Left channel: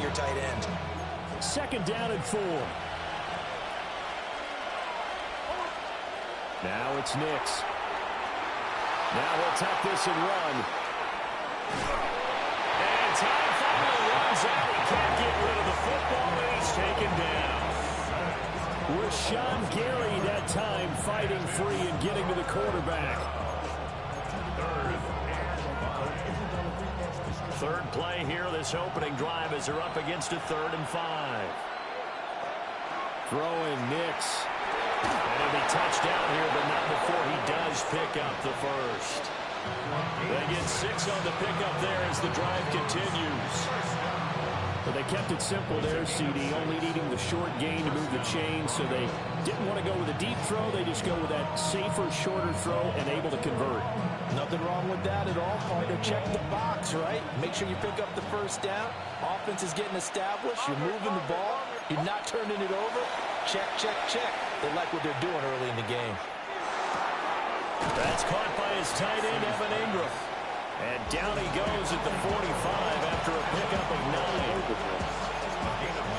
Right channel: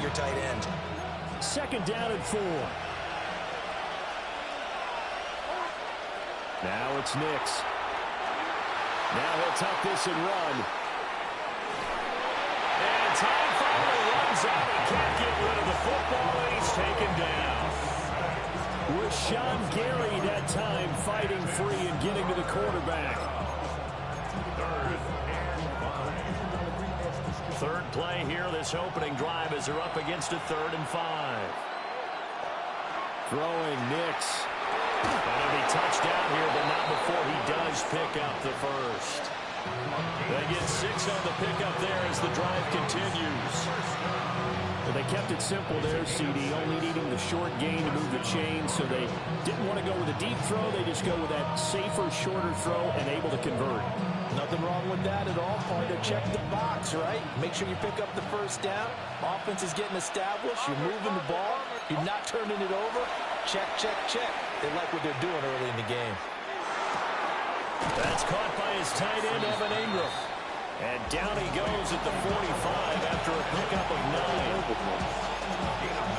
to your tight end. Second down and 4. Now it's Nix. Now he'll tuck this and run. And time finally runs out. He can't get rid of the football, and he's taken down. Rashawn Gary that time fighting free and getting to the quarterback. Third play here, this opening drive as they're up against a 3rd and 5. Throwing Nix. And it'll be touchdown here, but not before he does pick up the first. They get 6 on the pickup there as the drive continues. Well, they kept it simple there, CD, only needing the short gain to move the chain, so they didn't want to go with a deep throw. They just go with that safer, shorter throw and able to convert. Nothing wrong with that at all, partner. Check the box, right? Make sure you pick up the first down. Offense is getting established. You're moving the ball. You're not turning it over. Check, check, check. They like what they're doing early in the game. That's caught by his tight end, Evan Ingram. And down he goes at the 45 after a pickup of 9.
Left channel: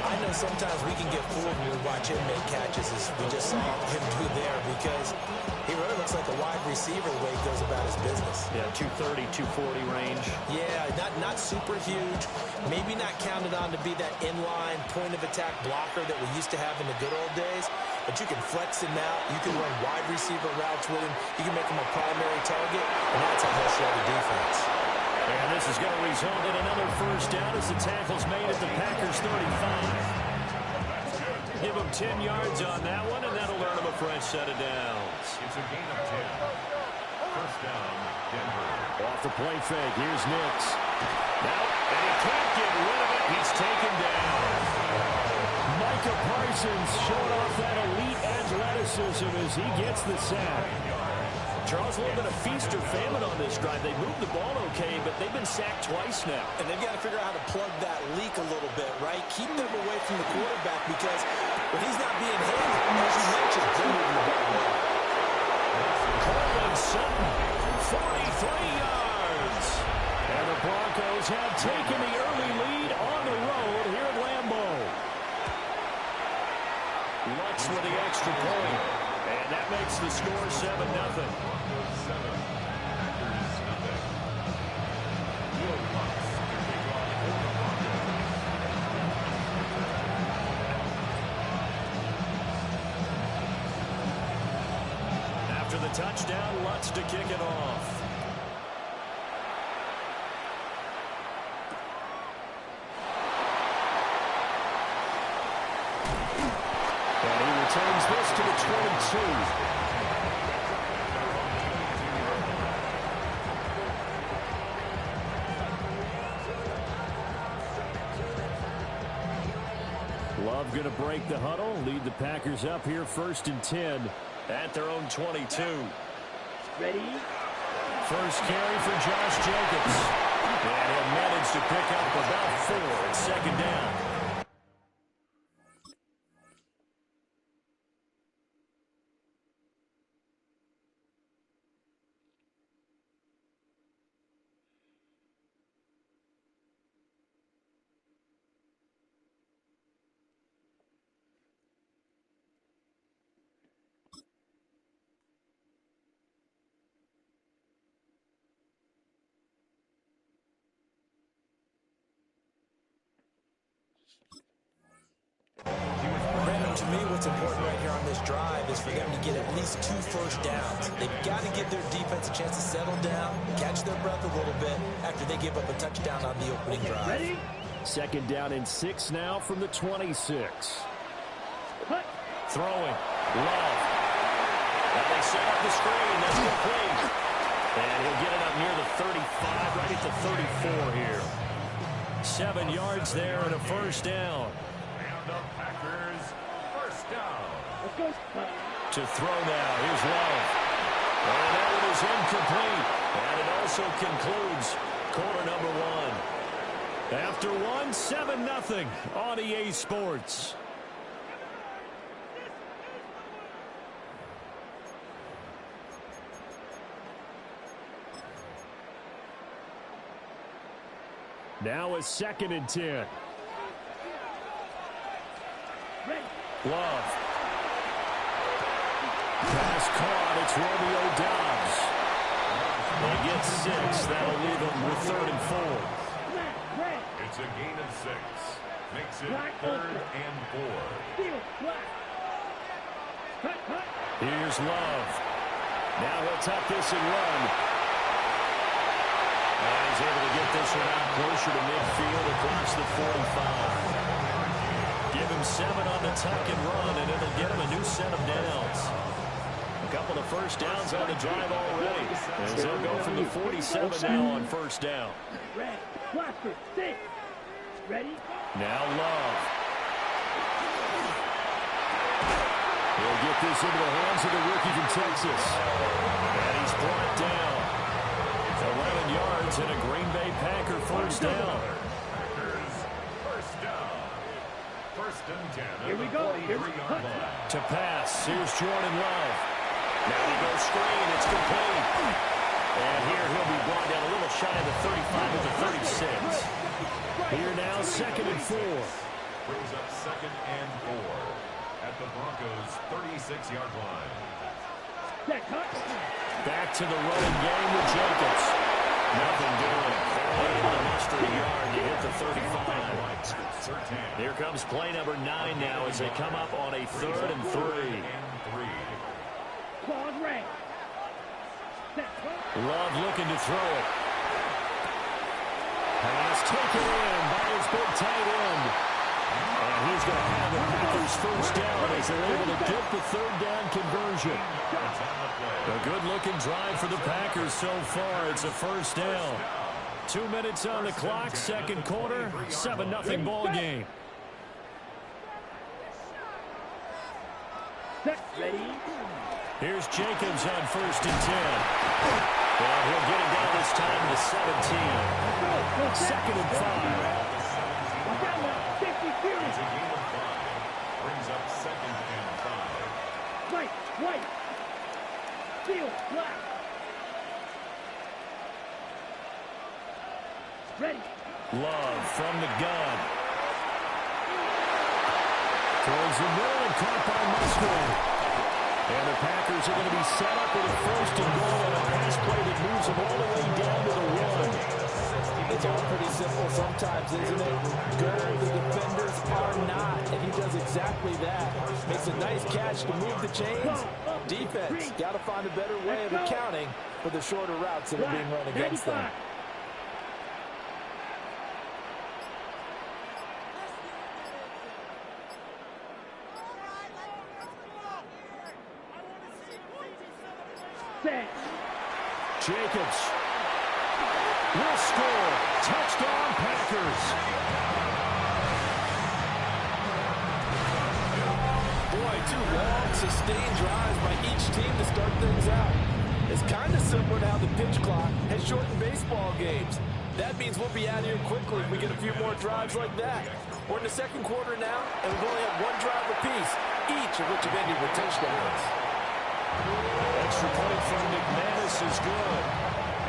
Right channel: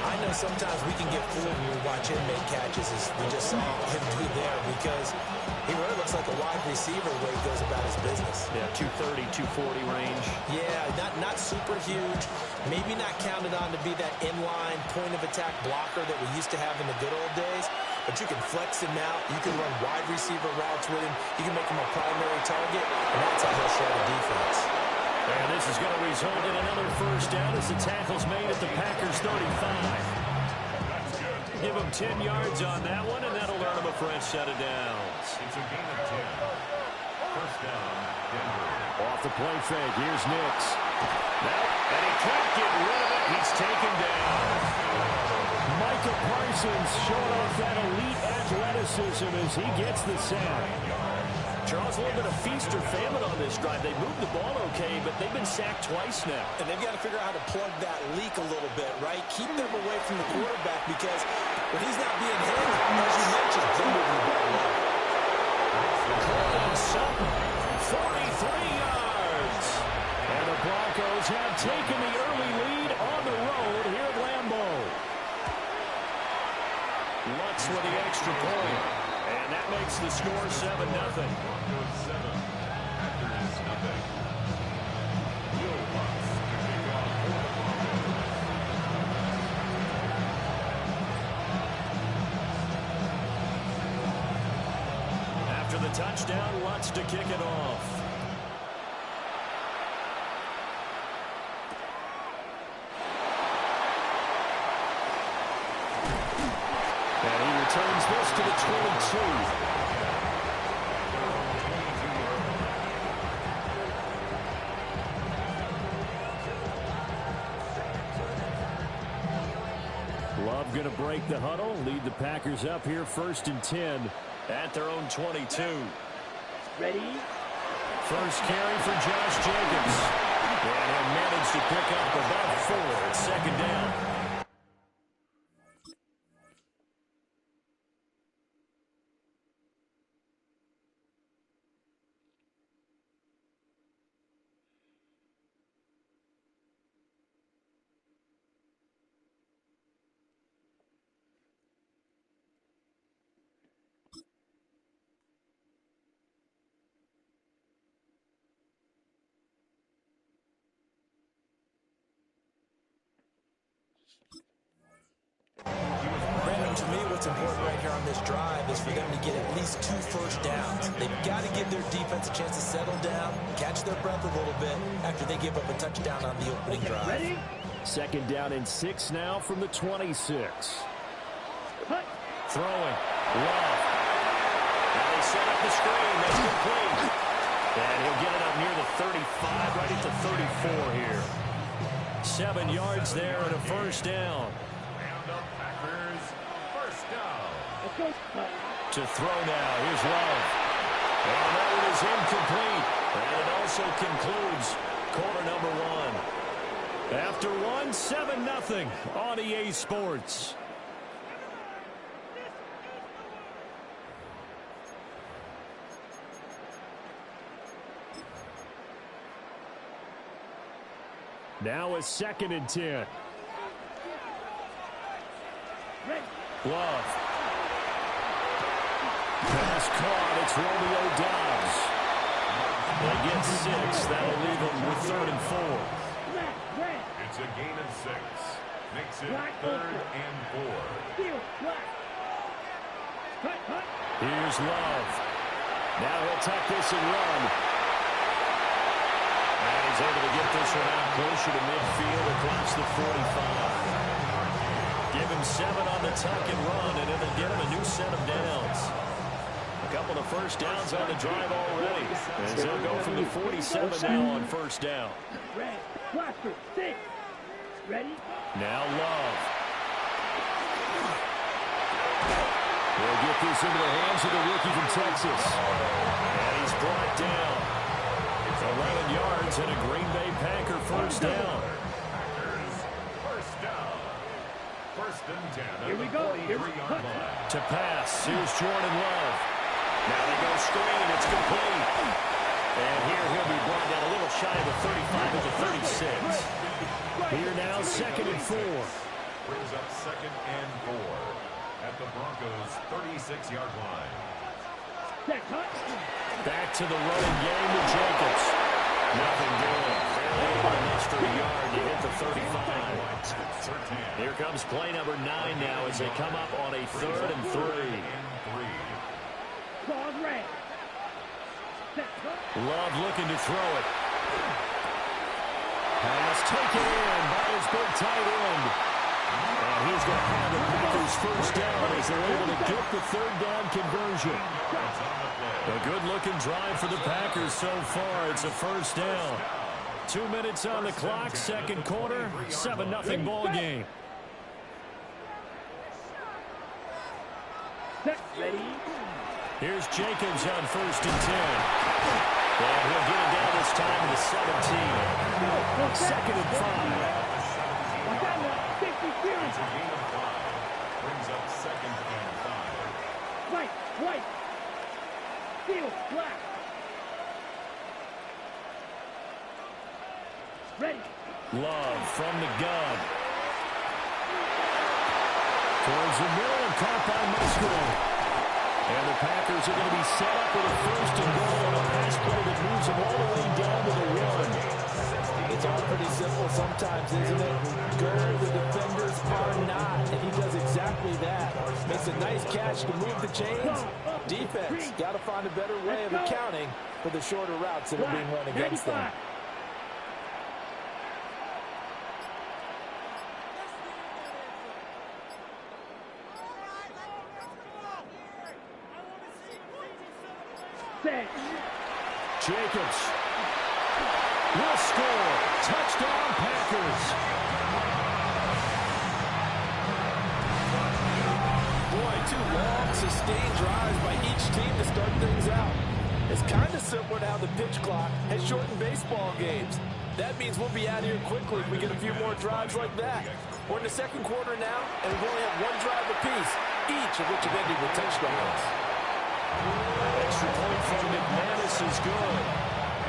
I know sometimes we can get fooled when we watch him make catches, as we just saw him do there, because he really looks like a wide receiver the way he goes about his business. Yeah, 230, 240 range. Yeah, not super huge. Maybe not counted on to be that inline point-of-attack blocker that we used to have in the good old days, but you can flex him out. You can run wide receiver routes with him. You can make him a primary target, and that's how he'll shred a defense. And this is going to result in another first down as the tackle's made at the Packers 35. Give him 10 yards on that one, and that'll earn him a fresh set of downs. It's a gain of 10. First down, Denver. Off the play fake, here's Nix. Now, and he can't get rid of it. He's taken down. Micah Parsons showing off that elite athleticism as he gets the sack. Charles, a little bit of feast or famine on this drive. They moved the ball okay, but they've been sacked twice now. And they've got to figure out how to plug that leak a little bit, right? Keep them away from the quarterback, because when he's not being hit, as you mentioned, they're moving the ball well. Cortland Sutton, 43 yards. And the Broncos have taken the early lead on the road here at Lambeau. Lutz with the extra point. And that makes the score 7-0. Broncos 7, Packers nothing. Will Lutz to kick off for the Broncos. After the touchdown, Lutz to kick it off. And he returns this to the 22. Love going to break the huddle, lead the Packers up here 1st and 10 at their own 22. Ready? First carry for Josh Jacobs. And he'll manage to pick up about 4 at 2nd down. Brandon, to me, what's important right here on this drive is for them to get at least 2 first downs. They've got to give their defense a chance to settle down, catch their breath a little bit after they give up a touchdown on the opening drive. Ready? 2nd down and 6 now from the 26. Throwing. Love. Now they set up the screen. That's complete. And he'll get it up near the 35, right at the 34 here. 7 yards there and a first down. And the Packers first down. Let's go. To throw now. Here's Love. And that one is incomplete. And it also concludes quarter number 1. After 1, 7-0 on EA Sports. Now a 2nd and 10. Love. Pass caught. It's Romeo Doubs. They get 6. That'll leave them with 3rd and 4. It's a gain of 6. Makes it 3rd and 4. Here's Love. Now he'll tuck this and run. And he's able to get this one out closer to midfield across the 45. Give him 7 on the tuck and run, and it'll get him a new set of downs. A couple of first downs on the drive already. As they'll go from the 47 now on first down. Now Love. He'll get this into the hands of the rookie from Texas. And he's brought down. 11 yards and a Green Bay Packer first down. Packers first down. 1st and 10 Here we go. 43-yard line. To pass, here's Jordan Love. Now they go screen, it's complete. And here he'll be brought down a little shy of the 35 at the 36. Here now, 2nd and 4. Brings up 2nd and 4 at the Broncos' 36-yard line. Back to the running game with Jacobs. Nothing doing. Barely able to muster a yard to hit the 35. Here comes play number 9 now as they come up on a 3rd and 3. Love looking to throw it. Pass taken in by his big tight end. And he's going to have the Packers first down as they're able to get the 3rd down conversion. A good-looking drive for the Packers so far. It's a first down. 2 minutes on the clock, 2nd quarter, 7-0 ball game. Ready? Here's Jacobs on 1st and 10. And he'll get it down this time to the 17. 2nd and 5. Watch out now. 50 It's a gain of 5. Brings up 2nd and 5. White. Steel, black. Ready. Love from the gun. Towards the middle and caught by Musgrave. And the Packers are going to be set up with a 1st and goal on a pass play that moves them all the way down to the 1. It's all pretty simple sometimes, isn't it? Go where the defenders are not, and he does exactly that. Makes a nice catch to move the chains. Defense, got to find a better way of accounting for the shorter routes that are being run against them. Jacobs will score. Touchdown, Packers. Boy, 2 long, sustained drives by each team to start things out. It's kind of similar to how the pitch clock has shortened baseball games. That means we'll be out of here quickly if we get a few more drives like that. We're in the 2nd quarter now, and we've only had 1 drive apiece, each of which have ended with touchdowns. Extra point from McManus is good.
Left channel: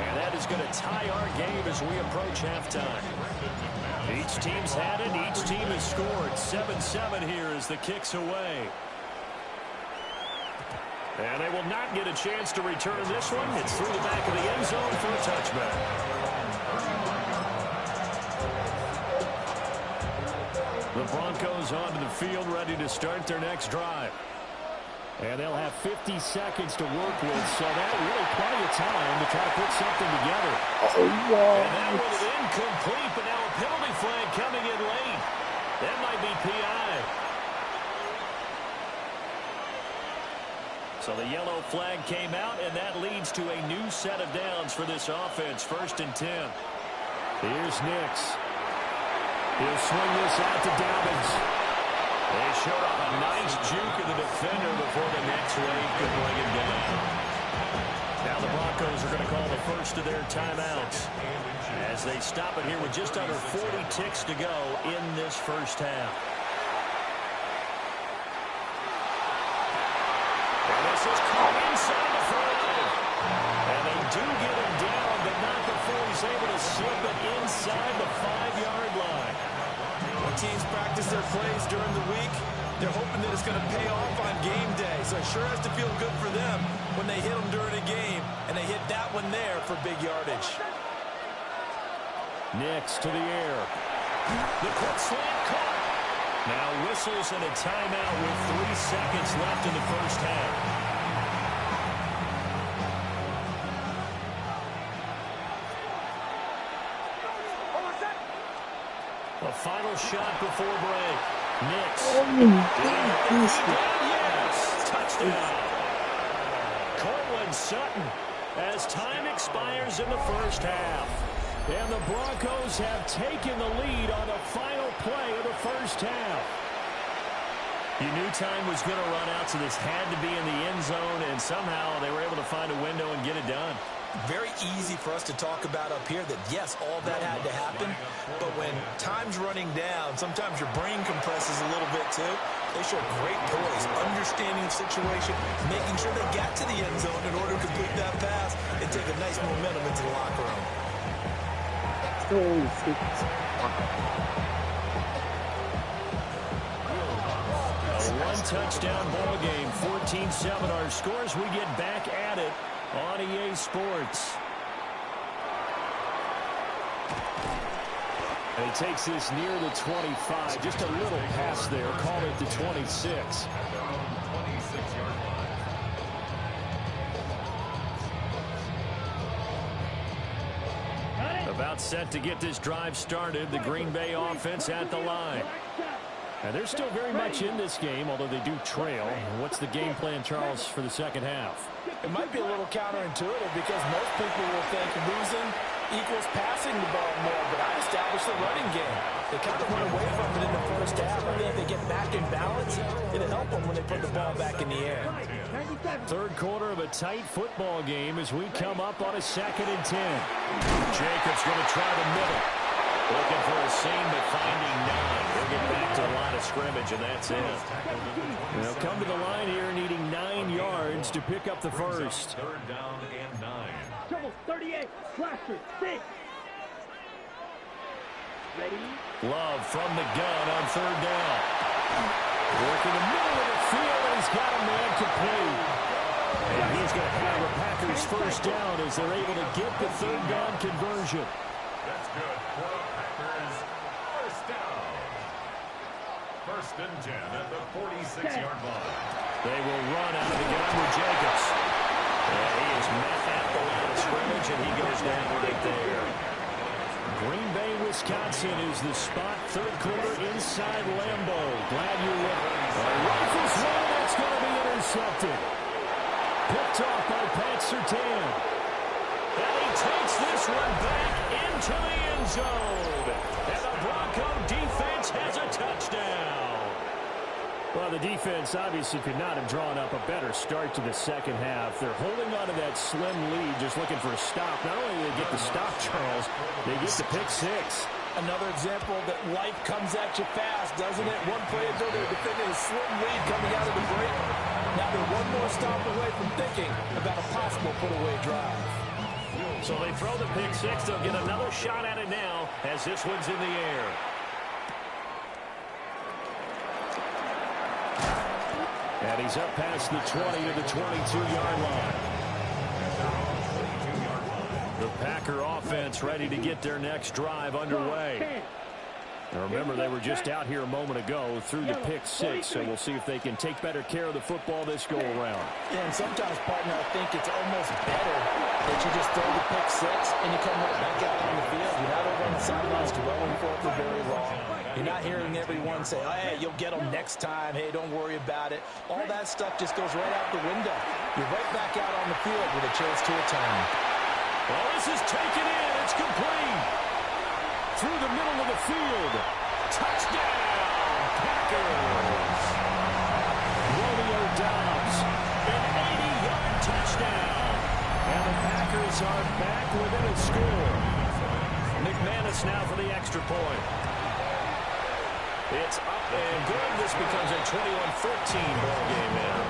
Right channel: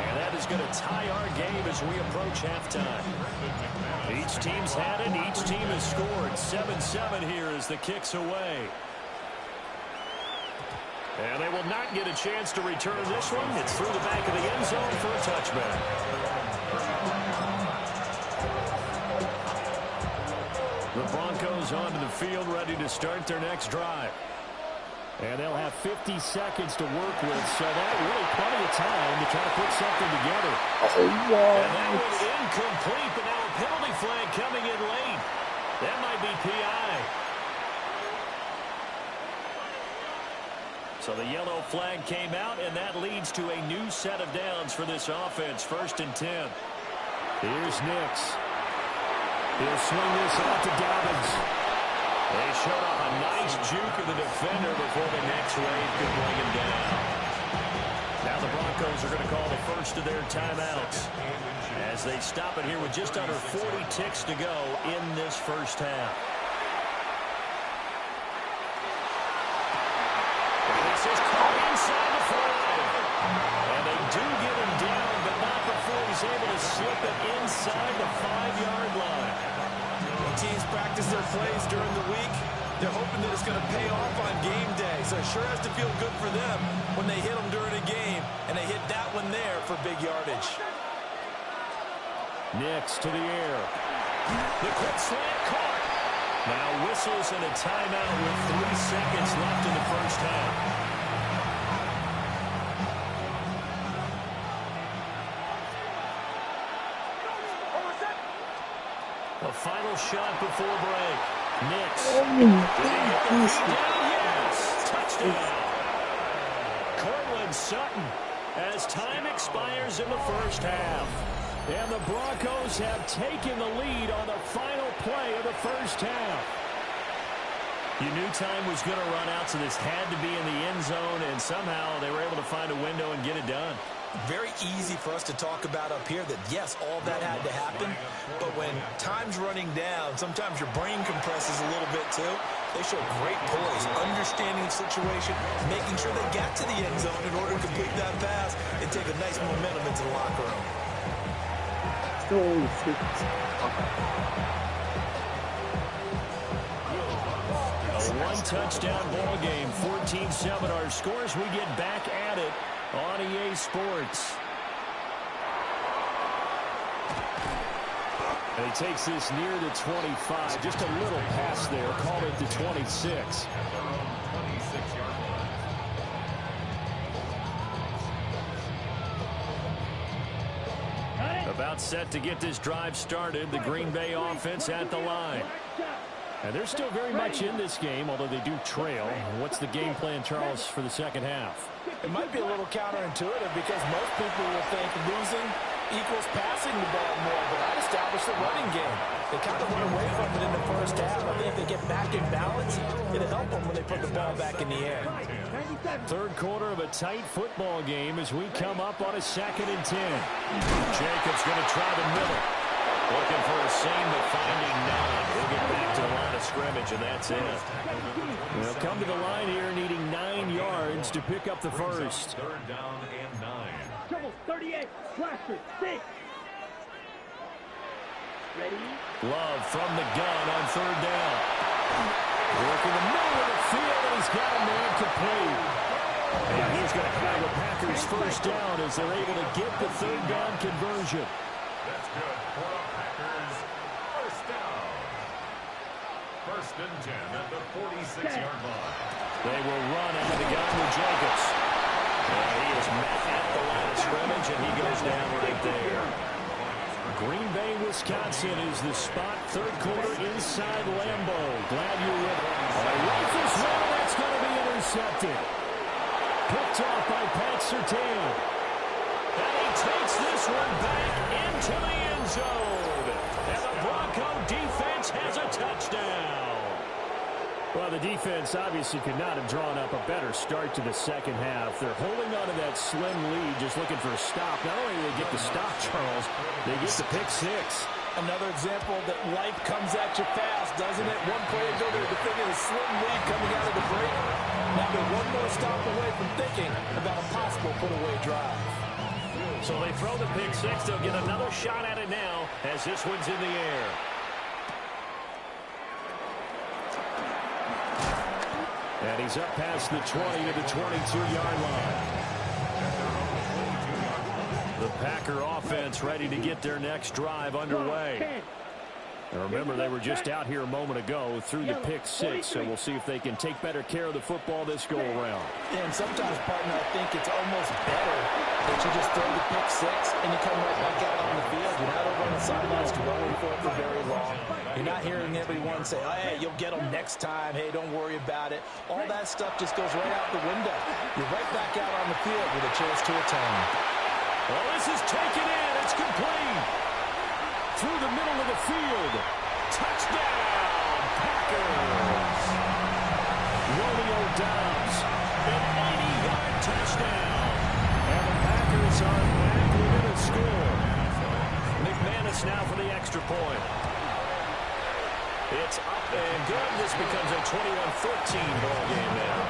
And that is going to tie our game as we approach halftime. Each team's had it. Each team has scored. 7-7 here as the kick's away. And they will not get a chance to return this one. It's through the back of the end zone for a touchback. The Broncos onto the field ready to start their next drive. And they'll have 50 seconds to work with, so that really plenty of time to try to put something together. And that was incomplete, but now a penalty flag coming in late. That might be PI. So the yellow flag came out, and that leads to a new set of downs for this offense. 1st and 10. Here's Nix. He'll swing this out to Dobbins. They showed off a nice juke of the defender before the next wave could bring him down. Now the Broncos are going to call the first of their timeouts as they stop it here with just under 40 ticks to go in this first half. And this is caught inside the 5. And they do get him down, but not before he's able to slip it inside the 5-yard line. When teams practice their plays during the week, They're hoping that it's going to pay off on game day, so it sure has to feel good for them when they hit them during a game, and they hit that one there for big yardage. Next to the air. The quick slant caught. Now whistles and a timeout with 3 seconds left in the first half. A final shot before break. Nix. Did he get the feed down? Yes. Touchdown. Cortland Sutton as time expires in the first half. And the Broncos have taken the lead on the final play of the first half. You knew time was going to run out, so this had to be in the end zone, and somehow they were able to find a window and get it done. Very easy for us to talk about up here that, yes, all that had to happen, but when time's running down, sometimes your brain compresses a little bit too. They show great poise, understanding of situation, making sure they got to the end zone in order to complete that pass and take a nice momentum into the locker room. A one-touchdown ball game, 14-7 our scores. We get back at it on EA Sports. And he takes this near the 25. Just a little pass there. Call it the 26. At their own 26-yard line. About set to get this drive started. The Green Bay offense at the line. And they're still very much in this game, although they do trail. What's the game plan, Charles, for the second half? It might be a little counterintuitive because most people will think losing equals passing the ball more, but I'd establish the running game. They kind of went away from it in the first half. I think if they get back in balance, it'll help them when they put the ball back in the air. Third quarter of a tight football game as we come up on a 2nd and 10. Jacobs going to try the middle. Looking for a seam, but finding none. He'll get back to the line of scrimmage, and that's it. They'll come to the line here needing 9 yards to pick up the first. 3rd down and 9. Trouble 38. Cluster 6. Ready? Love from the gun on 3rd down. Work in the middle of the field, and he's got a man complete. And he's going to have the Packers first down as they're able to get the 3rd down conversion. That's good for the Packers. First down. 1st and 10 at the 46-yard line. They will run out of the gun with Jacobs. And he is met at the line of scrimmage, and he goes down right there. Green Bay, Wisconsin is the spot. 3rd quarter inside Lambeau. Glad you're with us. Rifles one, that's going to be intercepted. Picked off by Pat Surtain. And he takes this one back into the end zone. And the Bronco defense has a touchdown. Well, the defense obviously could not have drawn up a better start to the second half. They're holding on to that slim lead, just looking for a stop. Not only do they get the stop, Charles, they get the pick 6. Another example that life comes at you fast, doesn't it? One play ago, they were defending a slim lead coming out of the break. Now they're one more stop away from thinking about a possible put-away drive. So they throw the pick 6. They'll get another shot at it now as this one's in the air. And he's up past the 20 to the 22-yard line. The Packer offense ready to get their next drive underway. Now remember, they were just out here a moment ago through the pick 6, so we'll see if they can take better care of the football this go-around. Yeah, and sometimes, partner, I think it's almost better that you just throw the pick 6 and you come right back out on the field. You're not over on the sidelines dwelling for it for very long. You're not hearing everyone say, oh, hey, you'll get them next time. Hey, don't worry about it. All that stuff just goes right out the window. You're right back out on the field with a chance to atone. Well, this is taken in. It's complete. Through the middle of the field. Touchdown, Packers. Romeo Doubs, an 80-yard touchdown. And the Packers are back within a score. McManus now for the extra point. It's up and good. This becomes a 21-14 ball game now.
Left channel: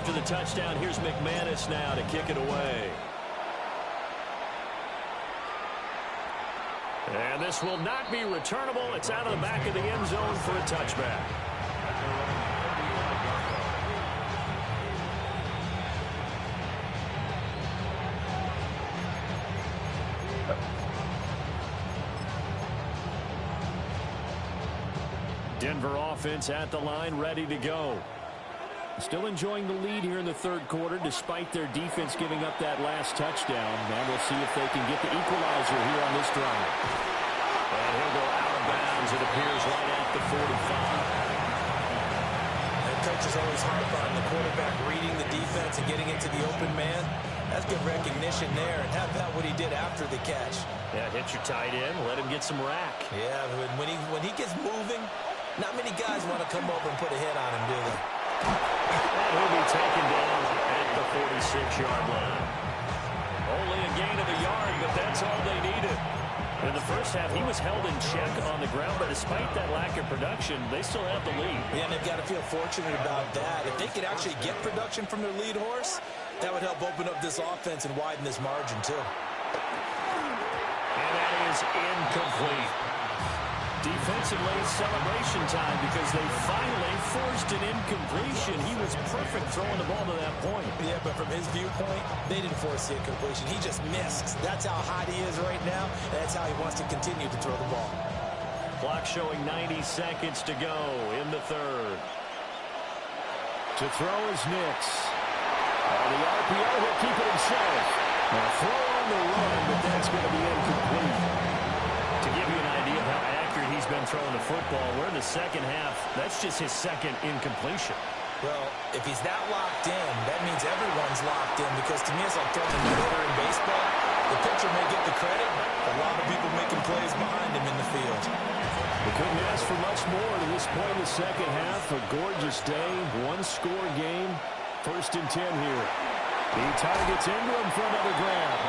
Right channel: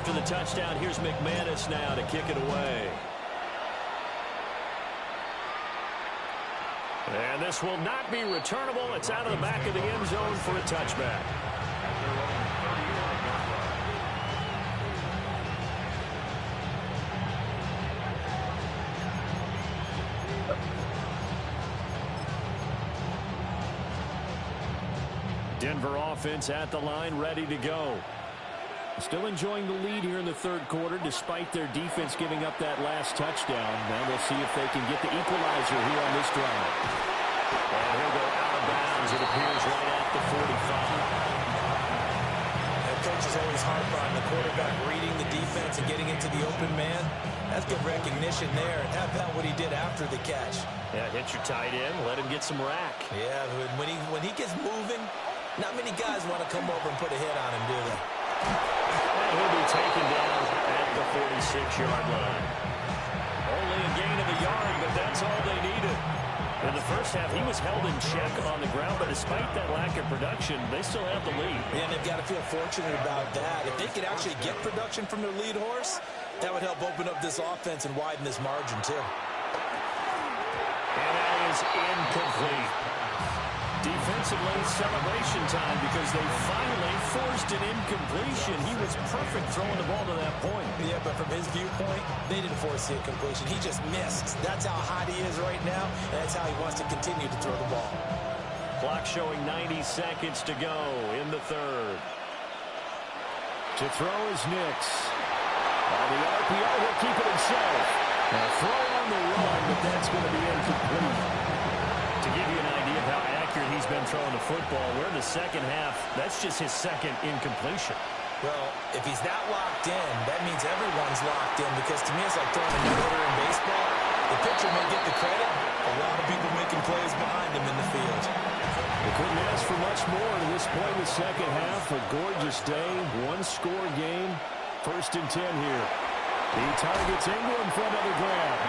after the touchdown. Here's McManus now to kick it away. And this will not be returnable. It's out of the back of the end zone for a touchback. At their own 35-yard line. Denver offense at the line, ready to go. Still enjoying the lead here in the third quarter, despite their defense giving up that last touchdown. Now we'll see if they can get the equalizer here on this drive. And he'll go out of bounds, it appears, right at the 45. And coaches always harp on the quarterback reading the defense and getting into the open man. That's good recognition there. And how about what he did after the catch? Yeah, hit your tight end, let him get some rack. Yeah, when he gets moving, not many guys want to come over and put a hit on him, do they? And he'll be taken down at the 46-yard line. Only a gain of a yard, but that's all they needed. In the first half, he was held in check on the ground, but despite that lack of production, they still have the lead. Yeah, and they've got to feel fortunate about that. If they could actually get production from their lead horse, that would help open up this offense and widen this margin, too. And that is incomplete. Defensively, celebration time because they finally forced an incompletion. He was perfect throwing the ball to that point. Yeah, but from his viewpoint, they didn't force the incompletion. He just missed. That's how hot he is right now, and that's how he wants to continue to throw the ball. Clock showing 90 seconds to go in the third. To throw is Nix. On the RPO, he'll keep it himself. A throw on the run, but that's going to be incomplete. To give you an idea of how accurate he's been throwing the football, we're in the second half. That's just his second incompletion. Well, if he's that locked in, that means everyone's locked in, because to me it's like throwing a no-hitter in baseball. The pitcher may get the credit. A lot of people making plays behind him in the field. We couldn't ask for much more to this point in the second half. A gorgeous day, one-score game. 1st and 10 here. He targets Ingram for another grab.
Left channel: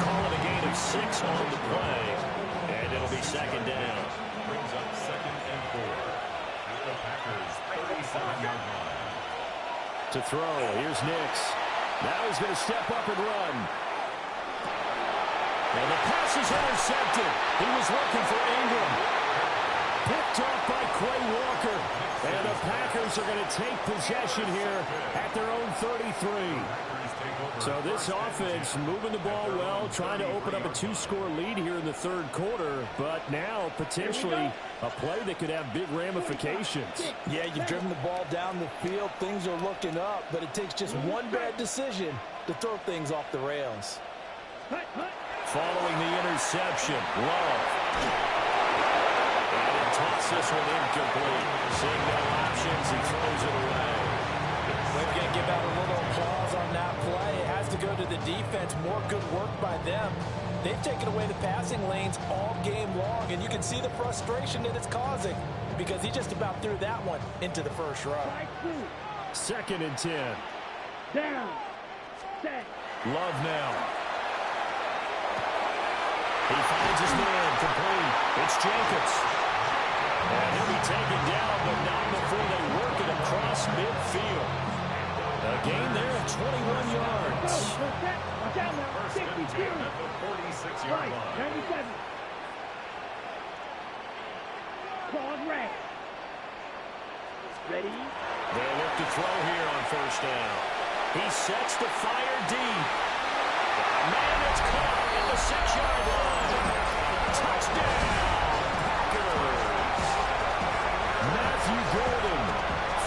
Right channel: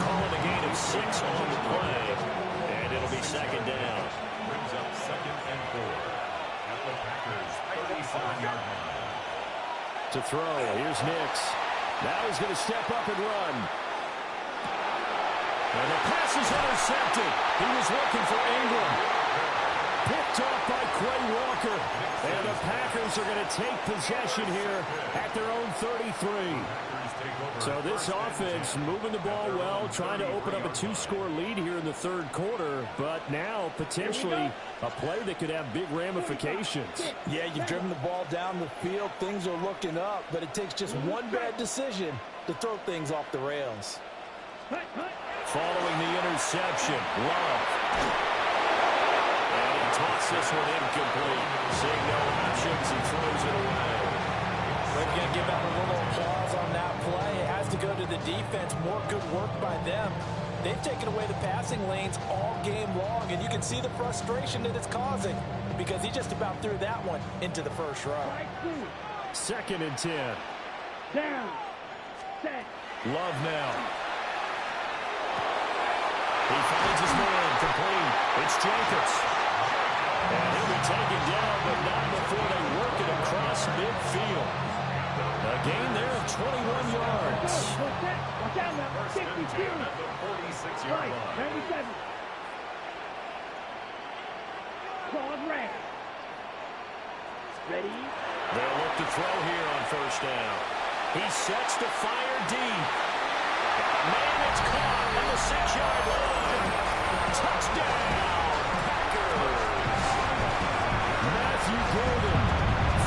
Call it a gain of 6 on the play, and it'll be second down. Brings up 2nd and 4 at the Packers' 37-yard line. To throw, here's Nix. Now he's going to step up and run. And the pass is intercepted. He was looking for Ingram. Picked off by Quay Walker. And the Packers are going to take possession here at their own 33. So this offense moving the ball well, trying to open up a 2-score lead here in the third quarter, but now potentially a play that could have big ramifications. Yeah, you've driven the ball down the field. Things are looking up, but it takes just one bad decision to throw things off the rails. Following the interception, Love. And he tossed this one incomplete. Seeing no options, he throws it away. We're going to give out a little applause on that play. It has to go to the defense. More good work by them. They've taken away the passing lanes all game long, and you can see the frustration that it's causing because he just about threw that one into the first row. 2nd and 10. Down. Set. Love now. He finds his man, complete. It's Jacobs. And he'll be taken down, but not before they work it across midfield. A gain there of 21 yards. Watch out now. 1st and 10 at the 46-yard line. 97. Claws red. Ready? They'll look to throw here on 1st down. He sets to fire deep. Man, it's caught at the 6-yard line. Touchdown, Packers. Matthew Golden,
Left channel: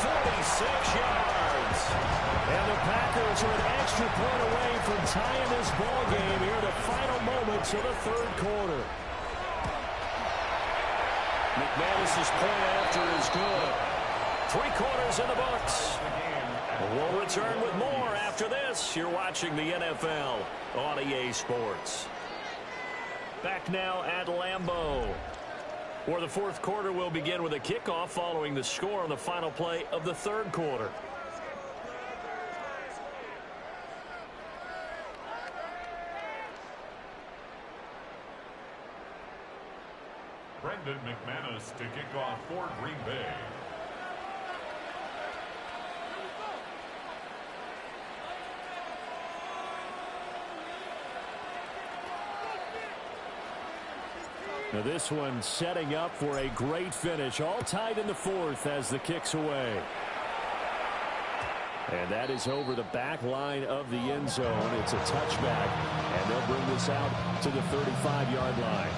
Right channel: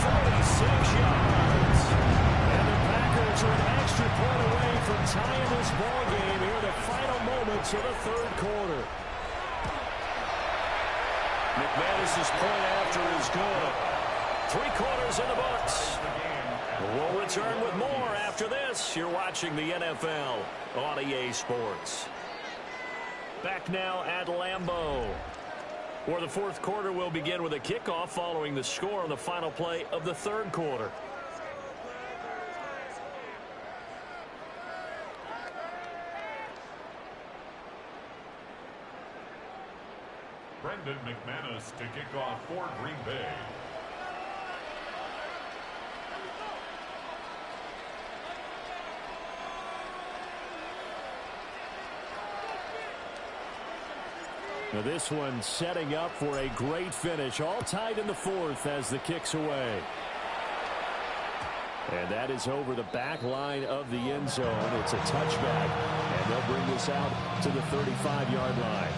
46 yards. And the Packers are an extra point away from tying this ball game here in the final moments of the third quarter. McManus's point after is good. 3 quarters in the books. We'll return with more after this. You're watching the NFL on EA Sports. Back now at Lambeau, where the fourth quarter will begin with a kickoff following the score on the final play of the third quarter. Brendan McManus to kick off for Green Bay. Now this one setting up for a great finish. All tied in the fourth as the kick's away. And that is over the back line of the end zone. It's a touchback, and they'll bring this out to the 35-yard line.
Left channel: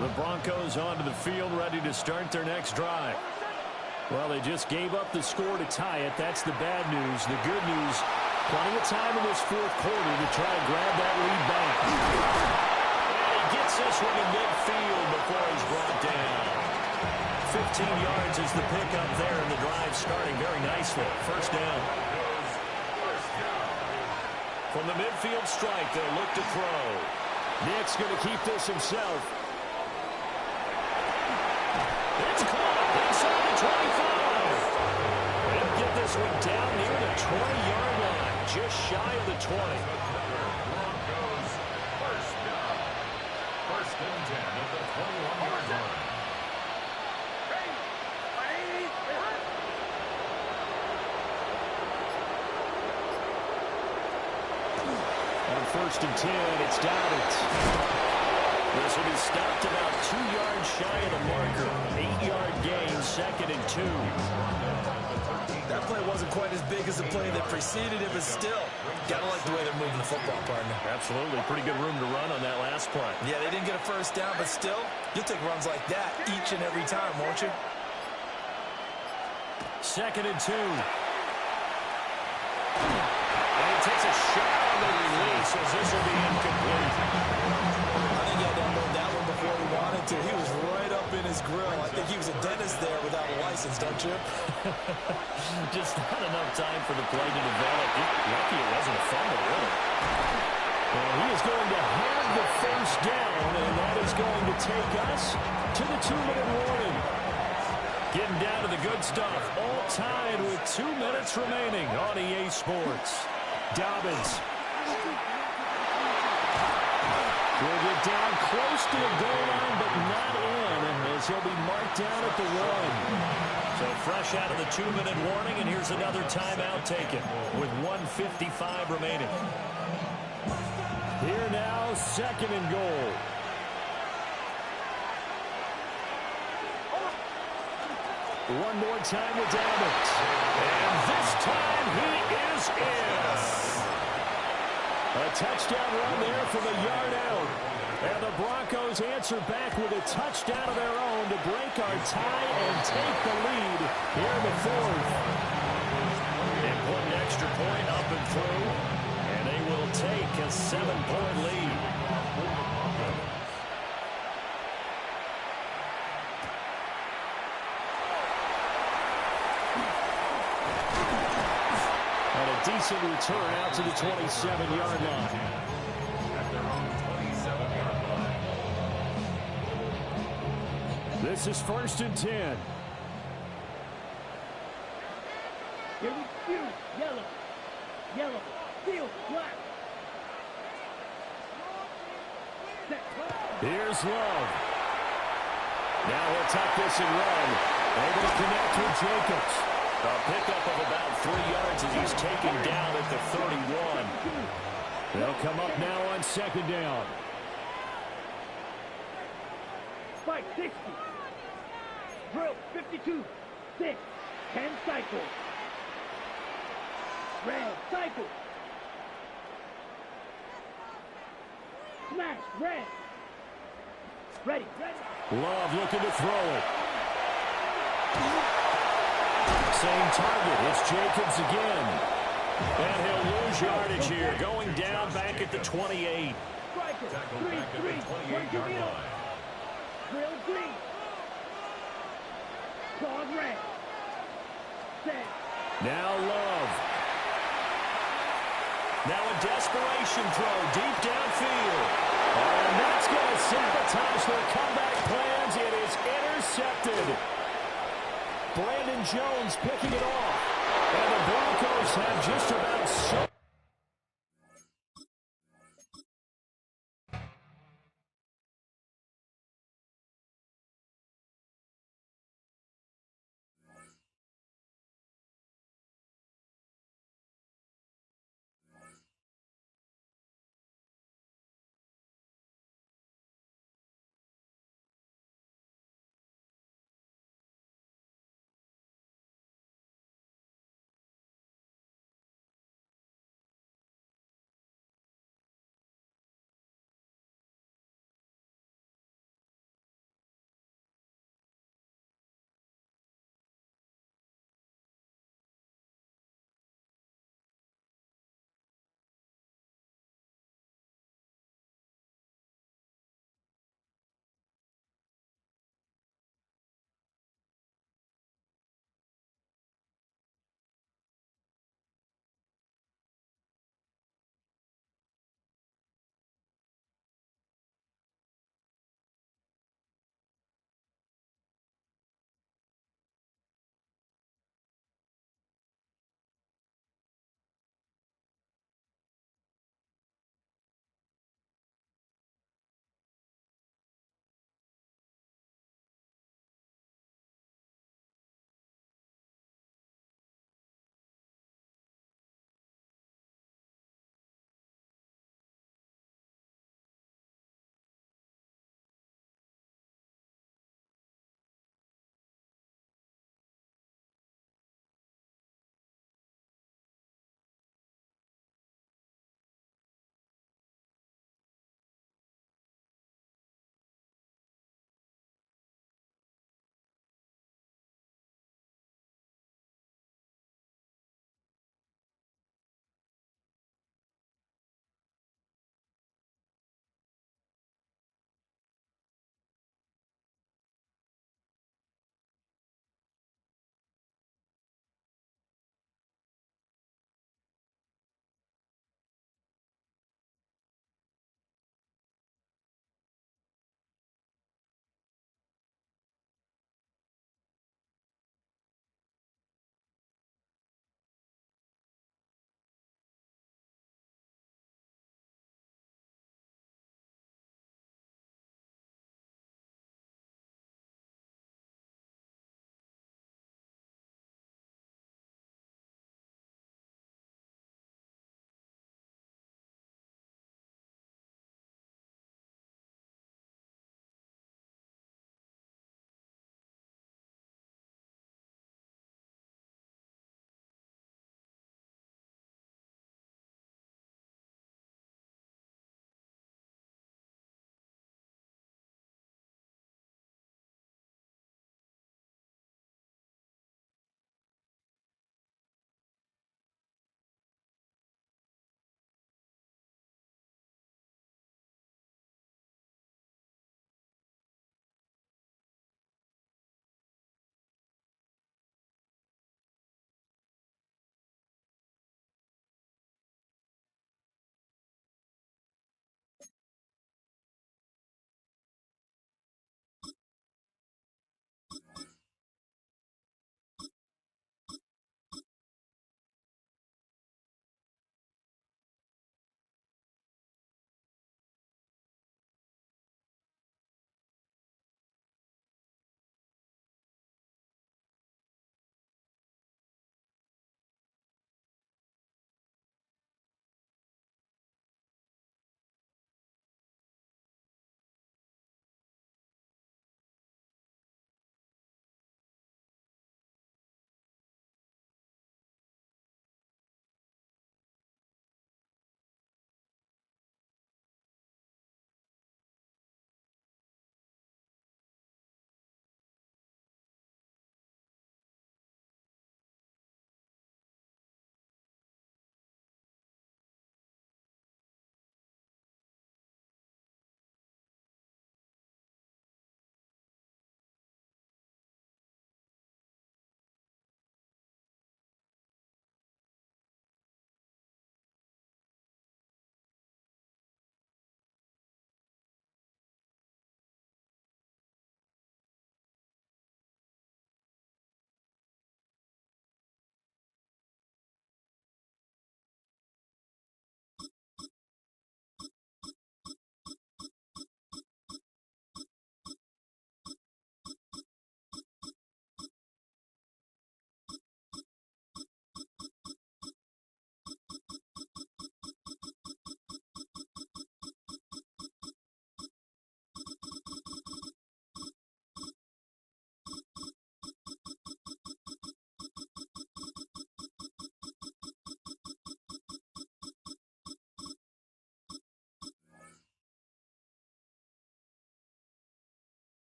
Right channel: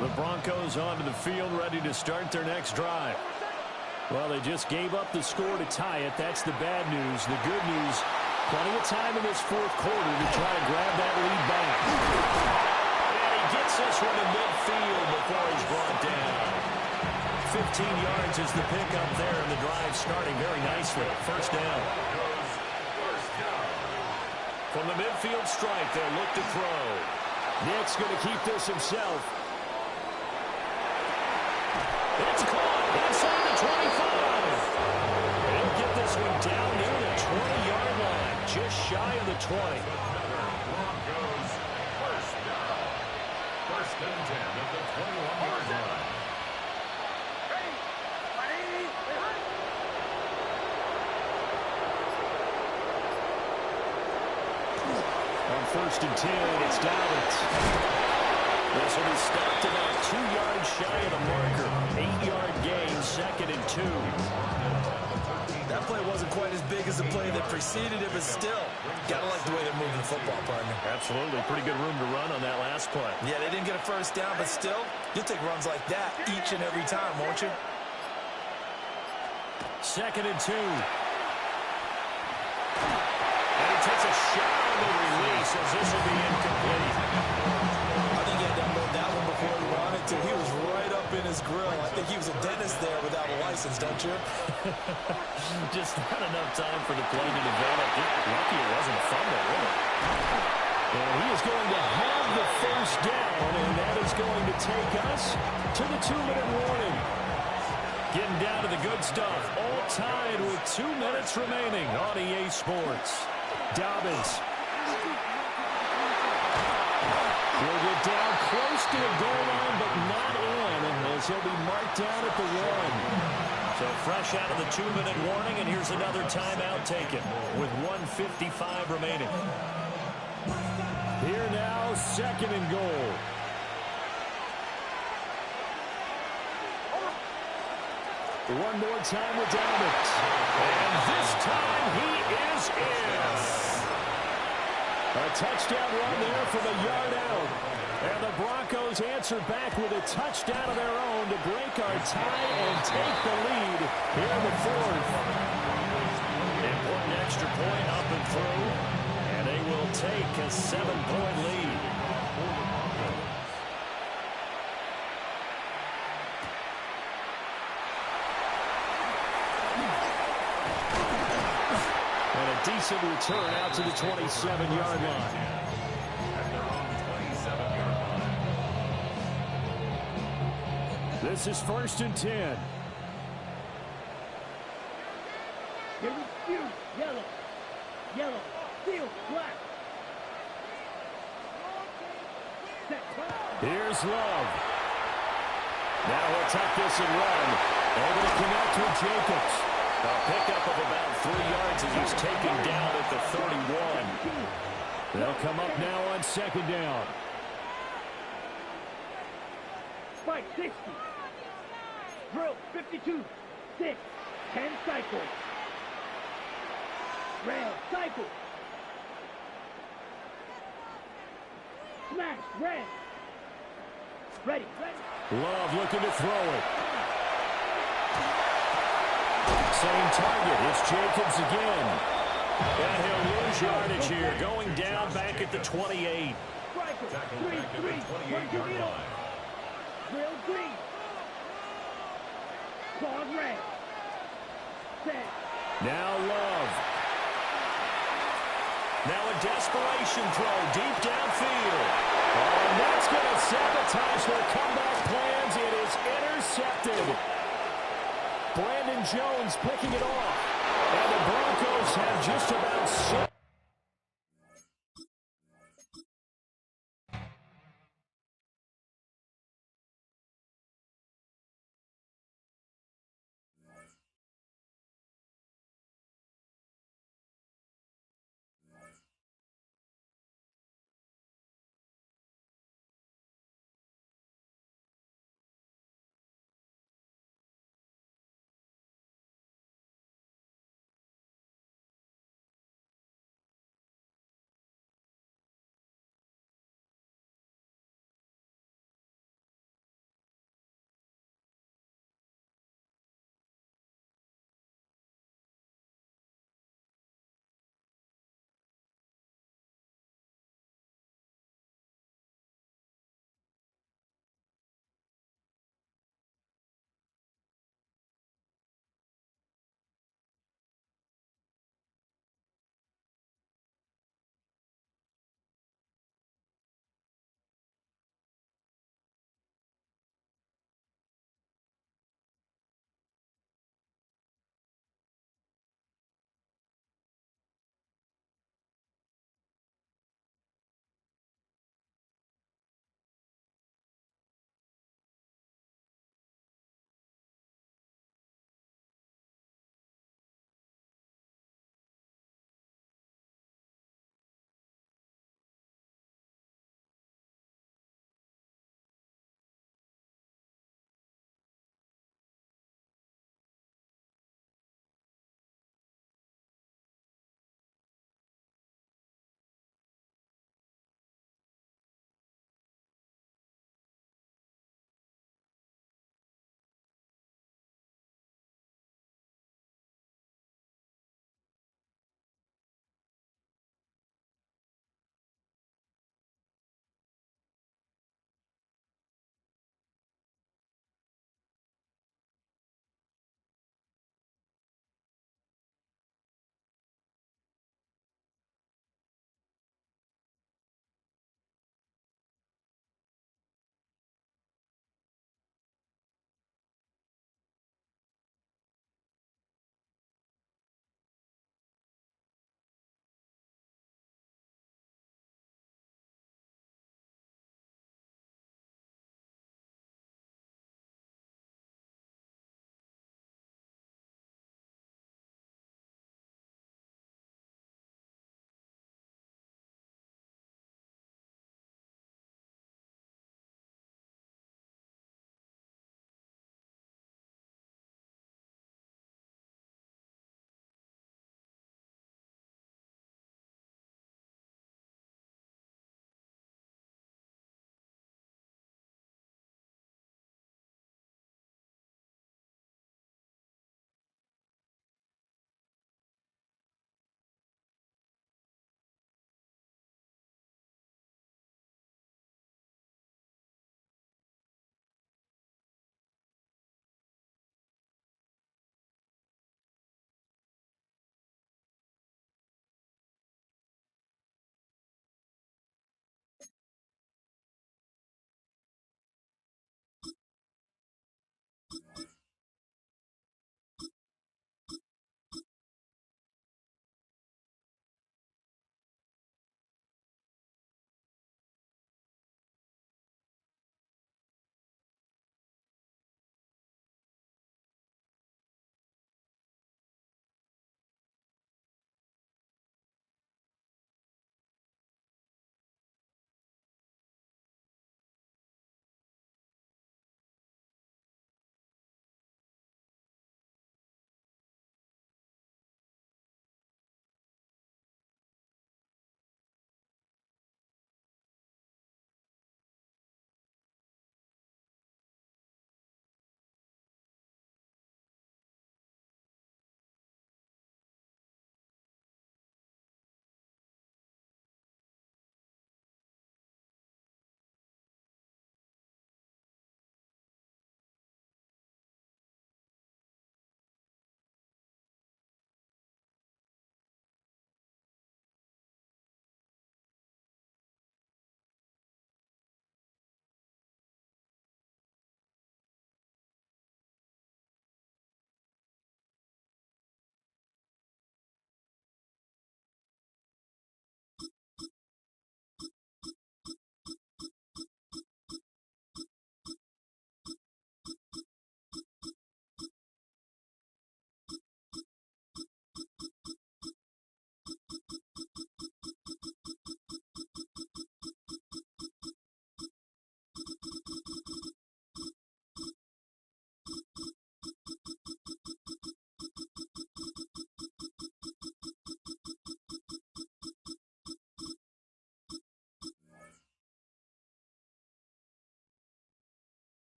The Broncos onto the field, ready to start their next drive. Well, they just gave up the score to tie it. That's the bad news. The good news, plenty of time in this fourth quarter to try to grab that lead back. And he gets this one to midfield before he's brought down. 15 yards is the pickup there, and the drive starting very nicely. First down. From the midfield stripe, they'll look to throw. Nick's going to keep this himself. It's caught inside the 25. He'll get this one down near the 20-yard line, just shy of the 20. Broncos first down. First and 10 at the 21-yard line. On first and 10, it's Dobbins. This will be stopped about 2 yards shy of the marker. 8-yard gain, second and 2. That play wasn't quite as big as the play that preceded it, but still, got to like the way they're moving the football, partner. Absolutely. Pretty good room to run on that last play. Yeah, they didn't get a first down, but still, you'll take runs like that each and every time, won't you? Second and 2. And he takes a shot on the release as this will be incomplete. I think he had to unload that one before he wanted to. He was right up in his grill. I think he was a dentist there without a license, don't you? Just not enough time for the play to develop. Lucky it wasn't a fumble, really. And he is going to have the first down, and that is going to take us to the 2-minute warning. Getting down to the good stuff. All tied with 2 minutes remaining on EA Sports. Dobbins will get down close to the goal line, but not in, as he'll be marked down at the 1. So fresh out of the 2-minute warning, and here's another timeout taken with 1:55 remaining. Here now, second and goal. One more time with Dobbins. And this time he is in. A touchdown run there from a yard out. And the Broncos answer back with a touchdown of their own to break our tie and take the lead here in the fourth. Important extra point up and through. And they will take a 7-point lead. And a decent return out to the 27-yard line. At their own 27-yard line. This is first and 10. Here we go. Yellow. Yellow. Field. Black. Set. Here's Love. Now he'll tuck this and run. Able to connect with Jacobs. A pickup of about 3 yards as he's taken down at the 31. They'll come up now on second down. Spike 60. Drill 52. 6. 10 cycles. Red cycle. Smash. Red. Ready. Ready. Love looking to throw it. Same target. It's Jacobs again. And he'll lose yardage here. Going down back at the 28. Striker. Tackled Green. back at Green. the 28-yard line. Drill green. Claws red. Set. Now Love. Now a desperation throw deep downfield. And that's going to sabotage their comeback plans. It is intercepted. Brandon Jones picking it off. And the Broncos have just about so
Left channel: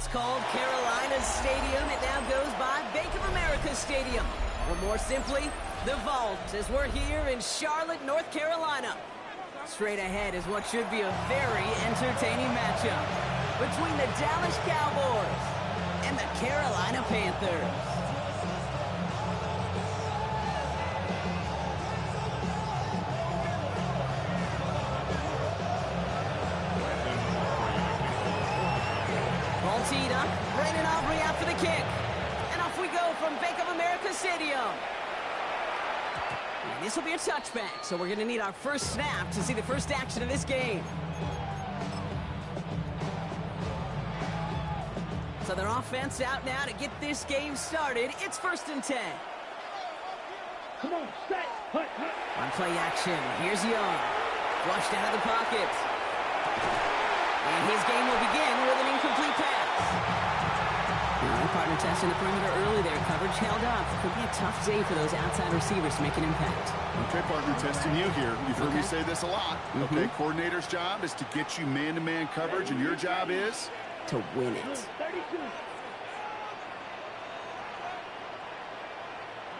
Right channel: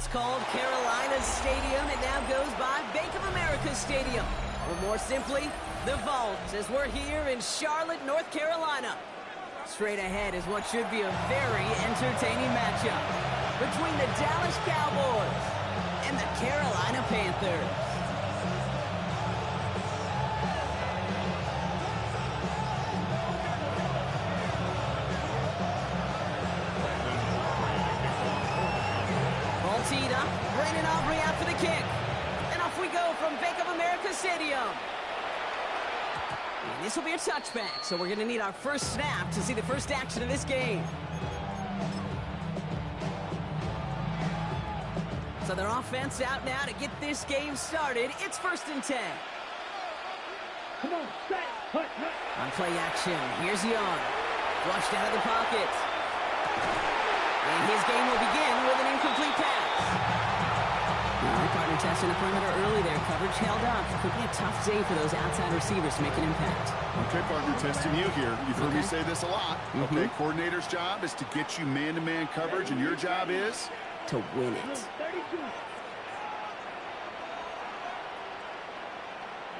once called Carolina's Stadium, it now goes by Bank of America Stadium. Or more simply, the Vault, as we're here in Charlotte, North Carolina. Straight ahead is what should be a very entertaining matchup between the Dallas Cowboys and the Carolina Panthers. Ball teed up. Brandon Aubrey out for the kick. And off we go from Bank of America Stadium. And this will be a touchback, so we're going to need our first snap to see the first action of this game. So their offense out now to get this game started. It's 1st and 10. Come on, set, hut, hut. On play action, here's Young. Flushed out of the pocket. And his game will begin with an incomplete pass. All right, partner testing the perimeter early there. Coverage held up. Could be a tough day for those outside receivers to make an impact. Okay, partner, testing you here. You've heard me say this a lot. Okay, coordinator's job is to get you man-to-man coverage, and your job is? To win it. 32.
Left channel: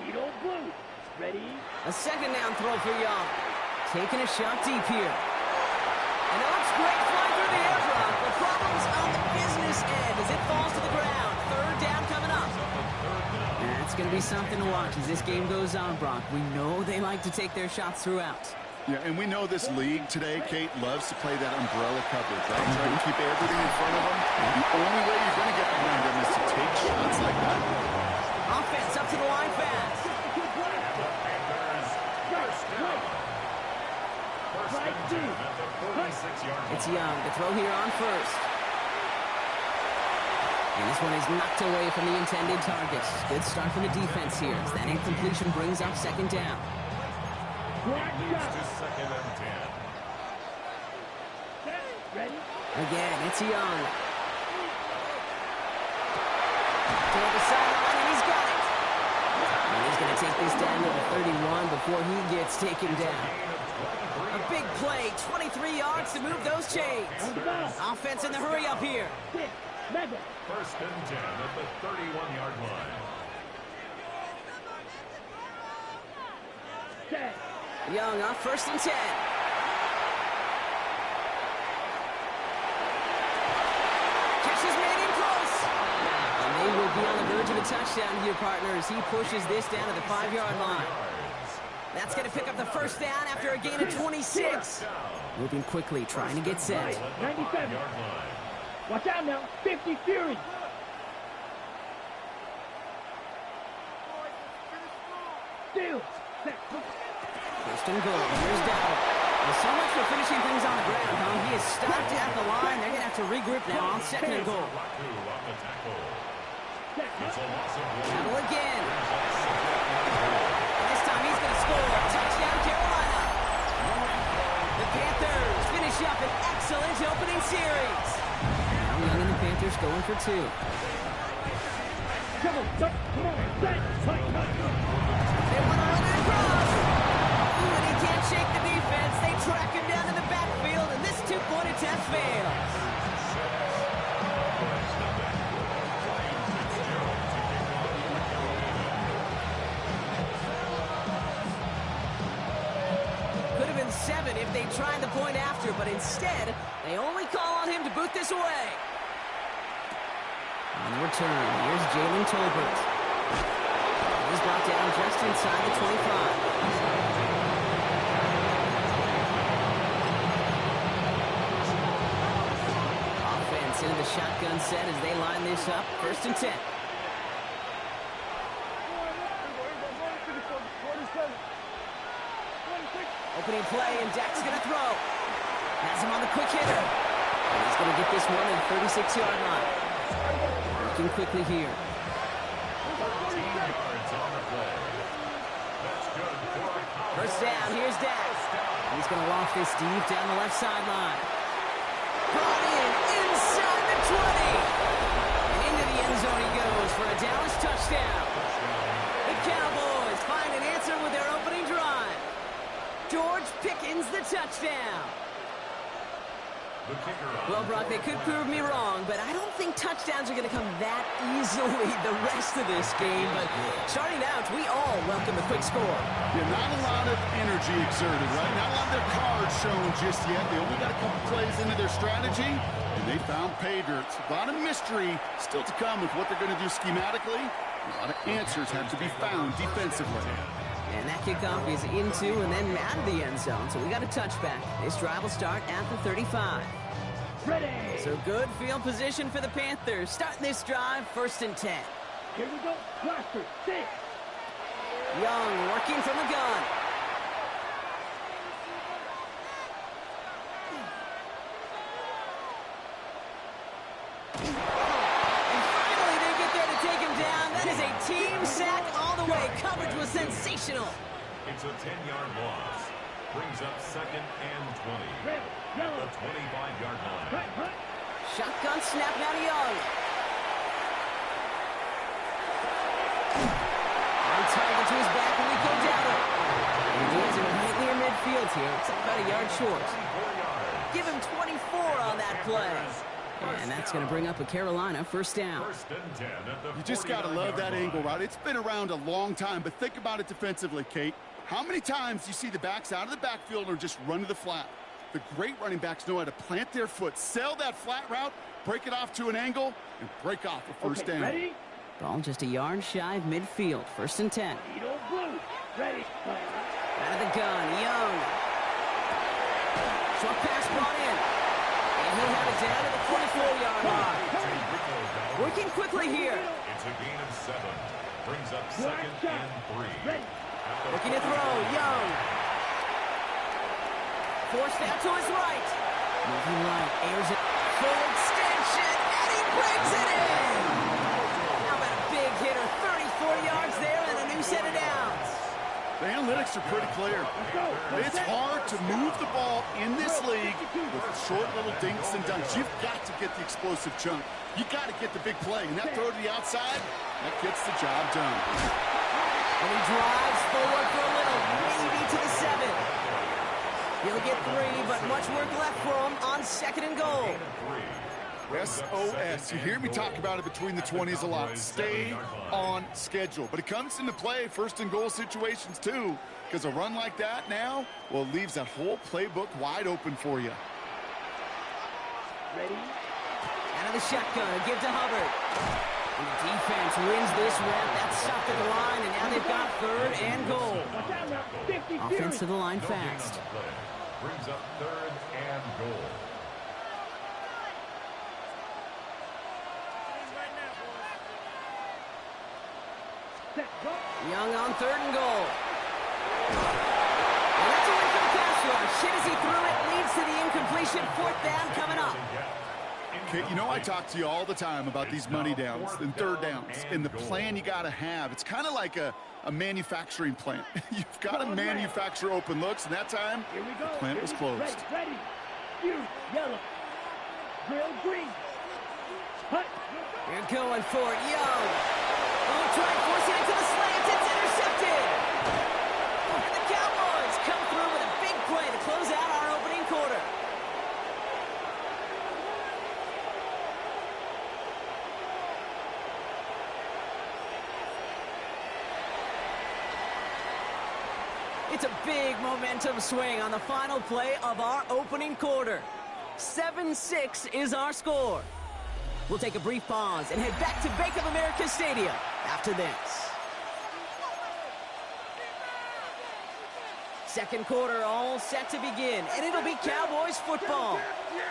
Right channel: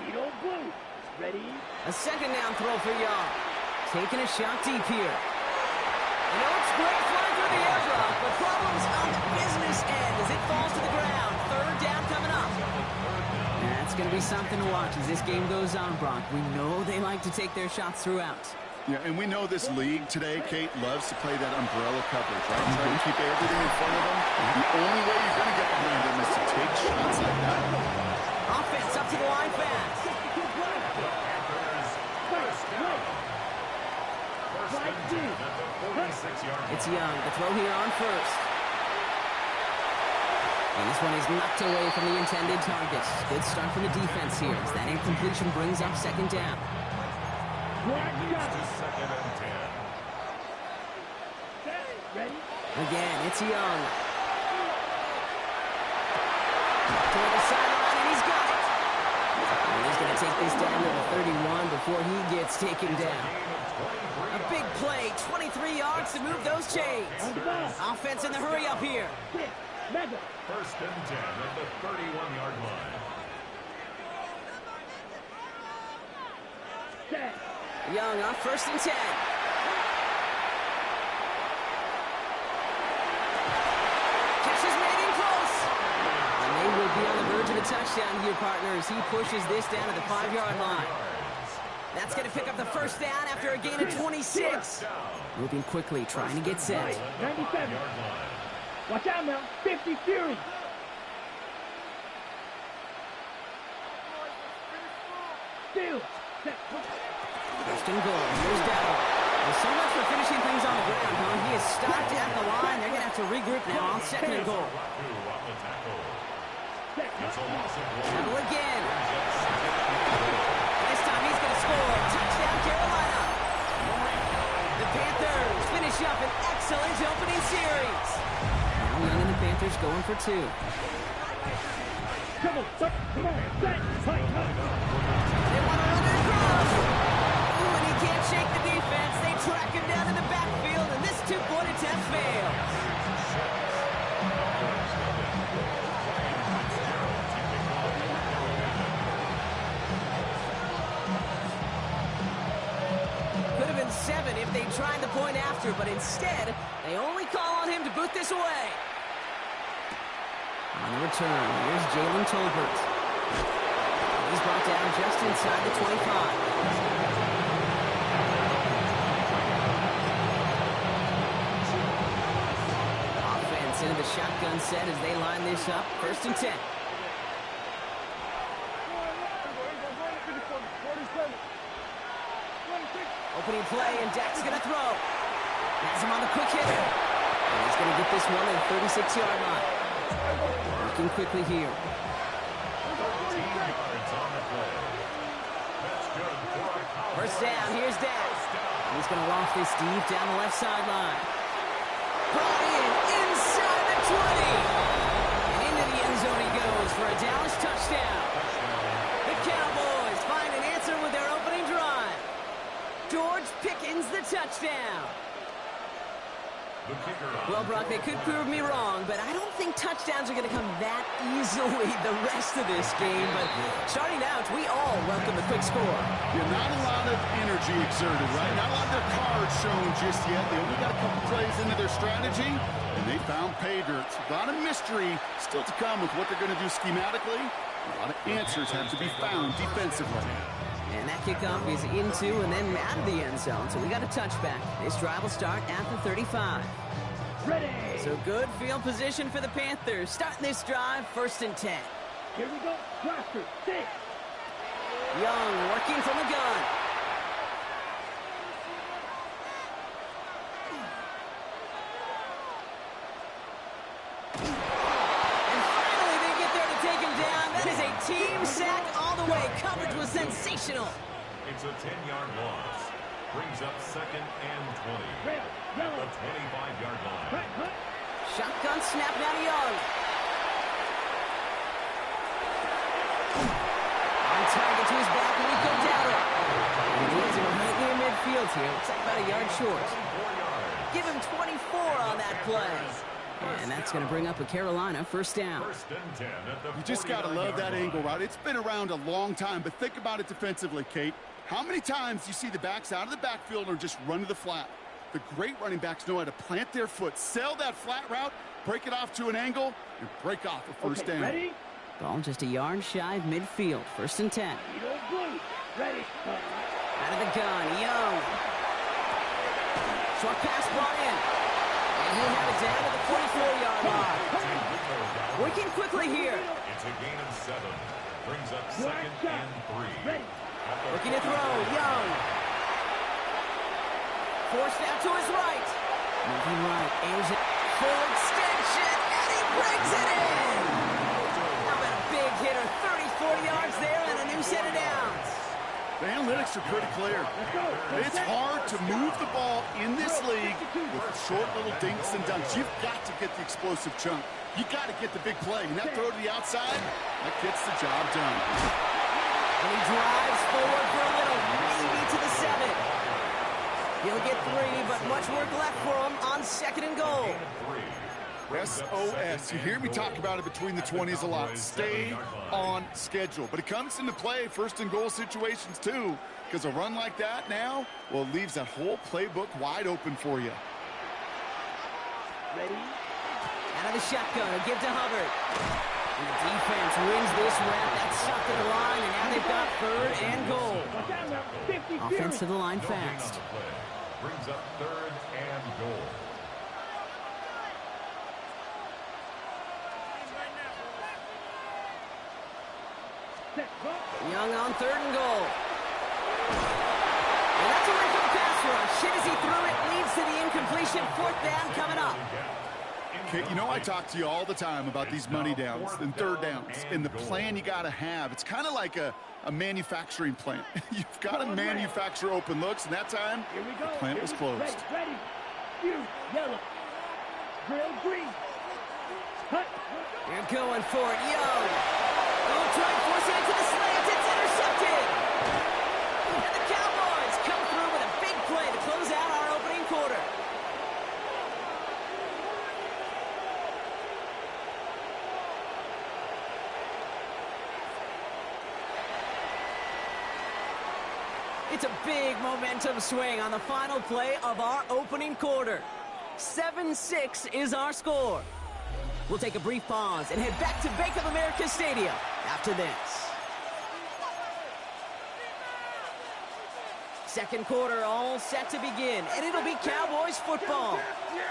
Needle blue. Ready? A second down throw for Young. Taking a shot deep here. And it looks great flying through the air, Brock, but problems on the business end as it falls to the ground. 3rd down coming up. That's going to be something to watch as this game goes on, Brock. We know they like to take their shots throughout. Yeah, and we know this league today, Kate, loves to play that umbrella coverage, right? Try to keep everything in front of them. The only way you're going to get behind them is to take shots like that. Offense up to the line fast. Panthers, first down. 1st and 10 at the 46-yard line. It's Young to throw here on 1st. And this one is knocked away from the intended target. Good start from the defense here as that incompletion brings up 2nd down. It leads to 2nd and 10. Set, ready? Again, it's Young. Toward the sideline, and he's got it. And he's going to take this down to the 31 before he gets taken down. A big play, 23 yards to move those chains. Offense in the hurry up here. Mega. 1st and 10 at the 31-yard line. Set. Young on 1st and 10. Catch is made in close. And they will be on the verge of a touchdown here, partners. He pushes this down to the 5-yard line. That's going to pick up the 1st down after a gain of 26. Moving quickly, trying to get set. 97. Watch out now. 50 Fury. Still. Set. 1st and goal. Here's Dowdle. Well, so much for finishing things on the ground, huh? He is stopped at the line. They're going to have to regroup now on 2nd and goal. Dowdle again. This time he's going to score. Touchdown, Carolina. The Panthers finish up an excellent opening series. Now Young and the Panthers going for 2. Come on, set. Come on, set. Hut, hut. They want to run it across. Ooh, and he can't shake the defense. They track him down in the backfield, and this 2-point attempt fails. Could have been 7 if they tried the point after, but instead, they only call on him to boot this away. On the return, here's Jalen Tolbert. He's brought down just inside the 25. Offense into the shotgun set as they line this up. 1st and 10. Opening play, and Dak's going to throw. Has him on the quick hitter. And he's going to get this one at the 36-yard line. Working quickly here. 13 yards on the play. That's good for a Cowboys. 1st down, here's Dak. He's going to loft this deep down the left sideline. Brought in inside the 20. And into the end zone he goes for a Dallas touchdown. The Cowboys find an answer with their opening drive. George Pickens the touchdown. Well, Brock, they could prove me wrong, but I don't think touchdowns are going to come that easily the rest of this game. But starting out, we all welcome the quick score. Yeah, not a lot of energy exerted, right? Not a lot of their cards shown just yet. They only got a couple plays into their strategy, and they found pay dirt. A lot of mystery still to come with what they're going to do schematically. A lot of answers have to be found defensively. And that kickoff is into and then out of the end zone. So we got a touchback. This drive will start at the 35. Ready. So good field position for the Panthers. Starting this drive, 1st and 10. Here we go. Blaster, 6. Young working from the gun. And finally they get there to take him down. That is a team sack all the way. Coverage was sensational. It's a 10-yard loss. Brings up 2nd and 20. Red, At yellow. the 25-yard line. Hut, hut. Shotgun snap now to Young. On target to his back, and we go Dowdle. And he has it right near midfield here. Looks like about a yard short. 24 yards. Give him 24 on that play. And that's going to bring up a Carolina 1st down. 1st and 10 at the You just got to love that angle, right? It's been around a long time, but think about it defensively, Kate. How many times do you see the backs out of the backfield or just run to the flat? The great running backs know how to plant their foot, sell that flat route, break it off to an angle, and break off a first down. Ready? Ball just a yard shy of midfield. 1st and 10. Edo blue. Ready. Out of the gun, Young. Short pass brought in. And he'll have it down to the 44-yard line. Working quickly here. It's a gain of 7. Brings up 2nd and 3. Ready. Looking to throw, Young. Forced out to his right. Moving right, airs it. Full extension, and he brings it in. How about a big hitter, 30-40 yards there, and a new set of downs. The analytics are pretty clear. It's hard to move the ball in this league with short little dinks and dunks. You've got to get the explosive chunk. You got to get the big play. And that throw to the outside, that gets the job done. And he drives forward for a little, maybe to the 7. He'll get 3, but much work left for him on 2nd and goal. SOS. You hear me talk about it between the 20s a lot. Stay on schedule. But it comes into play 1st and goal situations too, because a run like that now, well, it leaves that whole playbook wide open for you. Ready. Out of the shotgun, a give to Hubbard. And the defense wins this rep. That's stopped at the line, and now they've got 3rd and goal. Watch out now. 50 Offense to the line fast. Brings up 3rd and goal. Set, go. Young on 3rd and goal. And that's a win for the pass rush. Hit as he threw it, leads to the incompletion. 4th down coming up. Kate, you know I talk to you all the time about these money downs and 3rd downs and the plan you got to have. It's kind of like a manufacturing plant. You've got to manufacture open looks, and that time Here we go. the plant was closed. Ready. Fuse, yellow. Drill, green. Hut. They're going for it. Young. Oh, trying forcing it to the slants. It's intercepted. And the Cowboys come through with a big play to close out our opening quarter. It's a big momentum swing on the final play of our opening quarter. 7-6 is our score. We'll take a brief pause and head back to Bank of America Stadium after this. 2nd quarter all set to begin, and it'll be Cowboys football.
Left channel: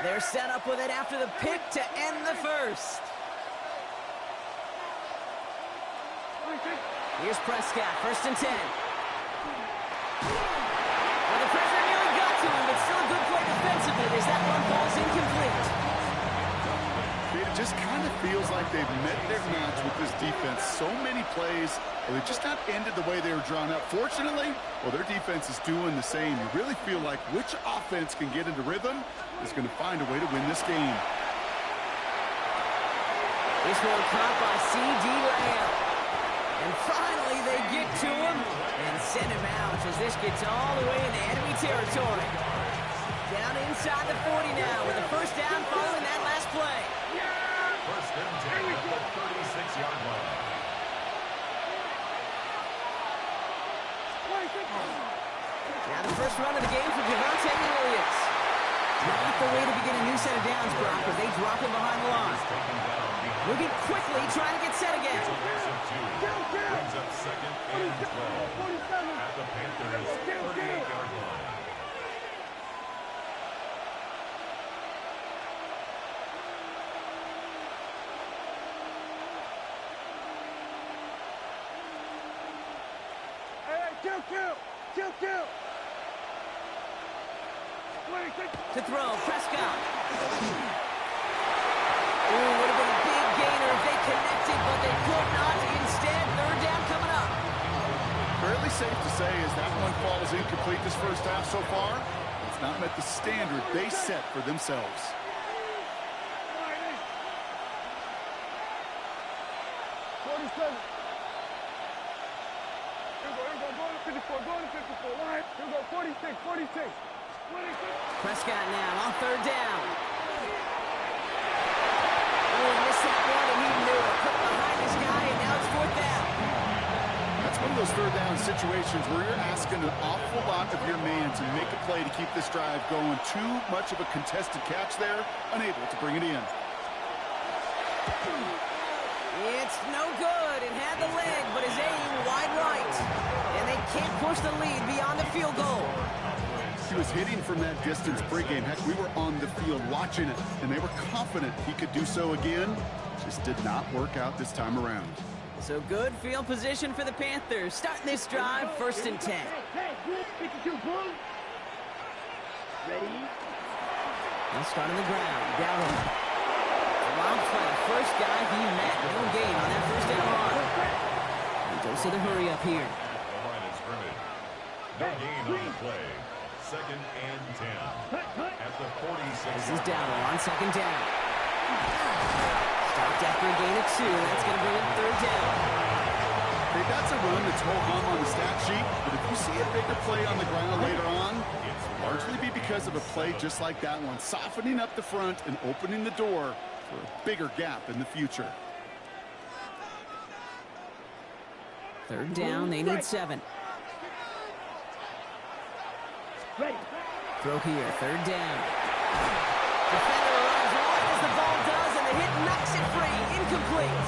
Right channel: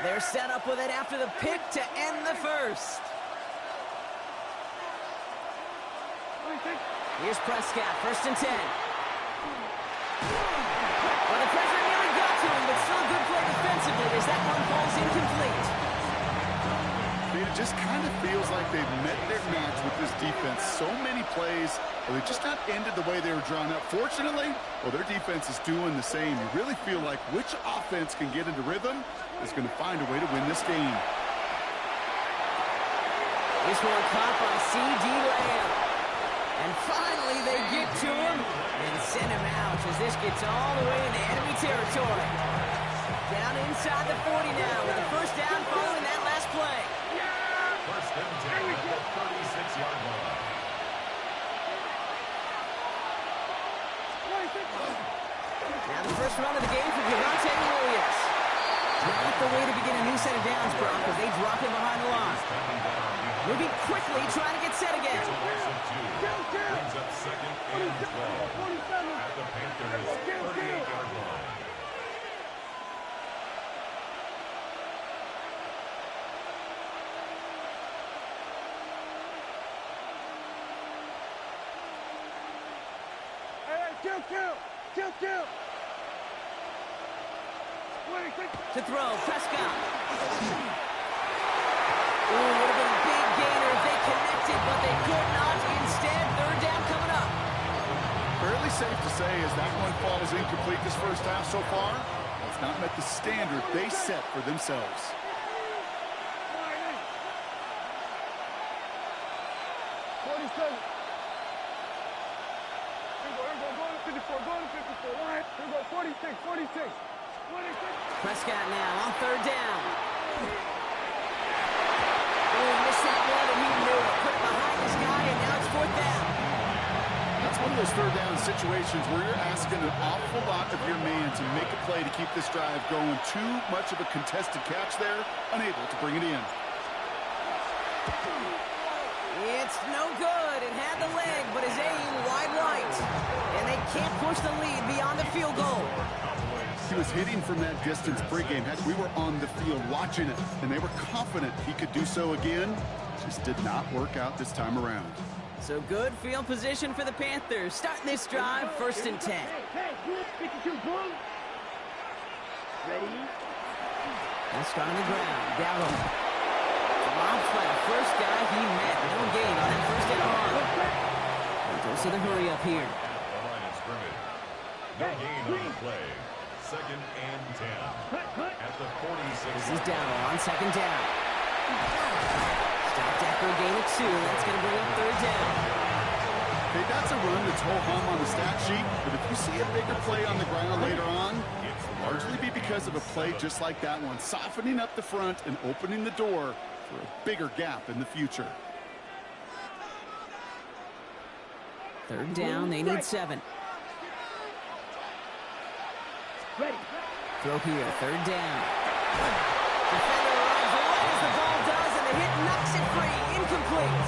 They're set up with it after the pick to end the 1st. Here's Prescott, 1st and 10. Well, the pressure nearly got to him, but still a good play defensively as that one falls incomplete. It just kind of feels like they've met their match with this defense. So many plays, well, they just not ended the way they were drawn up. Fortunately, well, their defense is doing the same. You really feel like which offense can get into rhythm is going to find a way to win this game. This one caught by C.D. Lamb. And finally, they get to him and send him out as this gets all the way into enemy territory. Down inside the 40 now with a first down following that last play. First and 10 at the 36-yard line. Now the first run of the game for Javonte Williams. Not the way to begin a new set of downs, Brock, as they drop him behind the line. Moving quickly, trying to get set again. Brings up second and 12 at the Panthers' 38-yard line. Kill. To throw, Prescott. Ooh, would have been a big gainer if they connected, but they could not. Instead, third down coming up. Fairly safe to say as that one falls incomplete this first half so far. It's not met the standard they set for themselves. Prescott now on third down. Oh, missed that one, and he knew it. Put it behind this guy, and now it's fourth down. That's one of those third down situations where you're asking an awful lot of your man to make a play to keep this drive going. Too much of a contested catch there, unable to bring it in. It's no good. It had the leg, but his aim wide right. And they can't push the lead beyond the field goal. He was hitting from that distance pregame. Heck, we were on the field watching it, and they were confident he could do so again. Just did not work out this time around. So good field position for the Panthers. Starting this drive, first and 10. Ready? They'll start on the ground. Gallup. Drops by the first guy he met. No gain on that first down run. And goes to the hurry up here. At the line of scrimmage. No gain on the play. Second and 10. At the 46. This is Dowdle on second down. Stopped after a gain of 2. That's going to bring up third down. Hey, that's a run that's ho-hum on the stat sheet, but if you see a bigger play on the ground later on, it'll largely be because of a play just like that one, softening up the front and opening the door for a bigger gap in the future. Third down, they need 7. Ready. Throw here, third down. Defender arrives right as the ball does, and the hit knocks it free. Incomplete.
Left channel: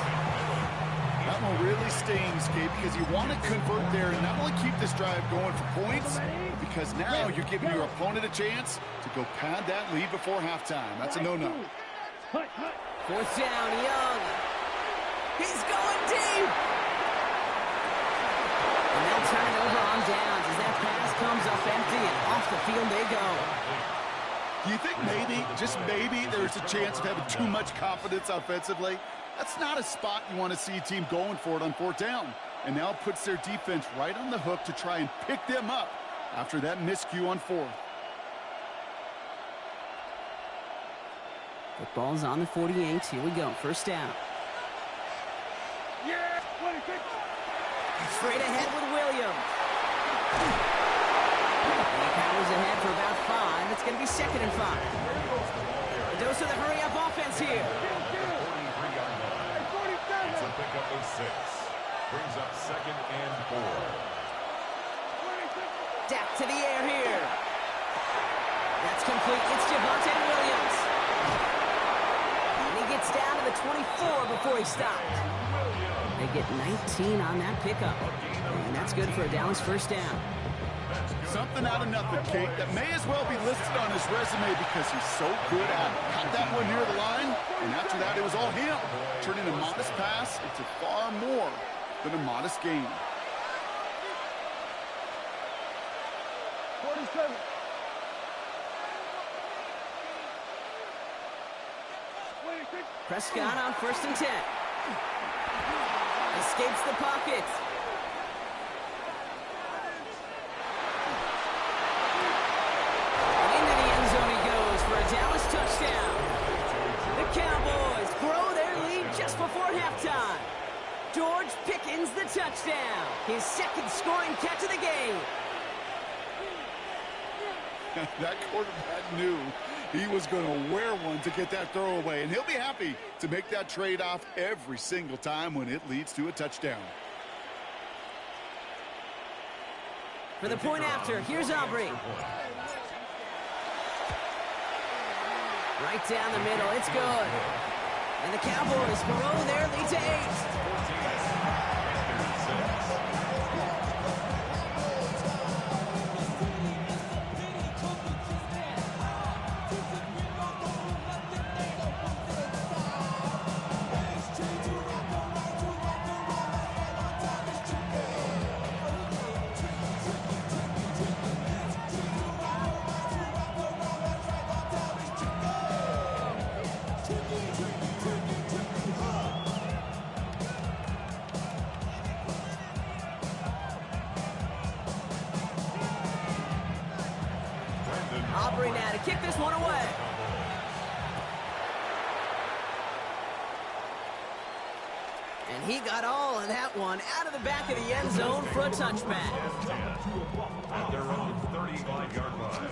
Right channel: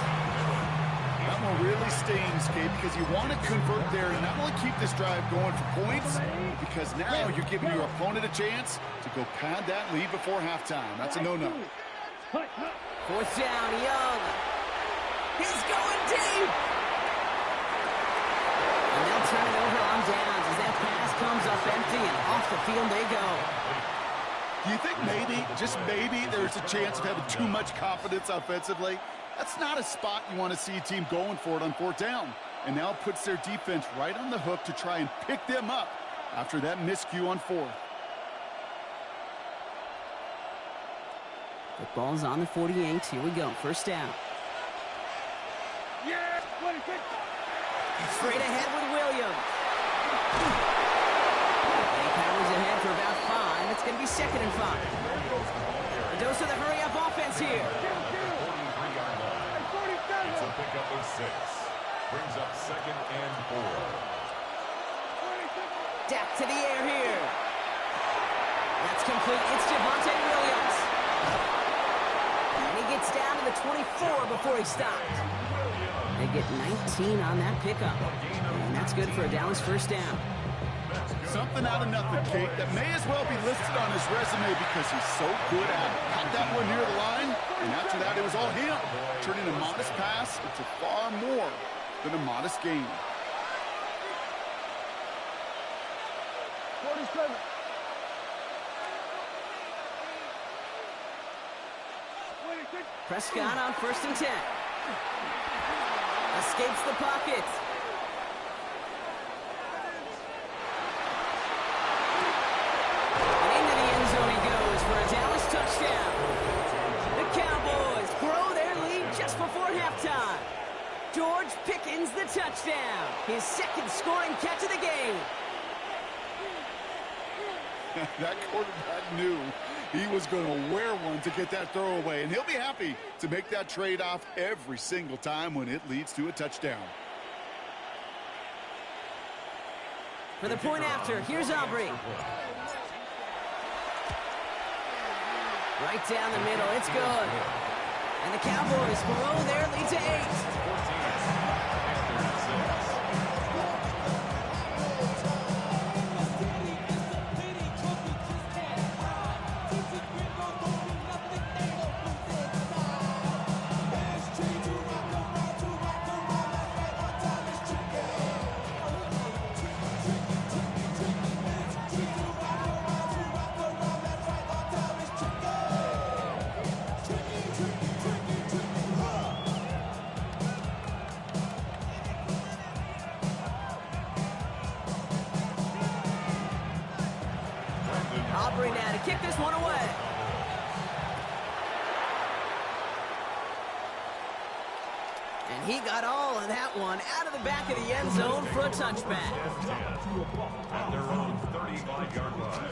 That one really stings, Kate, because you want to convert there and not only keep this drive going for points, because now you're giving your opponent a chance to go pad that lead before halftime. That's a no-no. Fourth down, Young. He's going deep. And they'll turn it over on downs as that pass comes up empty, and off the field they go. Do you think maybe, just maybe, there's a chance of having too much confidence offensively? That's not a spot you want to see a team going for it on fourth down. And now it puts their defense right on the hook to try and pick them up after that miscue on fourth. The ball's on the 48. Here we go. First down. Yeah, 26. Straight ahead with Williams. And he powers ahead for about 5. It's going to be second and 5. A dose of the hurry-up offense here. It's a pickup of 6. Brings up second and 4. Dak to the air here. That's complete. It's Javonte Williams. And he gets down to the 24 before he stopped. They get 19 on that pickup. And that's good for a Dallas first down. Something out of nothing, Kate, that may as well be listed on his resume because he's so good at it. Caught that one near the line, and after that it was all him, turning a modest pass into far more than a modest gain. 47. Prescott on first and 10. Escapes the pocket. And into the end zone he goes for a Dallas touchdown. The Cowboys grow their lead just before halftime. George Pickens the touchdown. His second scoring catch of the game. That quarterback knew he was going to wear one to get that throw away, and he'll be happy to make that trade-off every single time when it leads to a touchdown. For the point after, here's Aubrey. Right down the middle, it's good. And the Cowboys, Moreau there, lead to 8. 14, after 6. Aubrey now to kick this one away. And he got all of that one out of the back of the end zone for a touchback. At their own 35-yard line.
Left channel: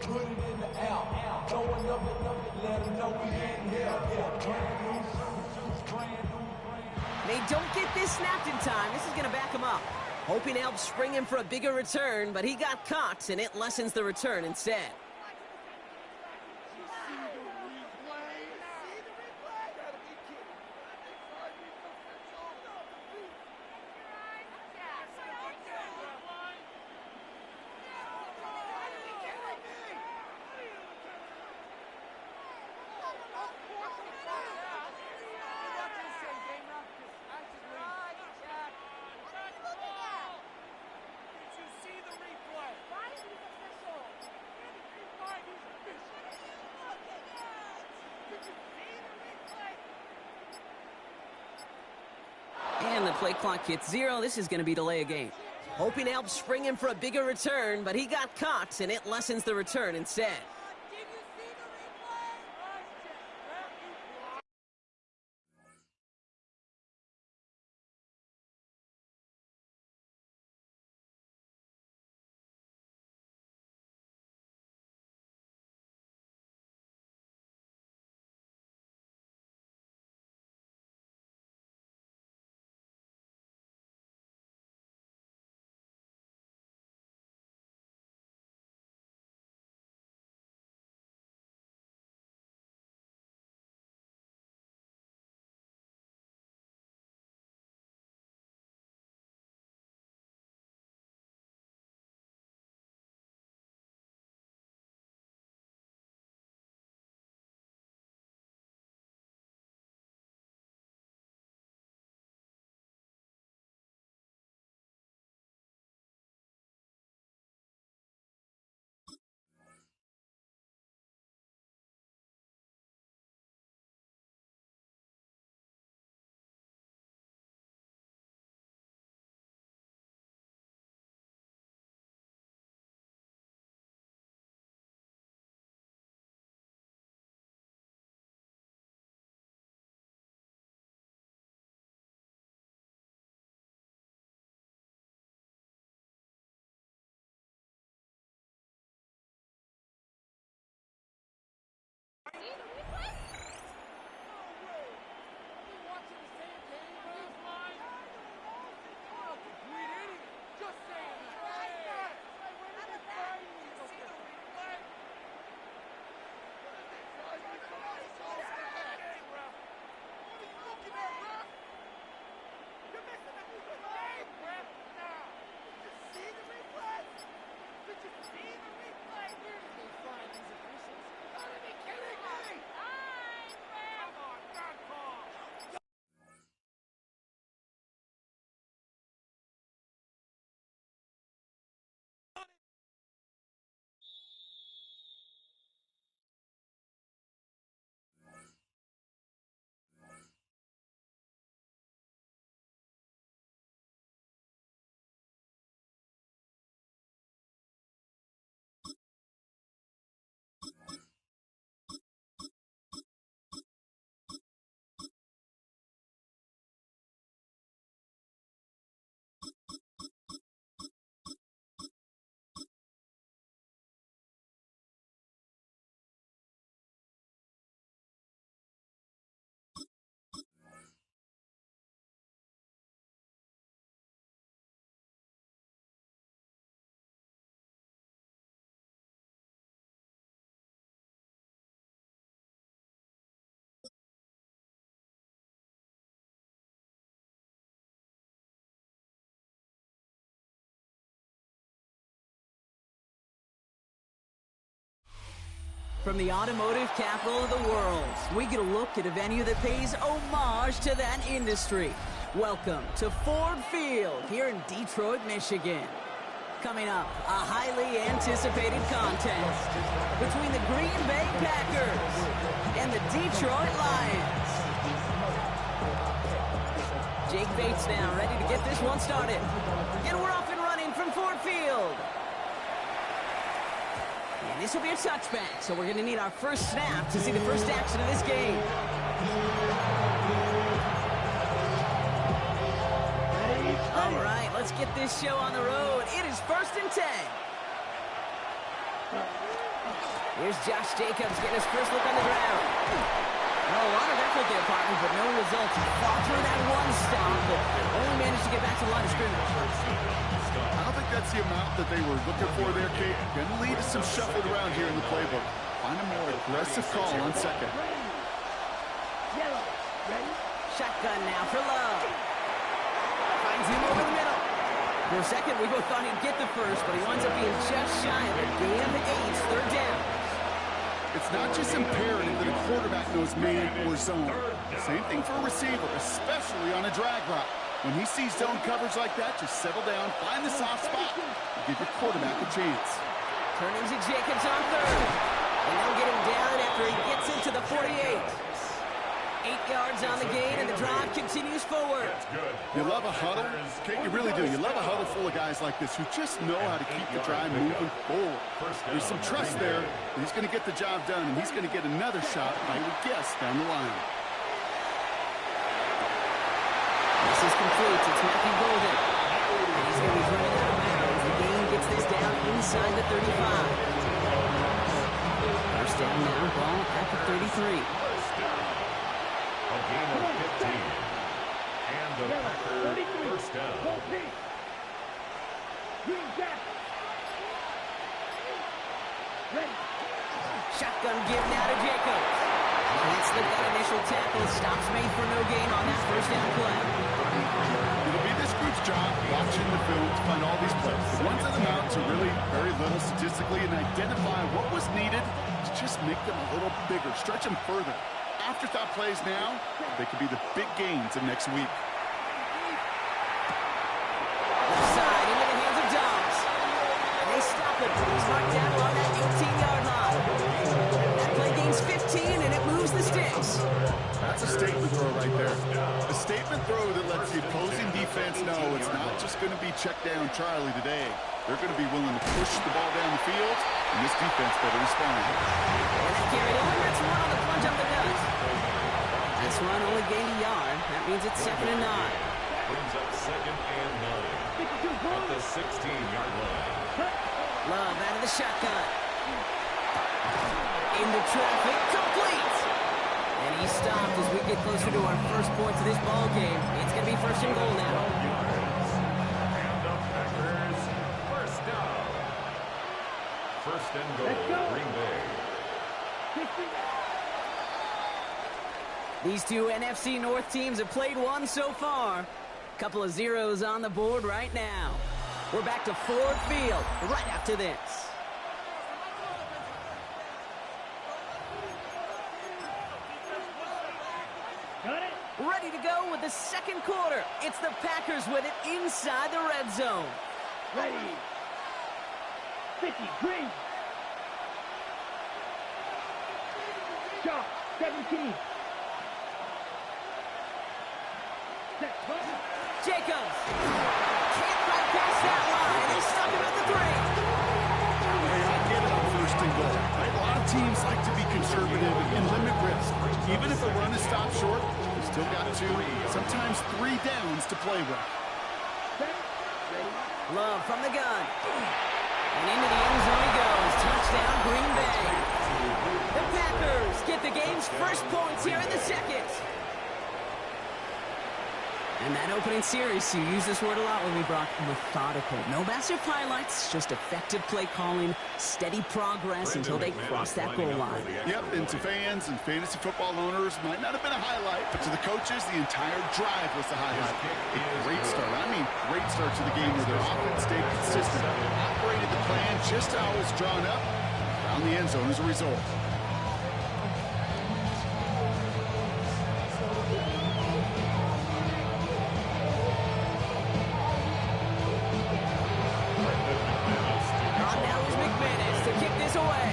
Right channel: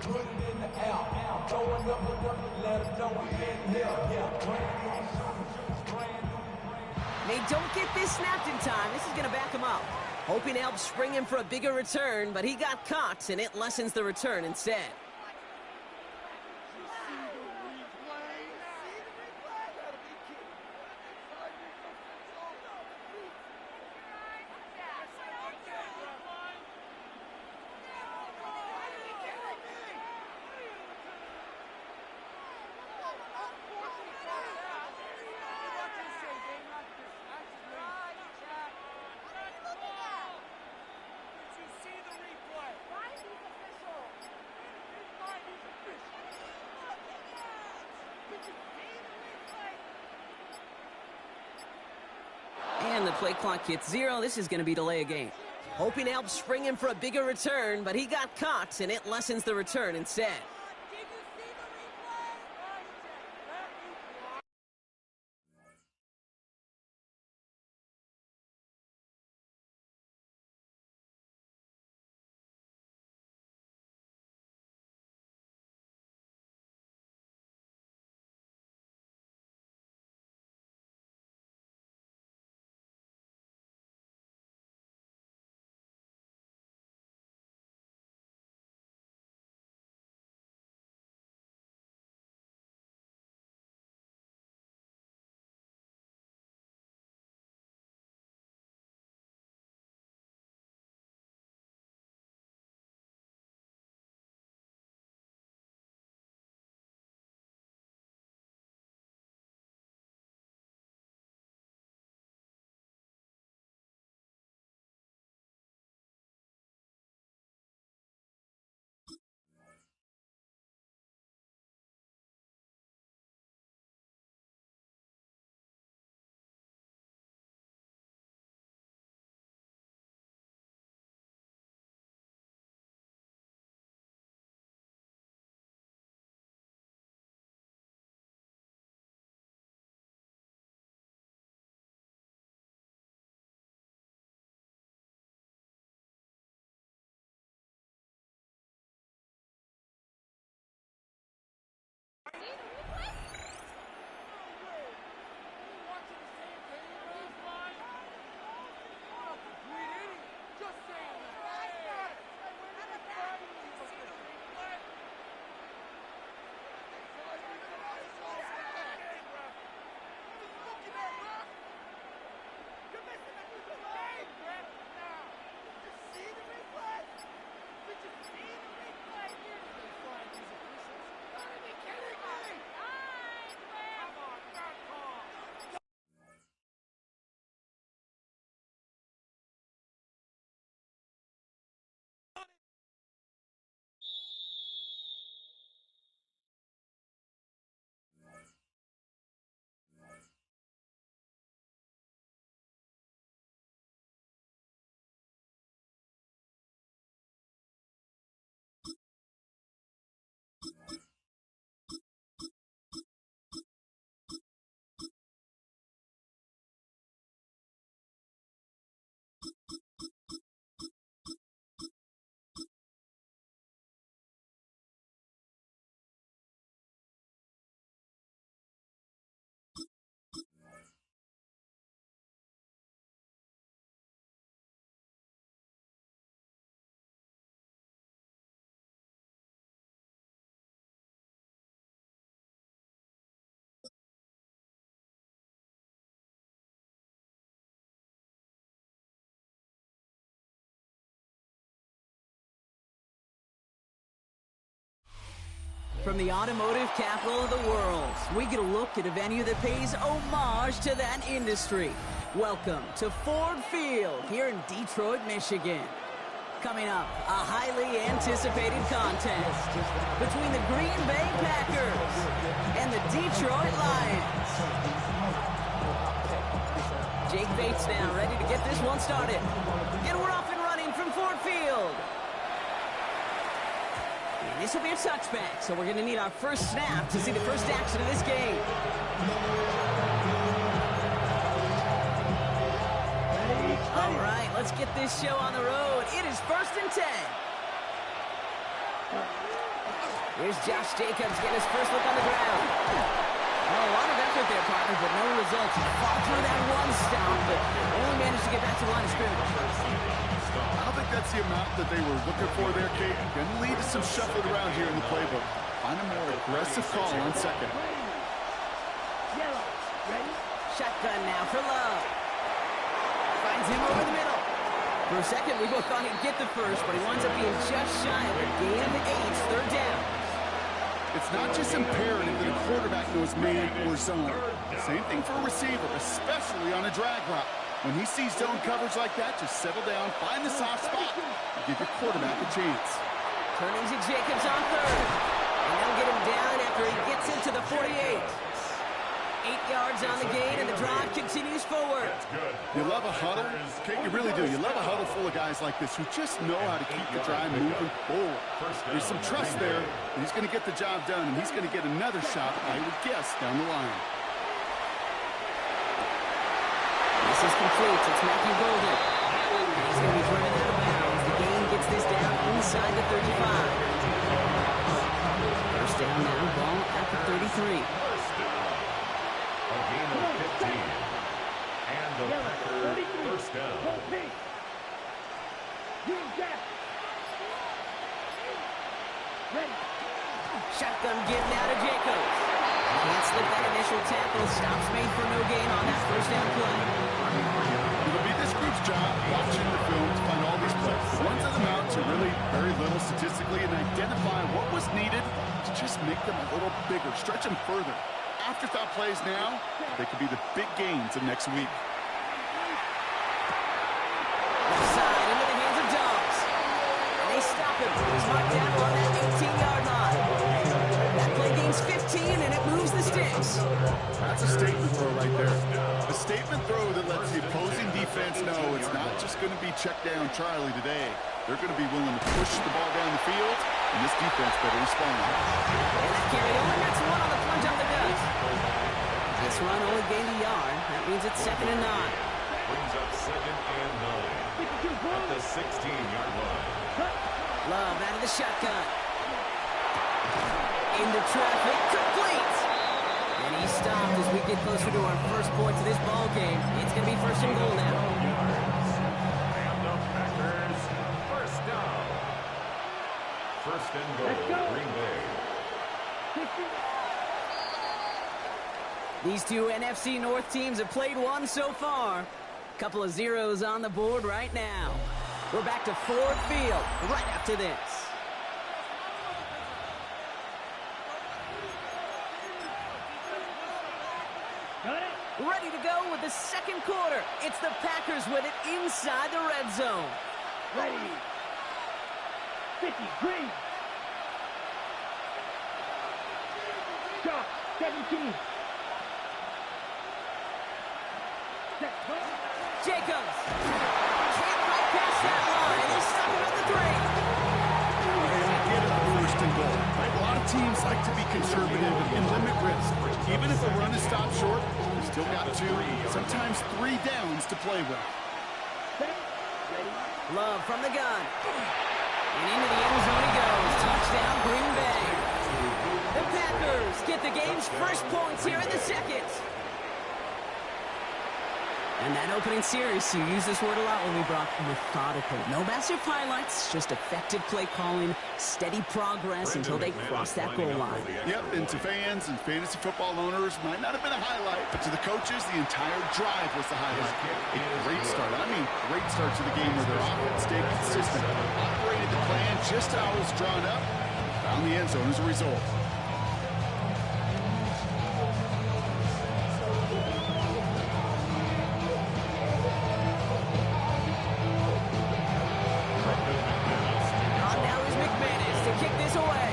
Put it in the air, throwing up it, let them know we in here. Yeah, brand new shoes, brand new. They don't get this snapped in time. This is going to back him up. Hoping to help spring him for a bigger return, but he got caught, and it lessens the return instead. And the play clock hits 0. This is going to be delay a game. Hoping to help spring him for a bigger return, but he got caught, and it lessens the return instead. From the automotive capital of the world, we get a look at a venue that pays homage to that industry. Welcome to Ford Field here in Detroit, Michigan. Coming up, a highly anticipated contest between the Green Bay Packers and the Detroit Lions. Jake Bates now ready to get this one started. And we're off and running from Ford Field. And this will be a touchback, so we're going to need our first snap to see the first action of this game. All right, let's get this show on the road. It is 1st and 10. Here's Josh Jacobs getting his first look on the ground. Well, a lot of effort there, partner, but no results. He fought through that one stop, but only managed to get back to the line of scrimmage. I don't think that's the amount that they were looking for there, Kate. Going to lead to some shuffling around here in the playbook. Find a more aggressive call on second. Yellow. Ready? Shotgun now for Love. Finds him over the middle. For a second, we both thought he'd get the first, but he winds up being just shy of a gain of 8, 3rd down. It's not just imperative that a quarterback knows man or zone. Same thing for a receiver, especially on a drag route. When he sees zone coverage like that, just settle down, find the soft spot, and give your quarterback a chance. Turning to Jacobs on 3rd. And they'll get him down after he gets into the 48. 8 yards on the gain, and the drive continues forward. You love a huddle? Kate, you really do. You love a huddle full of guys like this who just know how to keep the drive moving forward. There's some trust there that he's going to get the job done, and he's going to get another shot, I would guess, down the line. This is complete. It's Matthew Golden. And he's going to be driven out of bounds. The gain gets this down inside the 35. First down now, ball at the 33. A gain of 15. And the Packers first down. Green Jack. Ready. Shotgun give now to Jacobs. Can't slip that initial tackle. Stops made for no gain on that first down play. It'll be this group's job watching the film to find all these plays. The ones that amount to really very little statistically and identify what was needed to just make them a little bigger, stretch them further. Afterthought plays now, they could be the big gains of next week. Left side into the hands of Dobbs. And they stop him. He's marked down along that 18-yard line. That play gains 15, and it moves the sticks. That's a statement throw right there. A statement throw that lets the opposing defense know it's not just going to be check down Charlie today. They're going to be willing to push the ball down the field, and this defense better respond. And that carry only gets 1 on the plunge up the gut. This run only gained a yard. That means it's 2nd and 9. Brings up 2nd and 9 at the 16-yard line. Love out of the shotgun. Into traffic, complete. And he stopped as we get closer to our first points of this ball game. It's going to be 1st and goal now. And the Packers first down. 1st and goal, Green Bay. These two NFC North teams have played one so far. Couple of zeros on the board right now. We're back to Ford Field right after this. Got it. Ready to go with the 2nd quarter. It's the Packers with it inside the red zone. Ready. 50. Green. Shot. 17. Set. Jacobs can't fight past that line. They stuck him at the 3. I get it on 1st and goal. Right? A lot of teams like to be conservative and limit risk. Even if a run is stopped short, you still got 2, sometimes 3 downs to play with. Love from the gun. And into the end zone he goes. Touchdown, Green Bay. The Packers get the game's first points here in the 2nd. And that opening series, you use this word a lot when we brought methodical. No massive highlights, just effective play calling, steady progress until they cross that goal line. Yep, and to fans and fantasy football owners, might not have been a highlight, but to the coaches, the entire drive was the highlight. A great start. I mean, great start to the game where their offense stayed consistent, operated the plan just how it was drawn up, found the end zone as a result. yards away.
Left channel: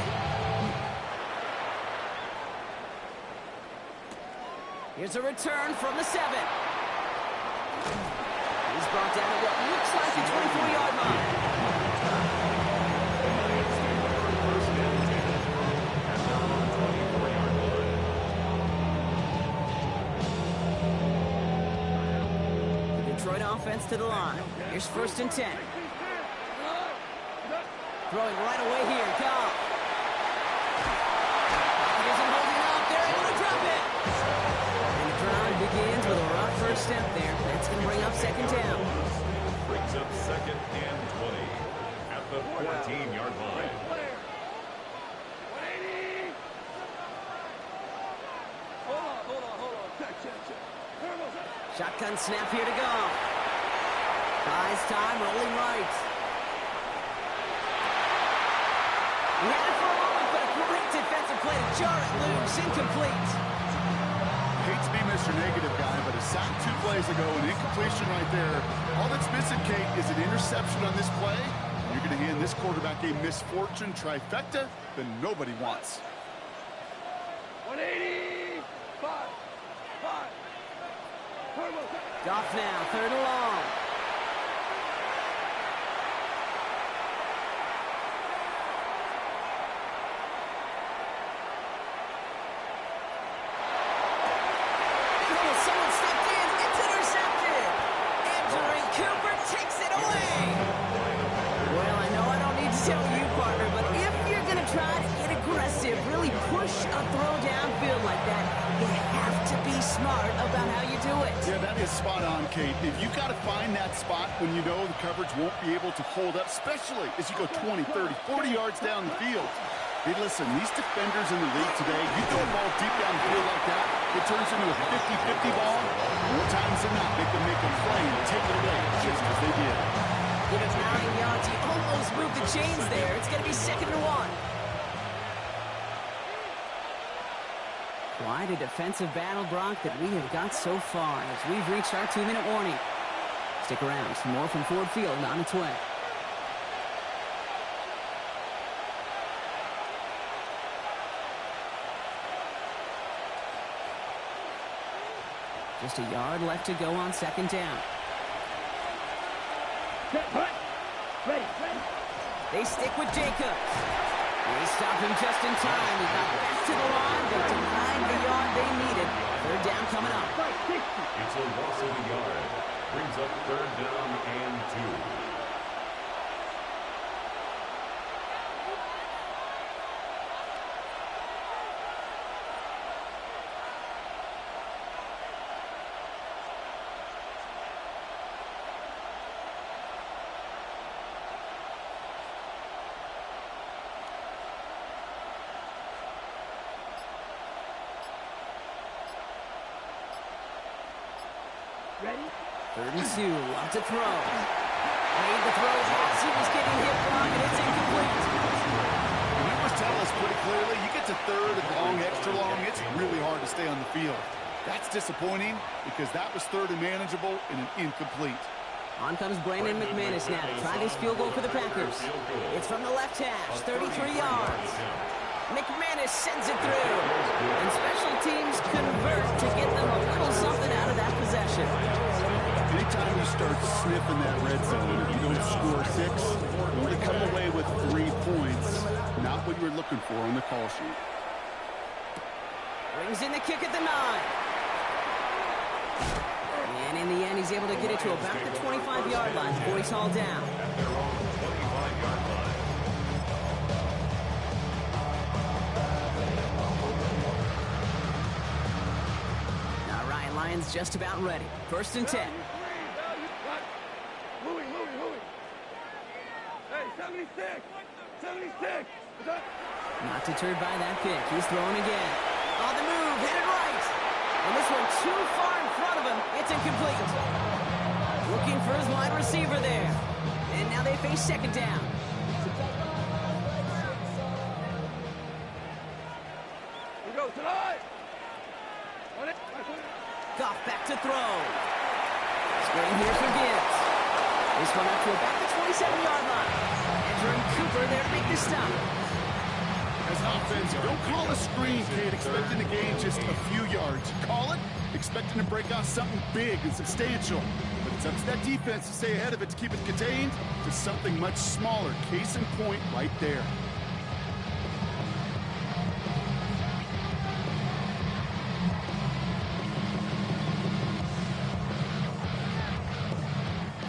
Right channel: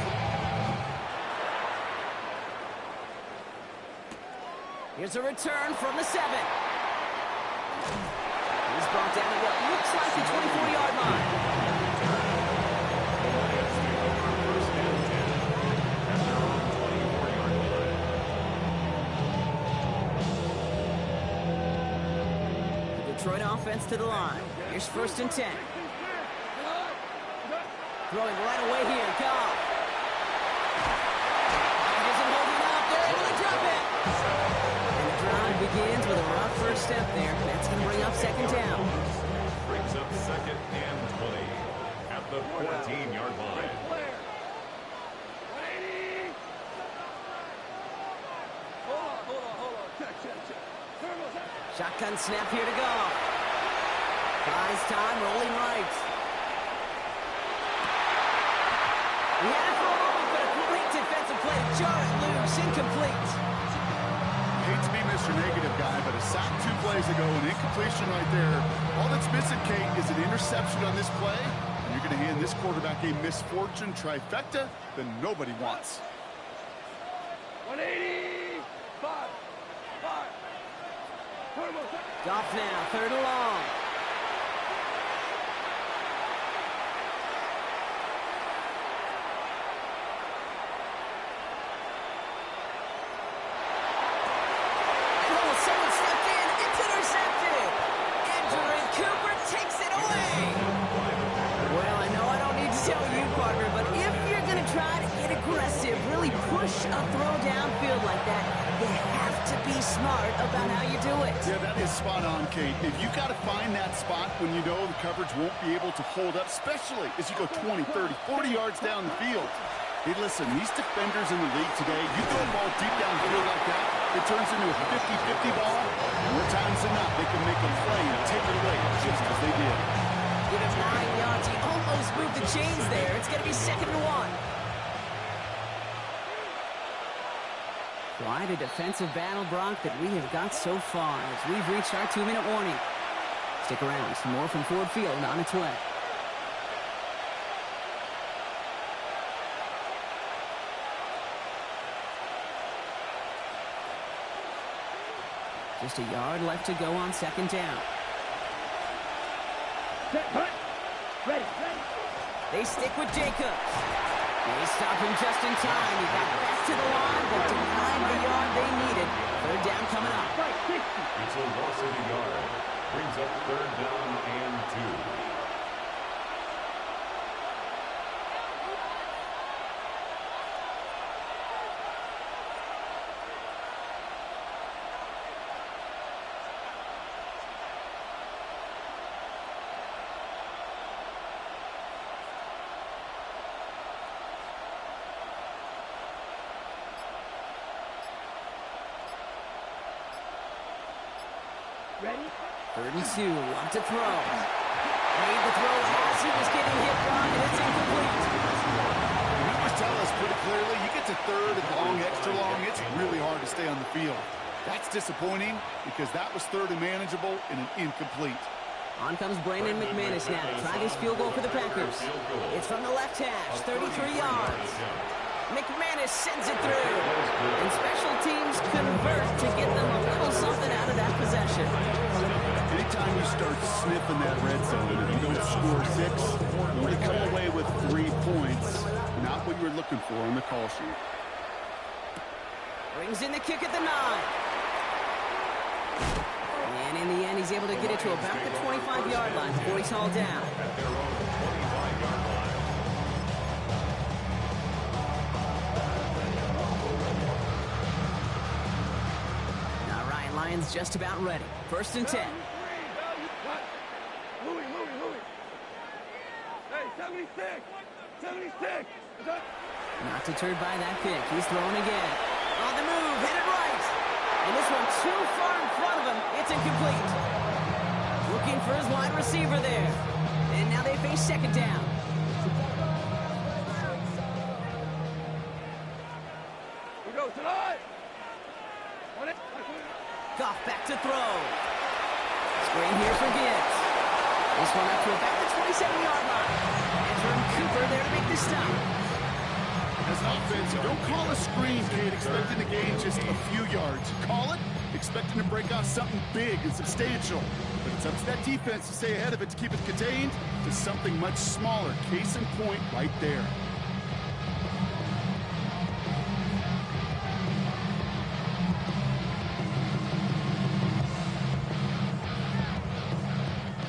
Here's a return from the 7. He's brought down at what looks like the 24-yard line. The Lions take over first and 10 at their own 24-yard line. The Detroit offense to the line. Here's first and 10. Throwing right away here, Goff. Pocket isn't holding up. They're able to drop it. And the drive begins with a rough first step there. That's going to bring up second down. Brings up second and 20 at the 14-yard line. Hold on. Check. Shotgun snap here to Goff. Buys time, rolling right. He had it for a moment, but a great defensive play to jar it loose. Incomplete. Hate to be Mr. Negative guy, but a sack 2 plays ago, an incompletion right there. All that's missing, Kate, is an interception on this play. And you're going to hand this quarterback a misfortune trifecta that nobody wants. 180. 5. Goff now, third and long. Someone stepped in. It's intercepted. Andrew Cooper takes it away. Well, I know I don't need to tell you, partner, but if you're going to try to get aggressive, really push a throw downfield like that, you have to be smart about how you do it. Yeah, that is spot on, Kate. If you got to find that spot when you know the coverage won't be able to hold up, especially as you go 20, 30, 40 yards down the field. Hey, listen, these defenders in the league today, you throw a ball deep downfield like that, it turns into a 50-50 ball. More times than not, they can make a play and take it away, just as they did. Give him 9 yards. He almost moved the chains there. It's going to be second and 1. Quite a defensive battle, Brock, that we have got so far as we've reached our 2-minute warning. Stick around. Some more from Ford Field on its way. Just a yard left to go on second down. Set, hut. Ready. They stick with Jacobs. They stop him just in time. He got back to the line, but denied the yard they needed. Third down coming up. It's a loss of a yard. Brings up third down and 2. Ready? Third and 2. Love to throw. Made the throw as he was getting hit, Brock, and it's incomplete. The numbers tell us pretty clearly, you get to third and long, extra long, it's really hard to stay on the field. That's disappointing because that was third and manageable and an incomplete. On comes Brandon McManus now to try this field goal for the Packers. It's from the left hash, 33 yards. McManus sends it through. And special teams convert to get them a little something out of that possession. Anytime you start sniffing that red zone, if you don't score 6, you only come away with 3 points. Not what you were looking for on the call sheet. Brings in the kick at the 9. And in the end, he's able to get it to about the 25-yard line before he's hauled down. At their own 25-yard line. All right, Lions just about ready. First and 10. Louis. Hey, 76. Not deterred by that pick. He's throwing again. On the move, headed right. And this one too far in front of him. It's incomplete. Looking for his wide receiver there. And now they face second down. We go tonight. Goff back to throw. Screen here for Gibbs. This one up to about the 27-yard line. Andrew Cooper there to make the stop. As an offense, you don't call a screen, kid, expecting to gain just a few yards. You call it expecting to break off something big and substantial. But it's up to that defense to stay ahead of it to keep it contained to something much smaller. Case in point right there.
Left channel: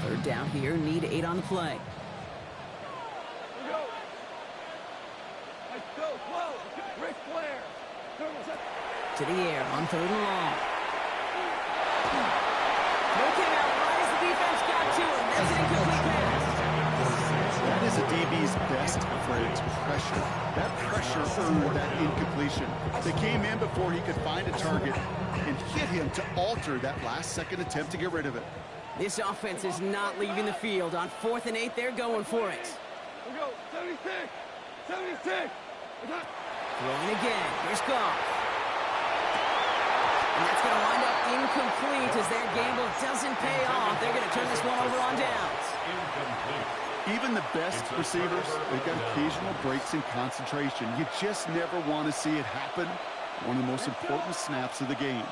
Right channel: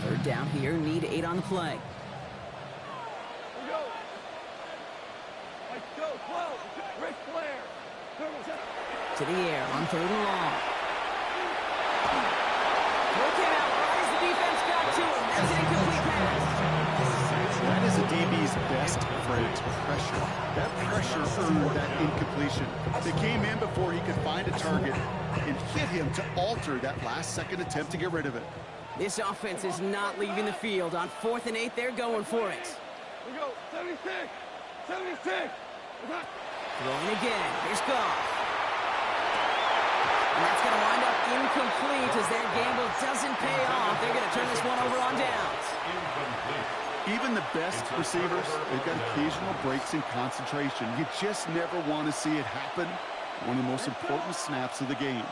Third down here, need 8 on the play. To the air on 3rd and long. Throw came out right as the defense got to him. That's an incomplete pass. That is a DB's best friend, pressure. That pressure earned that incompletion. They came in before he could find a target and hit him to alter that last-second attempt to get rid of it. This offense is not leaving the field. On 4th and 8, they're going for it. We go, 76! 76! Throwing again. Here's Goff. And that's going to wind up incomplete as their gamble doesn't pay off. They're going to turn this one over on downs. Even the best receivers, they've got occasional breaks in concentration. You just never want to see it happen. One of the most important snaps of the game.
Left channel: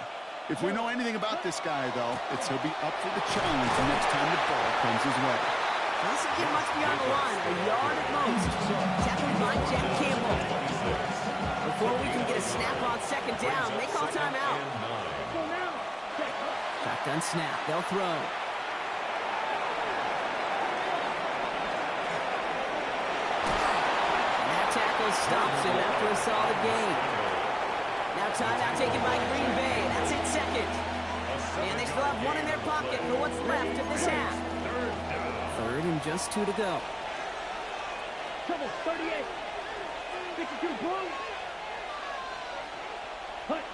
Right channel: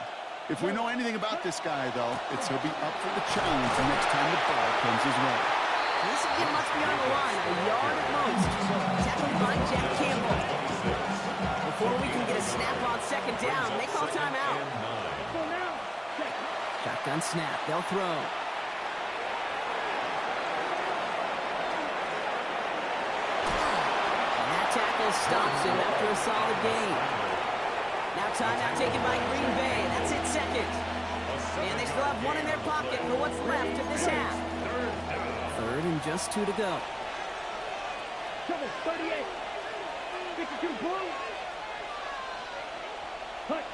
If we know anything about this guy, though, it's he'll be up for the challenge the next time the ball comes his way. He doesn't get much beyond the line, a yard at most. Tackled by Jack Campbell. Before we can get a snap on 2nd down, they call timeout. Shotgun snap, they'll throw. And that tackle stops him after a solid gain. Now timeout taken by Green Bay. That's it, 2nd. And they still have 1 in their pocket for what's left of this half. 3rd and just 2 to go. Trouble, 38. 52 blue. Hut.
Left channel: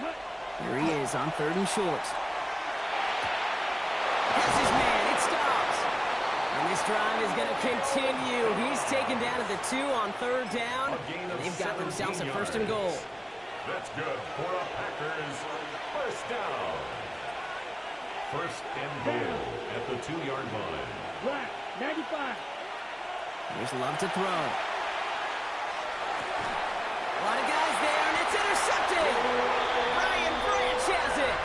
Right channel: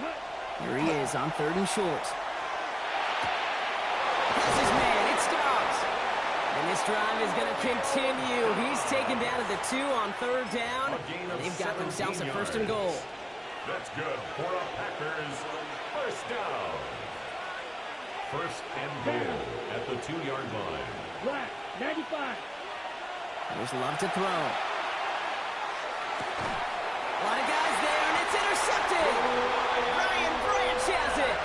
Here he is on 3rd and short. That's his man. It stops. And this drive is going to continue. He's taken down at the 2 on 3rd down. And they've got themselves a 1st and goal. That's good for the Packers. 1st down. 1st and goal at the 2-yard line. Black, 95. Here's Love to throw. A lot of guys there, and it's intercepted. Brian Branch has it.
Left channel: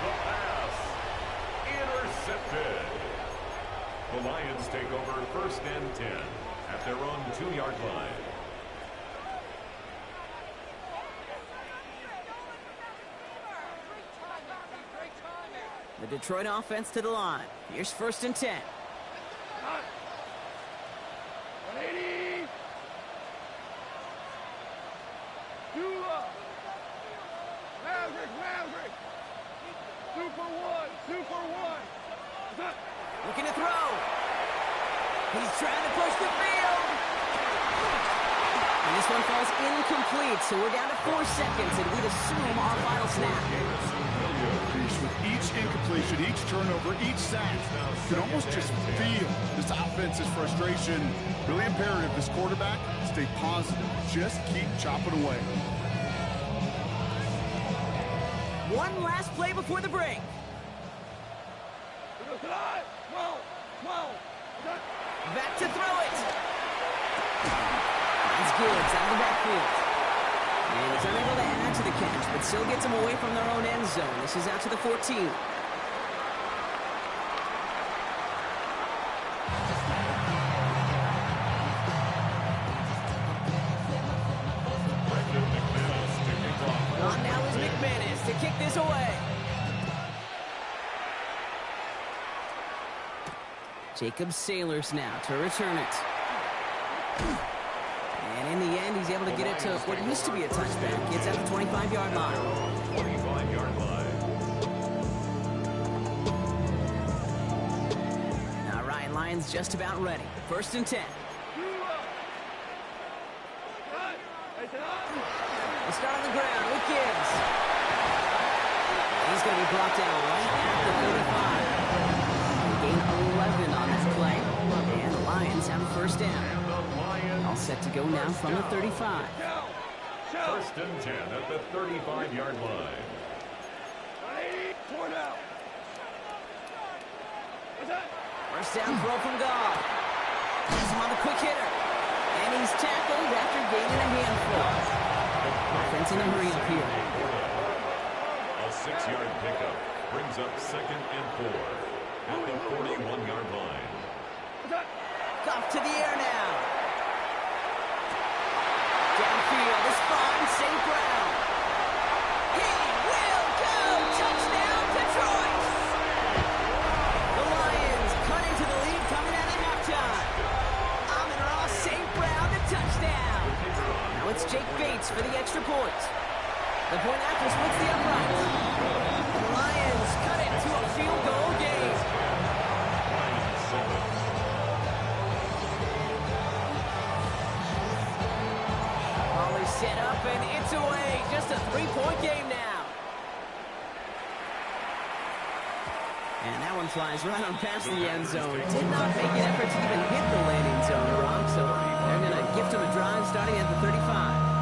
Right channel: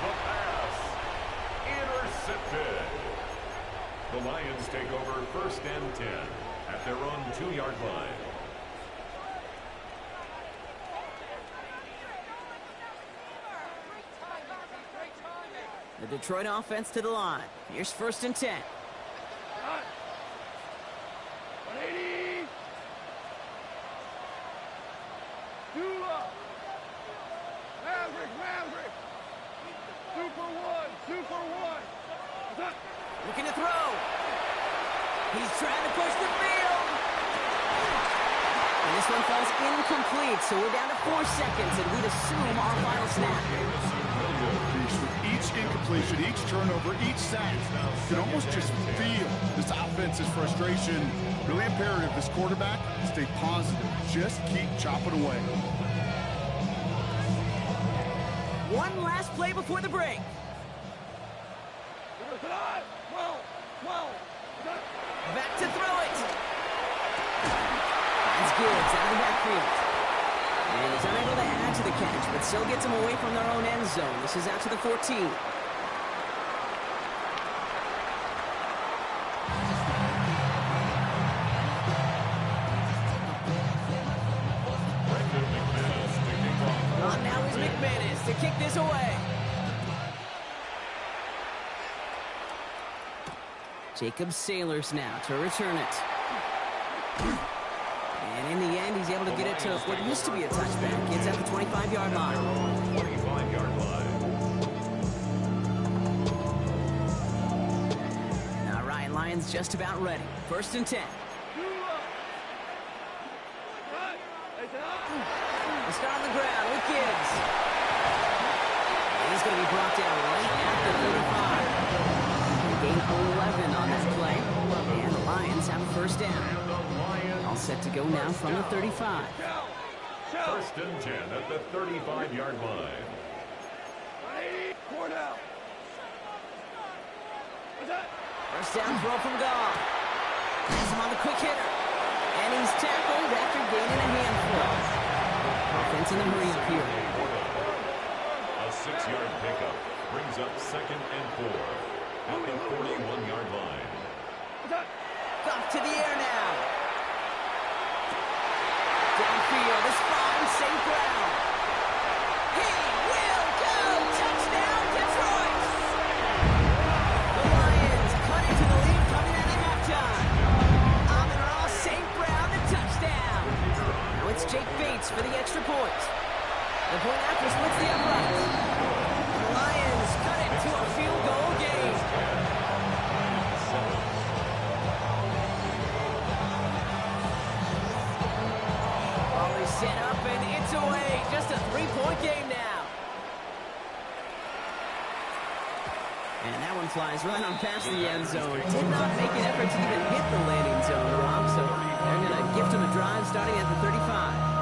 The pass intercepted. The Lions take over 1st and 10 at their own 2-yard line. The Detroit offense to the line. Here's 1st and 10. 180. 2 up. Maverick. 2 for 1. Looking to throw. He's trying to push the field. And this one falls incomplete, so we're down to 4 seconds, and we'd assume our final snap. With each incompletion, each turnover, each sack, you can almost just feel this offense's frustration. Really imperative, this quarterback, stay positive. Just keep chopping away. One last play before the break. 12. Back to throw it. Finds Gibbs out of the backfield. And he's unable to add to the catch, but still gets them away from their own end zone. This is out to the 14. On now is McManus to kick this away. Jacob Sailors now to return it. And in the end, he's able to get it to what used to be a touchback. It's at the 25-yard line. 25-yard line. All right, Lions just about ready. 1st and 10. We'll start on the ground with Gibbs. He's going to be brought down right at the 35. Gain 11 on that play. And the Lions have a 1st down. All set to go now from the 35. 1st and 10 at the 35-yard line. 4 down. 1st down throw from Goff. He's him on the quick hitter. And he's tackled after gaining a handful. Offense in the hurry up here. A 6-yard pickup brings up 2nd and 4 at the 41-yard line. Off to the air now. Downfield is fine. St. Brown. He will go. Touchdown, Detroit. The Lions cut into the lead coming out of halftime. Amon-Ra St. Brown, the touchdown. Now it's Jake Bates for the extra point. The point after splits the uprights. And the Lions cut it to a field goal game. Lions 7. Volley set up and it's away. Just a 3-point game now. And that one flies right on past the end zone. Did not make an effort to even hit the landing zone, Rob. So they're going to gift him a drive starting at the 35.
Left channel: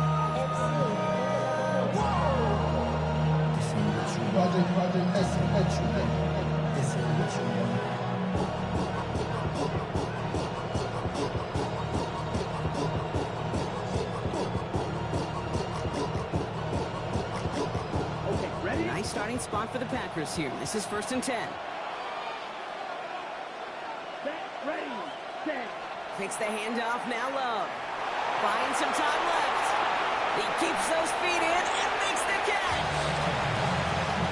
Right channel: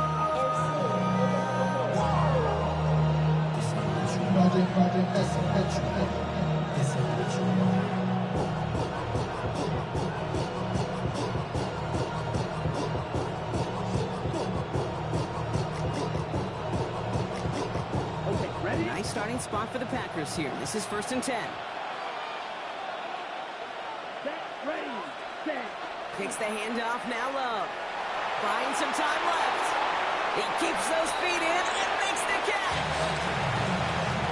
Okay, ready? Nice starting spot for the Packers here. This is 1st and 10. Set, ready, set. Takes the handoff, now Love. Buying some time left. He keeps those feet in and makes the catch.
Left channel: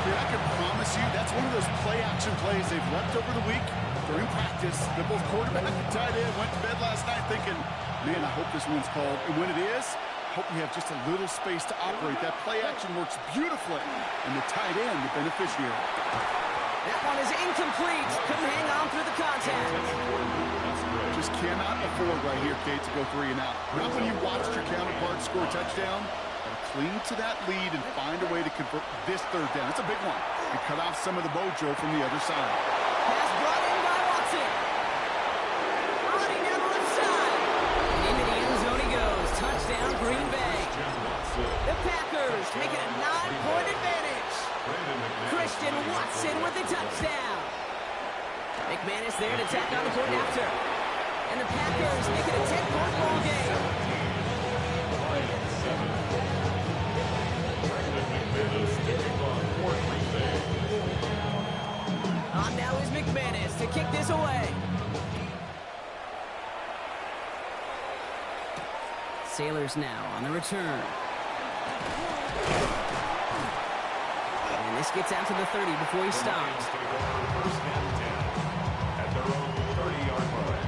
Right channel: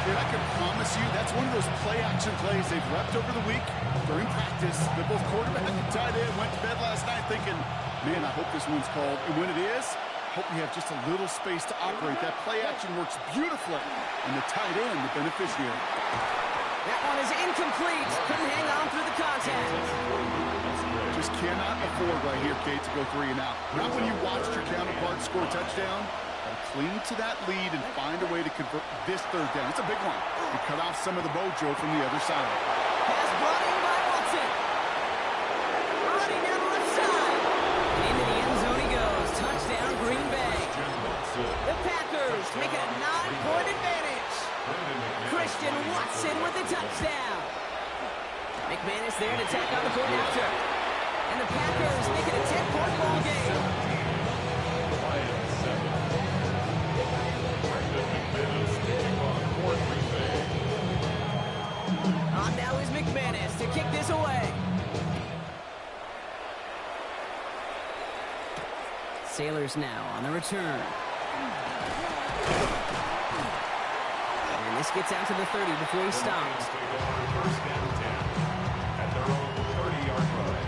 Dude, I can promise you that's one of those play-action plays they've repped over the week during practice. That both quarterback and tight end went to bed last night thinking, man, I hope this one's called. And when it is, I hope we have just a little space to operate. That play action works beautifully. And the tight end, the beneficiary. That one is incomplete. Couldn't hang on through the contact. Just cannot afford right here, Kate, to go 3 and out. Not when you watched your counterpart score a touchdown. Got to cling to that lead and find a way to convert this 3rd down. It's a big one. And cut off some of the mojo from the other side. Pass brought in by Watson. Running down the left side. And into the end zone he goes. Touchdown, Green Bay. The Packers make it a 9-point advantage. Christian Watson with the touchdown. McManus there to tack on the point after. And the Packers make it a 10-point ball game. Lions 7. Brendan McManus to kick off for Green Bay. On now is McManus to kick this away. Sailors now on the return. And this gets out to the 30 before he stops. 1st and 10 at their own 30-yard line.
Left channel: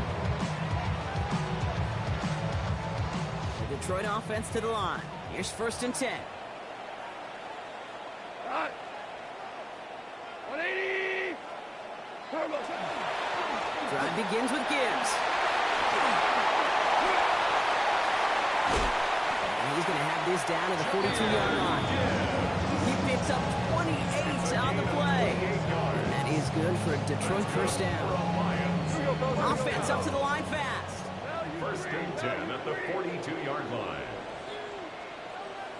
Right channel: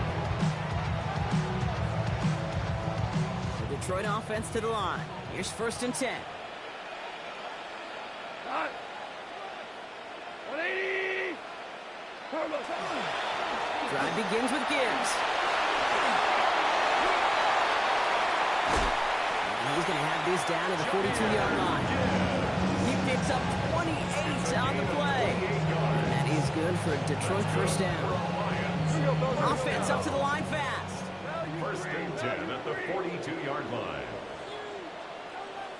The Detroit offense to the line. Here's 1st and 10. 180. Drive begins with Gibbs. And he's going to have this down to the 42-yard line. He picks up 28 on the play. And that is good for a Detroit 1st down. Offense up to the line fast. 1st and 10 at the 42-yard line.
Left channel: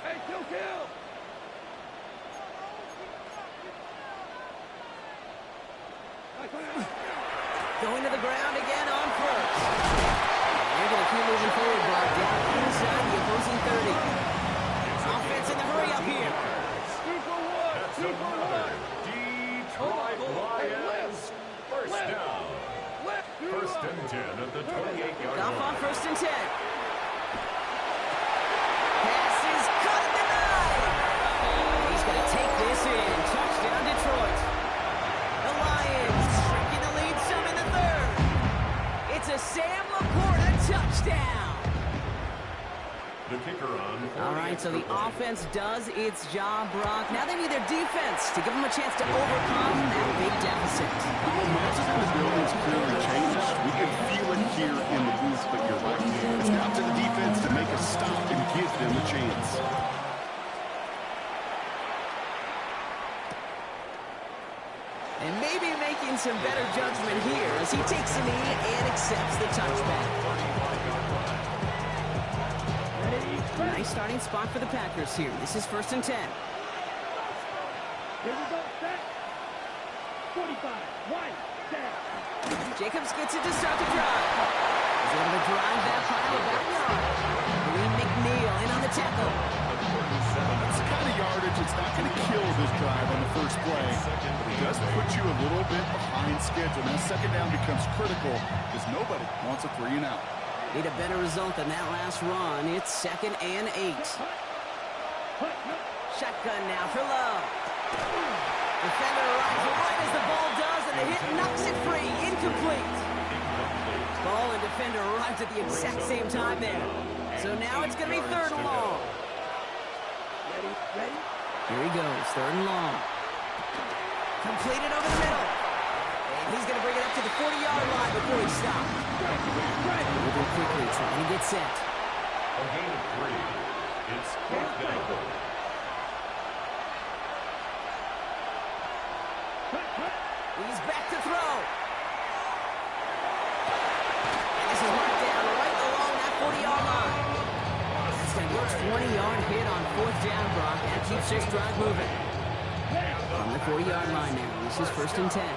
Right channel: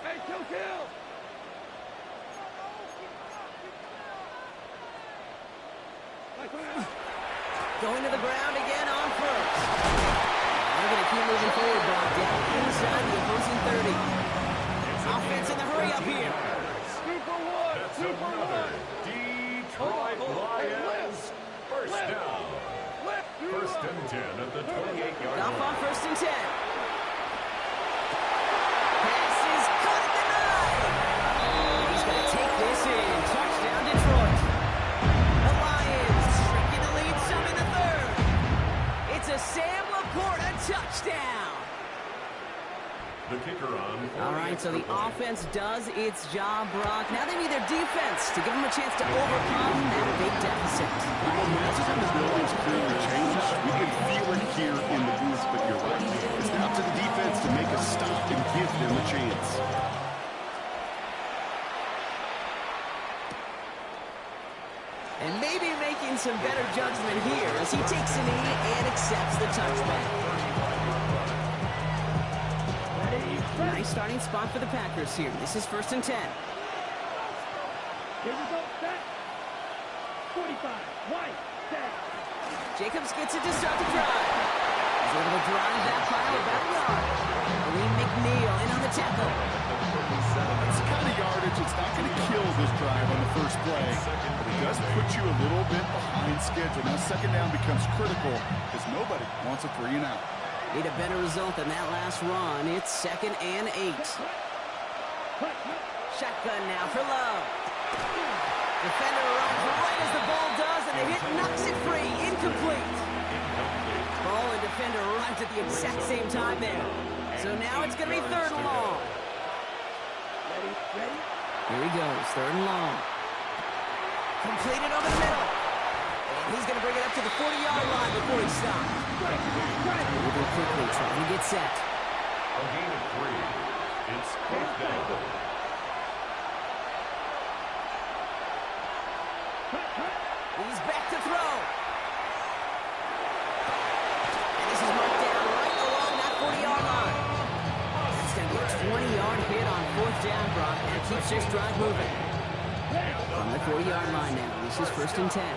Hey, kill. Going to the ground again on 1st. And they're going to keep moving forward, Brock, down inside the opposing 30. Offense in the hurry up here. That's another Detroit Lions 1st down. 1st and 10 at the 28-yard Off line. on 1st and 10. Pass is cut at the 9. He's going to take this in. Touchdown, Detroit. The Lions shrinking the lead some in the 3rd. It's a Sam Laporta touchdown. The kicker on. All right, so the offense does its job, Brock. Now they need their defense to give them a chance to overcome that big deficit. The momentum in the building's clearly changed. We can feel it here in the booth, but you're right. It's now up to the defense to make a stop and give them a chance. And maybe making some better judgment here as he takes a knee and accepts the touchback. Nice starting spot for the Packers here. This is 1st and 10. Here we go, set. 45, white, set. Jacobs gets it to start the drive. He's able to drive that pile about a yard. Lee McNeil in on the tackle. That's the kind of yardage it's not going to kill this drive on the first play, but it does put you a little bit behind schedule. Now second down becomes critical because nobody wants a 3 and out. Need a better result than that last run. It's 2nd and 8. Shotgun now for Love. Defender arrives right as the ball does, and the hit knocks it free. Incomplete. Ball and defender arrived at the exact same time there. So now it's going to be 3rd and long. Ready? Here he goes, 3rd and long. Completed over the middle. And he's going to bring it up to the 40-yard line before he stops. Moving quickly, trying to get set. A gain of 3. It's 4th down. He's back to throw. And this is marked down right along that 40-yard line. That's going to be a 20-yard hit on 4th down, Brock. That keeps this drive moving. From the 40-yard line now. This is 1st and 10.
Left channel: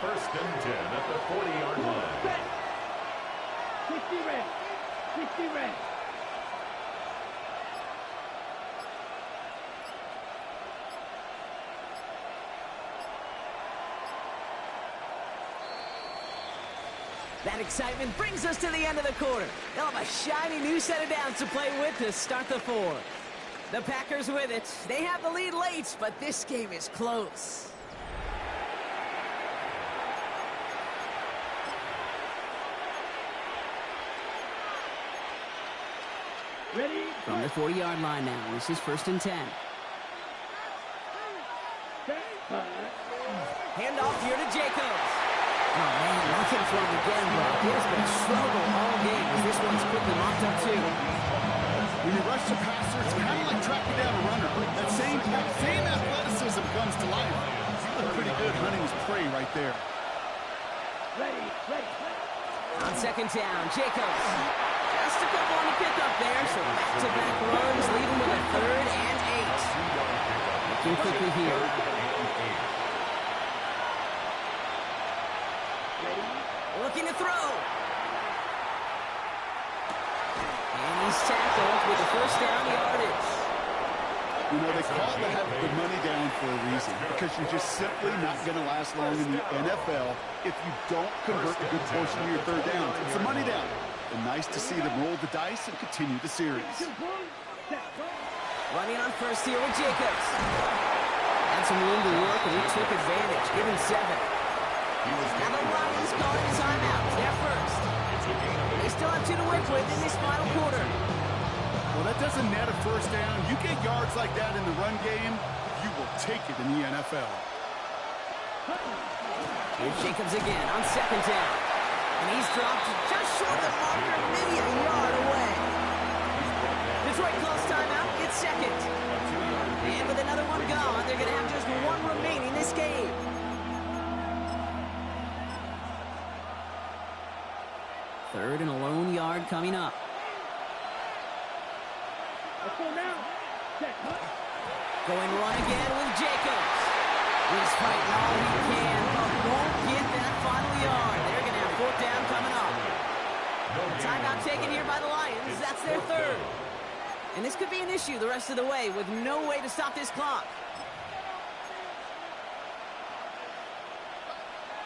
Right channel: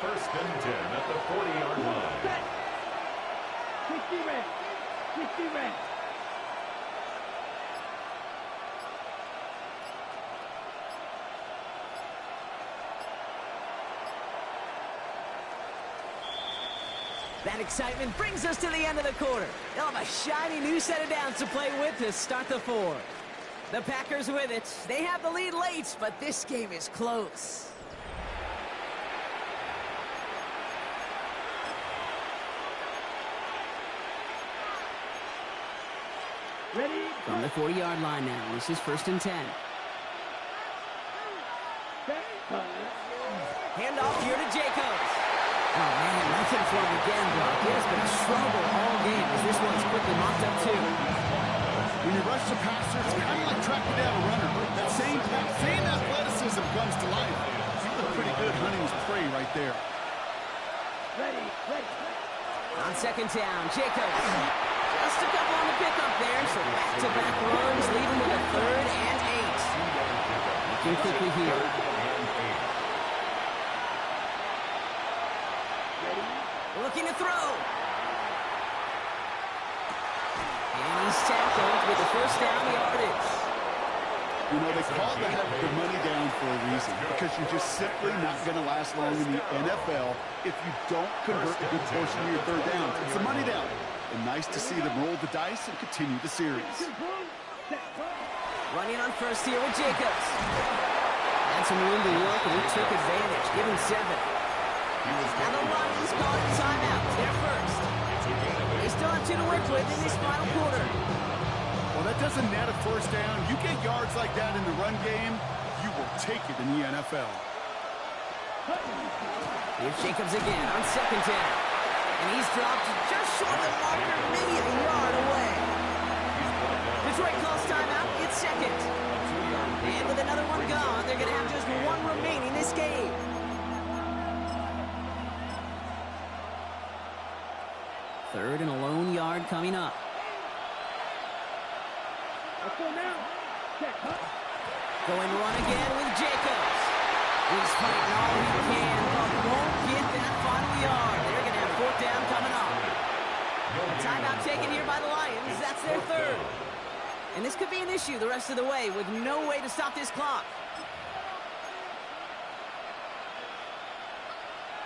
1st and 10 at the 40-yard line. 60 red. 60 red. That excitement brings us to the end of the quarter. They'll have a shiny new set of downs to play with to start the 4th. The Packers with it. They have the lead late, but this game is close. Ready? From the 40-yard line now. This is 1st and 10. Handoff here to Jacobs. Oh, man, nothing for him again, Brock. It has been a struggle all game as this one's quickly mocked up, too. When you rush the passer, it's kind of like tracking down a runner. That same athleticism comes to life. He looked pretty good hunting his prey right there. Ready. On 2nd down, Jacobs. Just a couple on the pickup there, so back-to-back runs leave him with a 3rd and 8. Looking quickly here. Looking to throw. And he's tackled with the 1st down yardage. You know, they call that the money down for a reason, because you're just simply not going to last long in the NFL if you don't convert a good portion of your 3rd down. It's a money down. And nice to see them roll the dice and continue the series. Running on 1st here with Jacobs. Had some room to work, and he took advantage. Give him 7. Now the Lions calling a timeout. They're 1st. They still have 2 to work with in this final quarter. Well, that doesn't net a 1st down. You get yards like that in the run game, you will take it in the NFL. Here's Jacobs again on 2nd down. And he's dropped just short of the marker, maybe a yard away. Detroit calls timeout. It's 2nd. And with another one gone, they're going to have just 1 remaining this game. Third and a lone yard coming up. Let's go now. Check. Going run again with Jacobs. He's fighting all he can, but won't get that final yard. They're going to have 4th down coming up. A timeout taken here by the Lions. That's their 3rd. And this could be an issue the rest of the way with no way to stop this clock.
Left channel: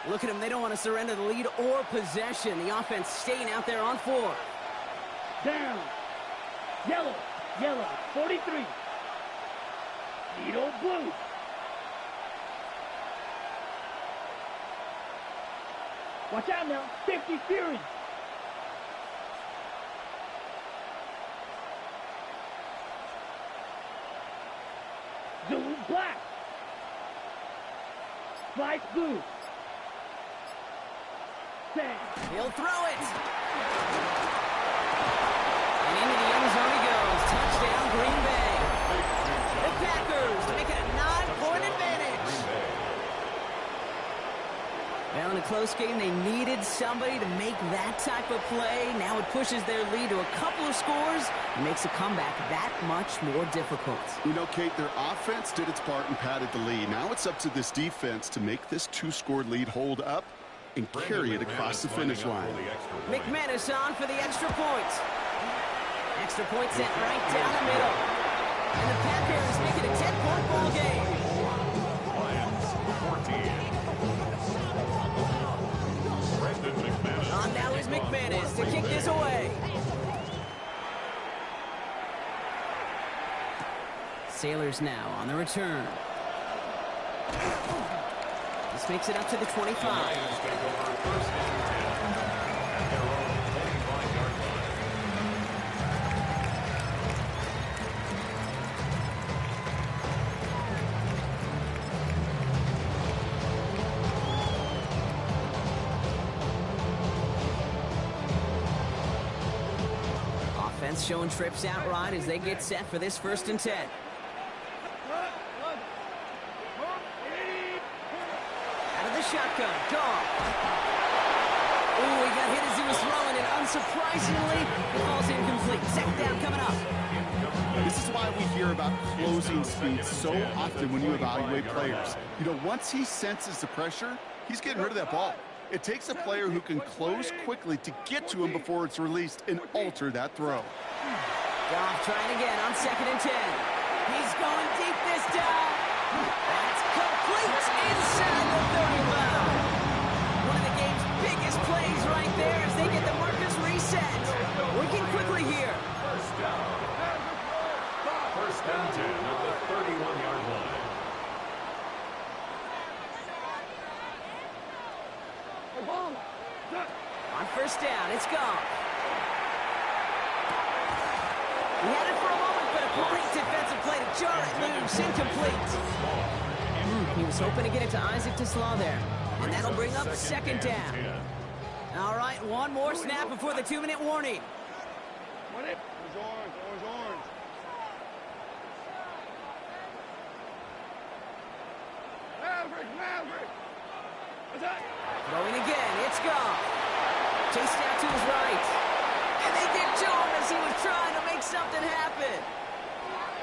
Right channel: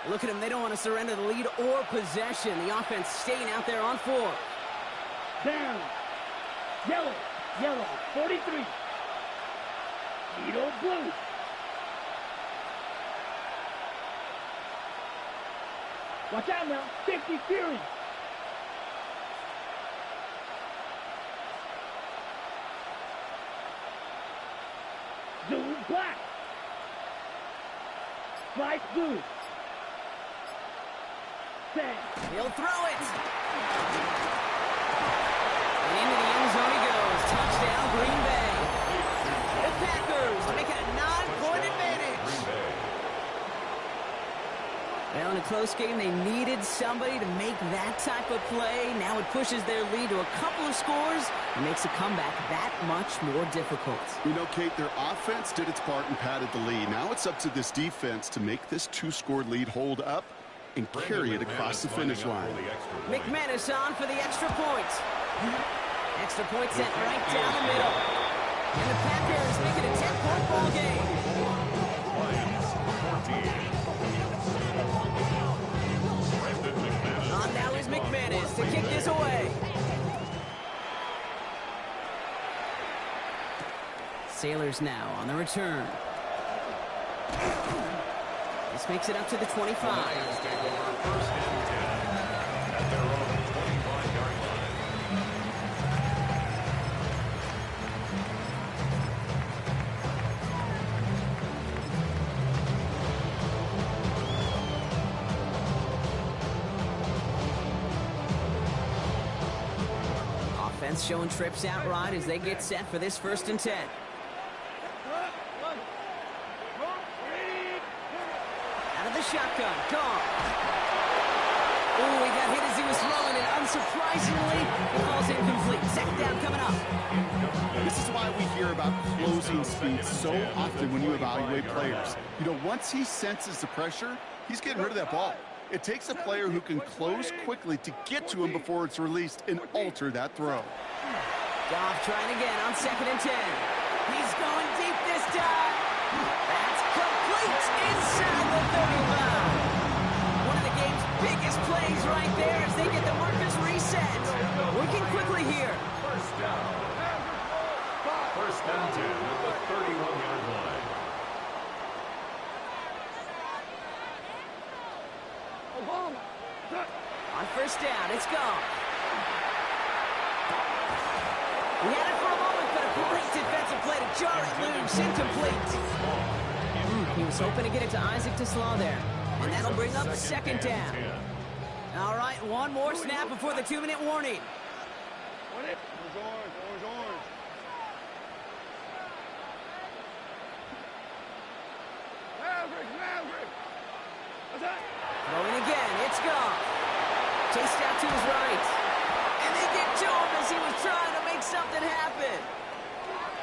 Look at them. They don't want to surrender the lead or possession. The offense staying out there on 4th. Down. Yellow. 43. Needle blue. Watch out now. 50 Fury. Zoom black. Slice blue. He'll throw it. And into the end zone he goes. Touchdown, Green Bay. The Packers make it a 9-point advantage. Well, in a close game, they needed somebody to make that type of play. Now it pushes their lead to a couple of scores and makes a comeback that much more difficult. You know, Kate, their offense did its part and padded the lead. Now it's up to this defense to make this 2-score lead hold up and carry it across the finish line. McManus on for the extra point. Extra point sent right down the middle. And the Packers make it a 10-point ball game. Lions 14. On now is McManus to kick this away. Sailors now on the return. This makes it up to the 25. The Lions take over first and 10 at their own 25-yard line. Offense showing trips out right as they get set for this 1st and 10. Out of the shotgun, gone. Ooh, he got hit as he was throwing, and unsurprisingly, he falls incomplete. 2nd down coming up. This is why we hear about closing speed so often when you evaluate players. You know, once he senses the pressure, he's getting rid of that ball. It takes a player who can close quickly to get to him before it's released and alter that throw. Goff trying again on 2nd and 10. He's going deep this time. That's complete inside the 35. One of the game's biggest plays right there as they get the markers reset. Working quickly here. First down. First and 10 at the 31-yard line. On 1st down, it's gone. He had it for a moment, but a great defensive play to jar it loose, incomplete. He was hoping to get it to Isaac Slaw there. And that'll bring up 2nd down. All right, one more snap before the 2-minute warning. Orange. Maverick. What's that? Throwing again, it's gone. Chased out to his right. And they get to him as he was trying to make something happen.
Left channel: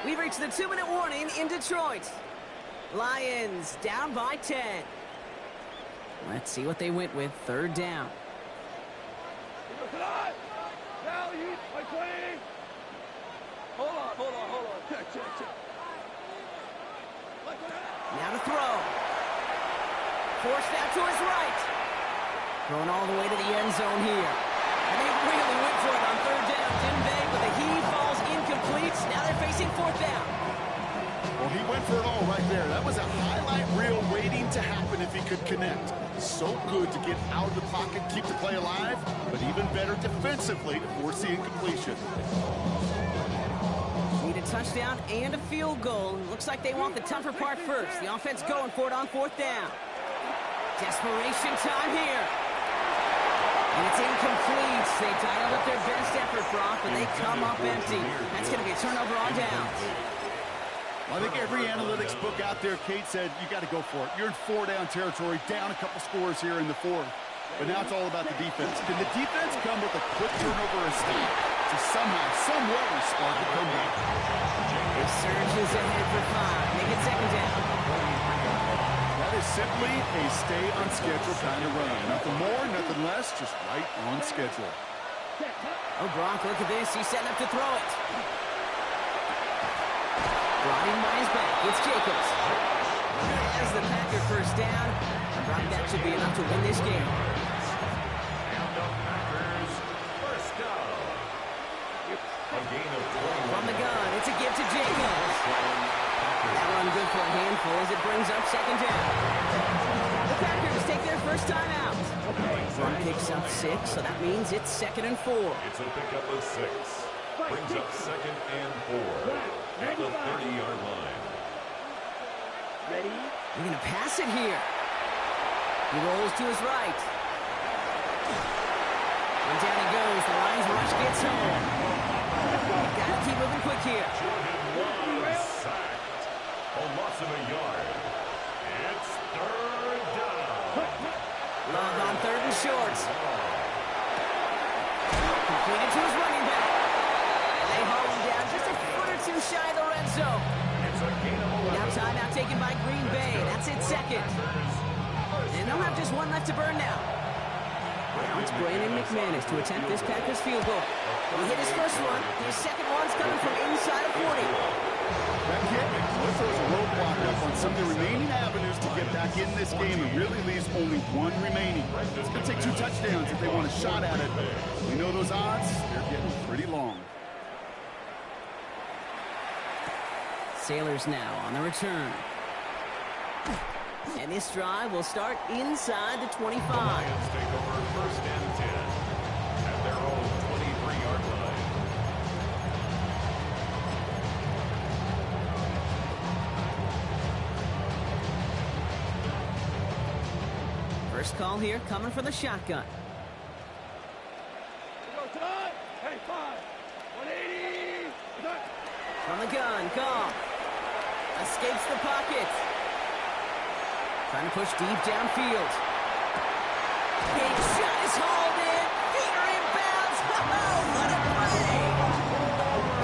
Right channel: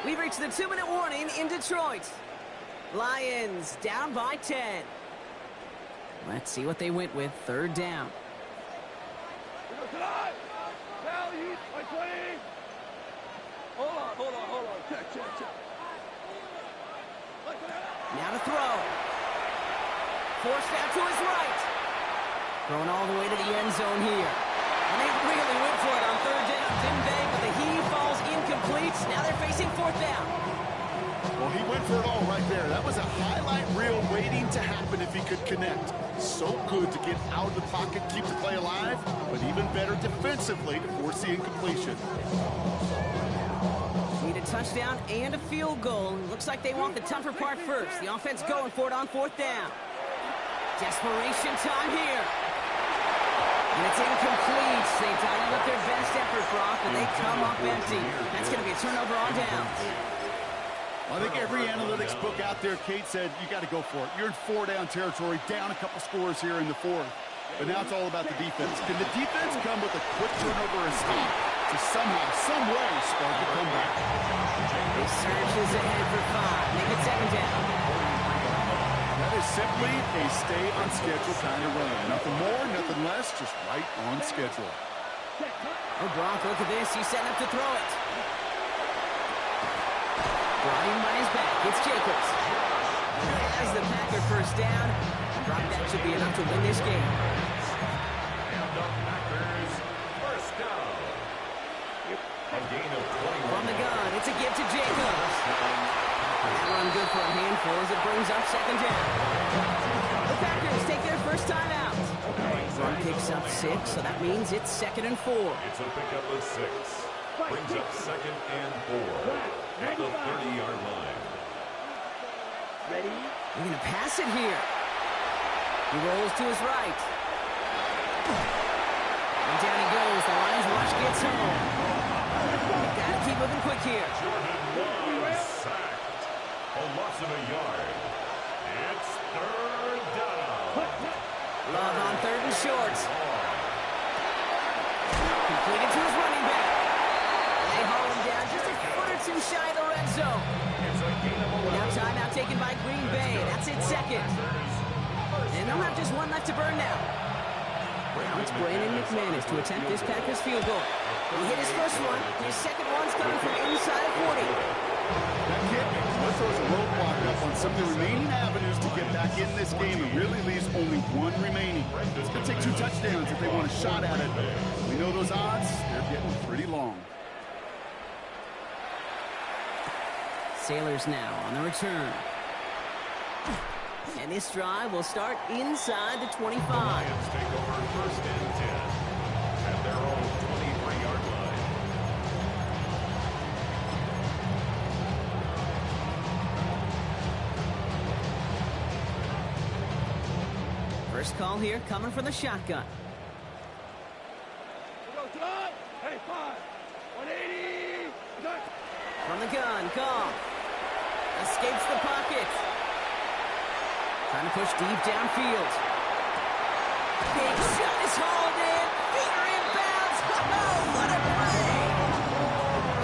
We've reached the 2-minute warning in Detroit. Lions down by 10. Let's see what they went with. 3rd down. Hold on. Check. Now to throw. Forced out to his right. Throwing all the way to the end zone here. And they really went for it on 3rd down, didn't they? But the heave falls incomplete. Now they're facing 4th down. Well, he went for it all right there. That was a highlight reel waiting to happen if he could connect. So good to get out of the pocket, keep the play alive, but even better defensively to force the incompletion. Need a touchdown and a field goal. Looks like they want the tougher part first. The offense going for it on 4th down. Desperation time here. And it's incomplete. They dialed up their best effort, Brock, but they come up empty. That's going to be a turnover on downs. Well, I think every analytics book out there, Kate, said you got to go for it. You're in 4-down territory, down a couple scores here in the 4th. But now it's all about the defense. Can the defense come with a quick turnover or stop to somehow, some way, spark a comeback? He surges ahead for 5. Make it 2nd down. That is simply a stay on schedule kind of run. Nothing more, nothing less, just right on schedule. Oh, Brock, look at this. He's setting up to throw it. Brought in by his back. It's Jacobs. As the Packer 1st down. And Brock, that should be enough to win this game. And the Packers 1st down. A gain of 21. From the gun, it's a give to Jacobs. That run good for a handful as it brings up 2nd down. The Packers take their first time out. Run picks up 6, so that means it's 2nd and 4. It's a pickup of 6. Brings up 2nd and 4 at the 30-yard line. Ready? They're going to pass it here. He rolls to his right. And down he goes. The Lions rush gets home. Got to keep moving quick here. Jordan Love sacked. A loss of a yard. It's 3rd down. Love on 3rd and short. Completed to his running back. They haul him down just a foot or two shy of the red zone. It's a gain of 11. Now timeout taken by Green Bay. That's it, 2nd. And they'll have just one left to burn now. Now it's Brandon McManus to attempt this Packers field goal. He hit his first one. His second one's coming from inside of 40. That kick, well, throws a roadblock up on some of the remaining avenues to get back in this game and really leaves only one remaining. It's going to take 2 touchdowns if they want a shot at it. We know those odds, they're getting pretty long. Sailors now on the return. And this drive will start inside the 25. The Lions take over first and 10 at their own 23-yard line. First call here coming from the shotgun. Hey, 5. 180. From the gun, Goff. Escapes the pocket. Trying to push deep downfield. Big shot is hauled in. Feet are inbounds. Oh, what a play.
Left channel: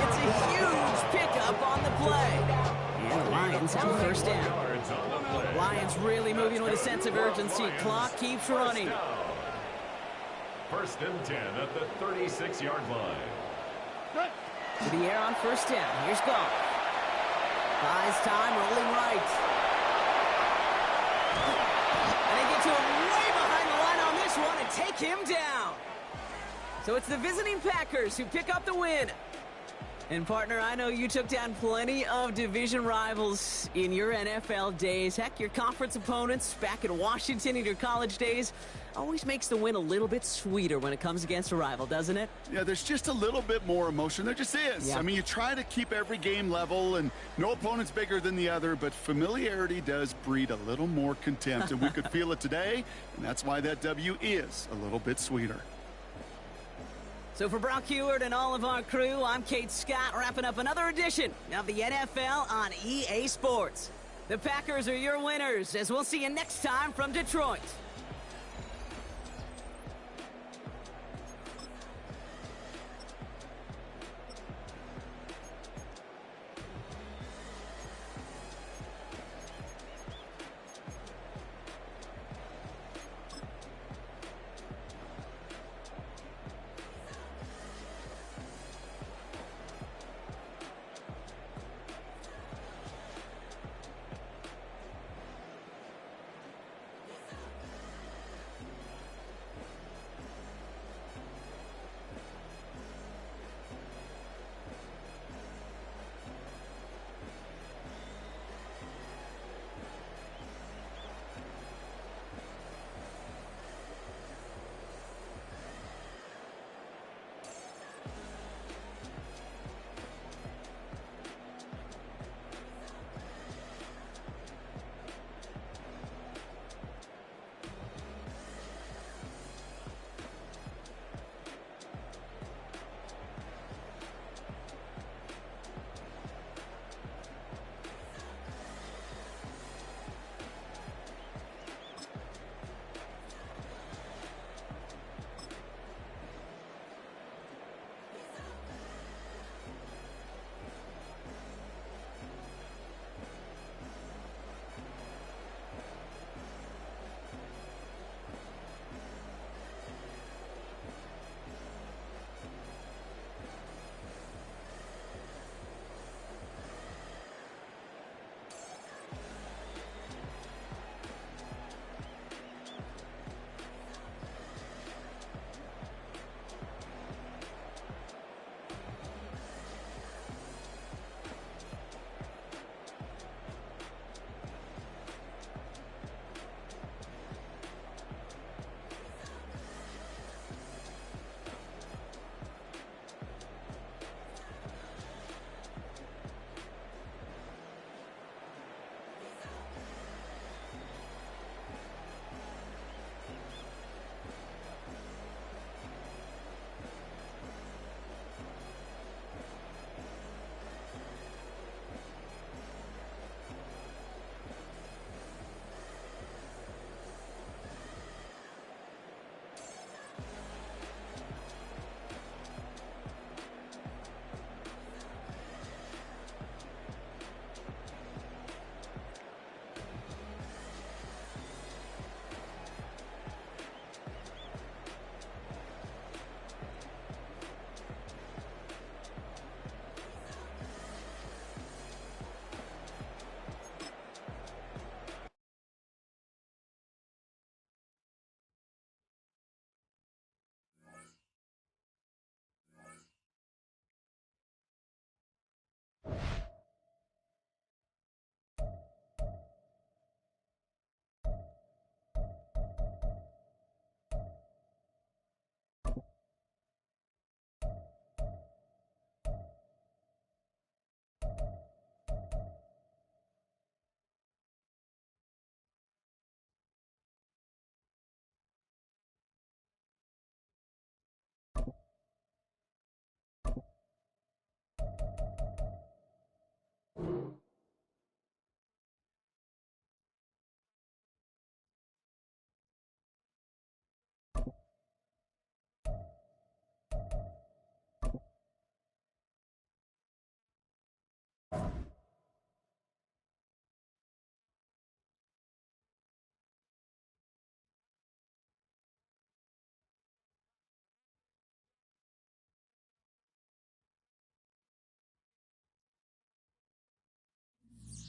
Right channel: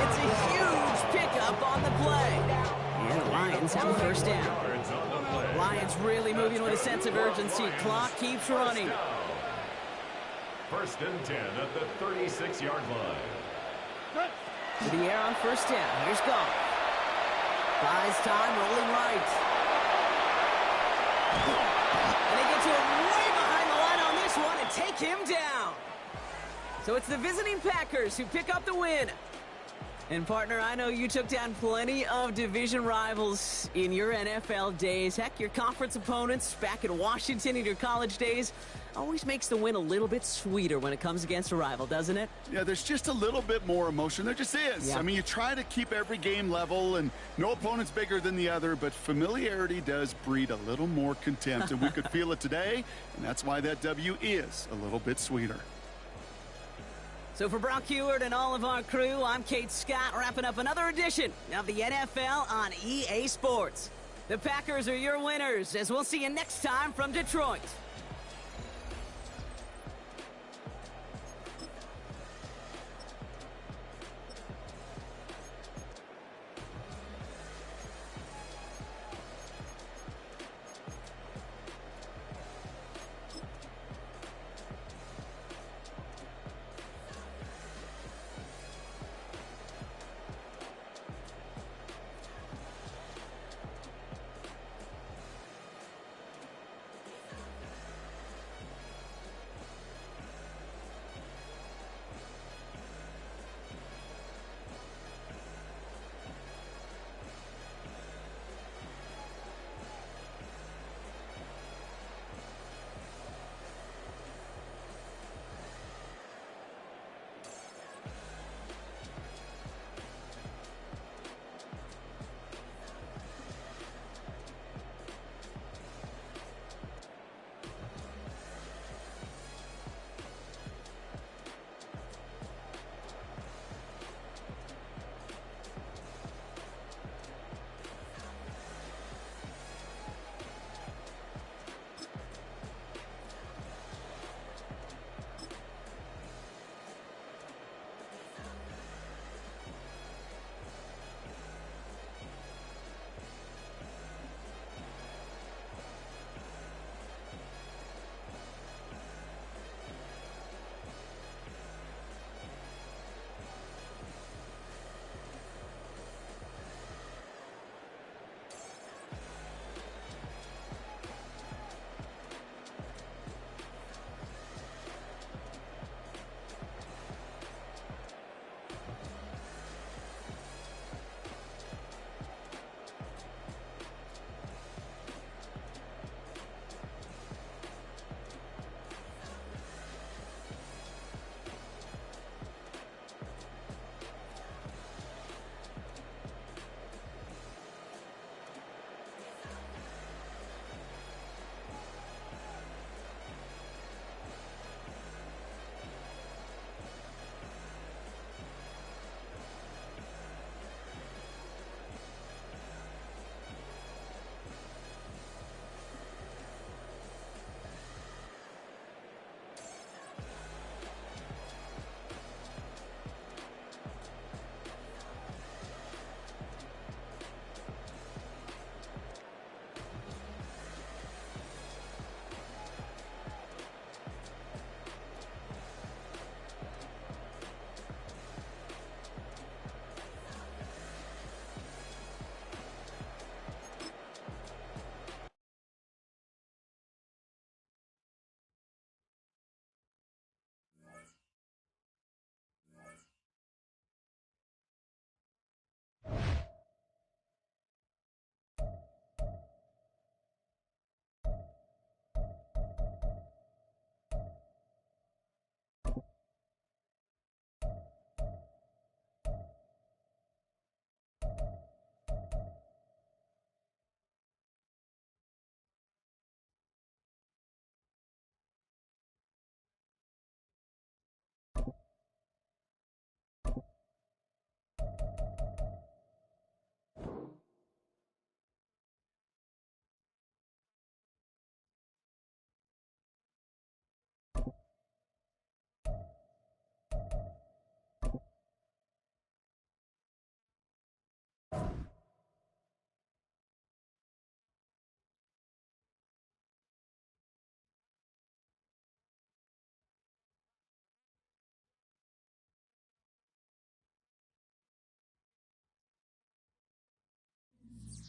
It's a huge pickup on the play. And the Lions have a first down. Lions really moving with a sense of urgency. Clock keeps running. First and 10 at the 36-yard line. To the air on first down. Here's Goff. Buys time, rolling right. And they get to him way behind the line on this one and take him down. So it's the visiting Packers who pick up the win. And, partner, I know you took down plenty of division rivals in your NFL days. Heck, your conference opponents back in Washington in your college days always makes the win a little bit sweeter when it comes against a rival, doesn't it? Yeah, there's just a little bit more emotion. There just is. Yeah. I mean, you try to keep every game level, and no opponent's bigger than the other, but familiarity does breed a little more contempt, and we could feel it today, and that's why that W is a little bit sweeter. So for Brock Heward and all of our crew, I'm Kate Scott, wrapping up another edition of the NFL on EA Sports. The Packers are your winners, as we'll see you next time from Detroit.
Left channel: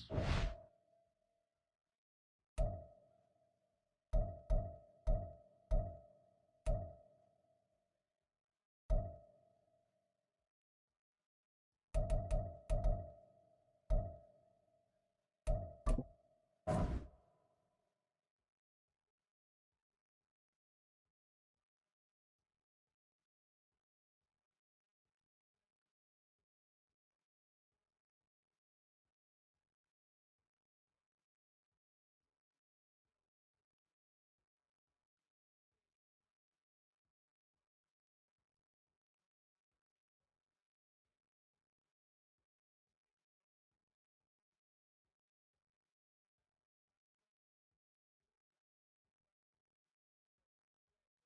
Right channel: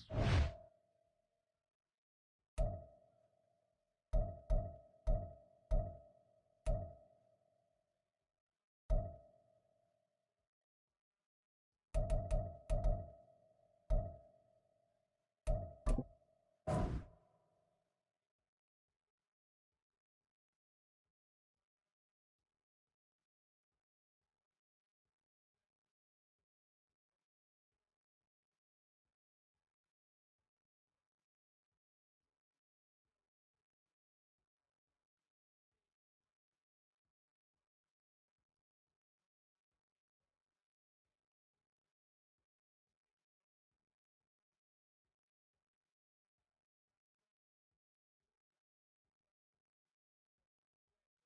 Peace.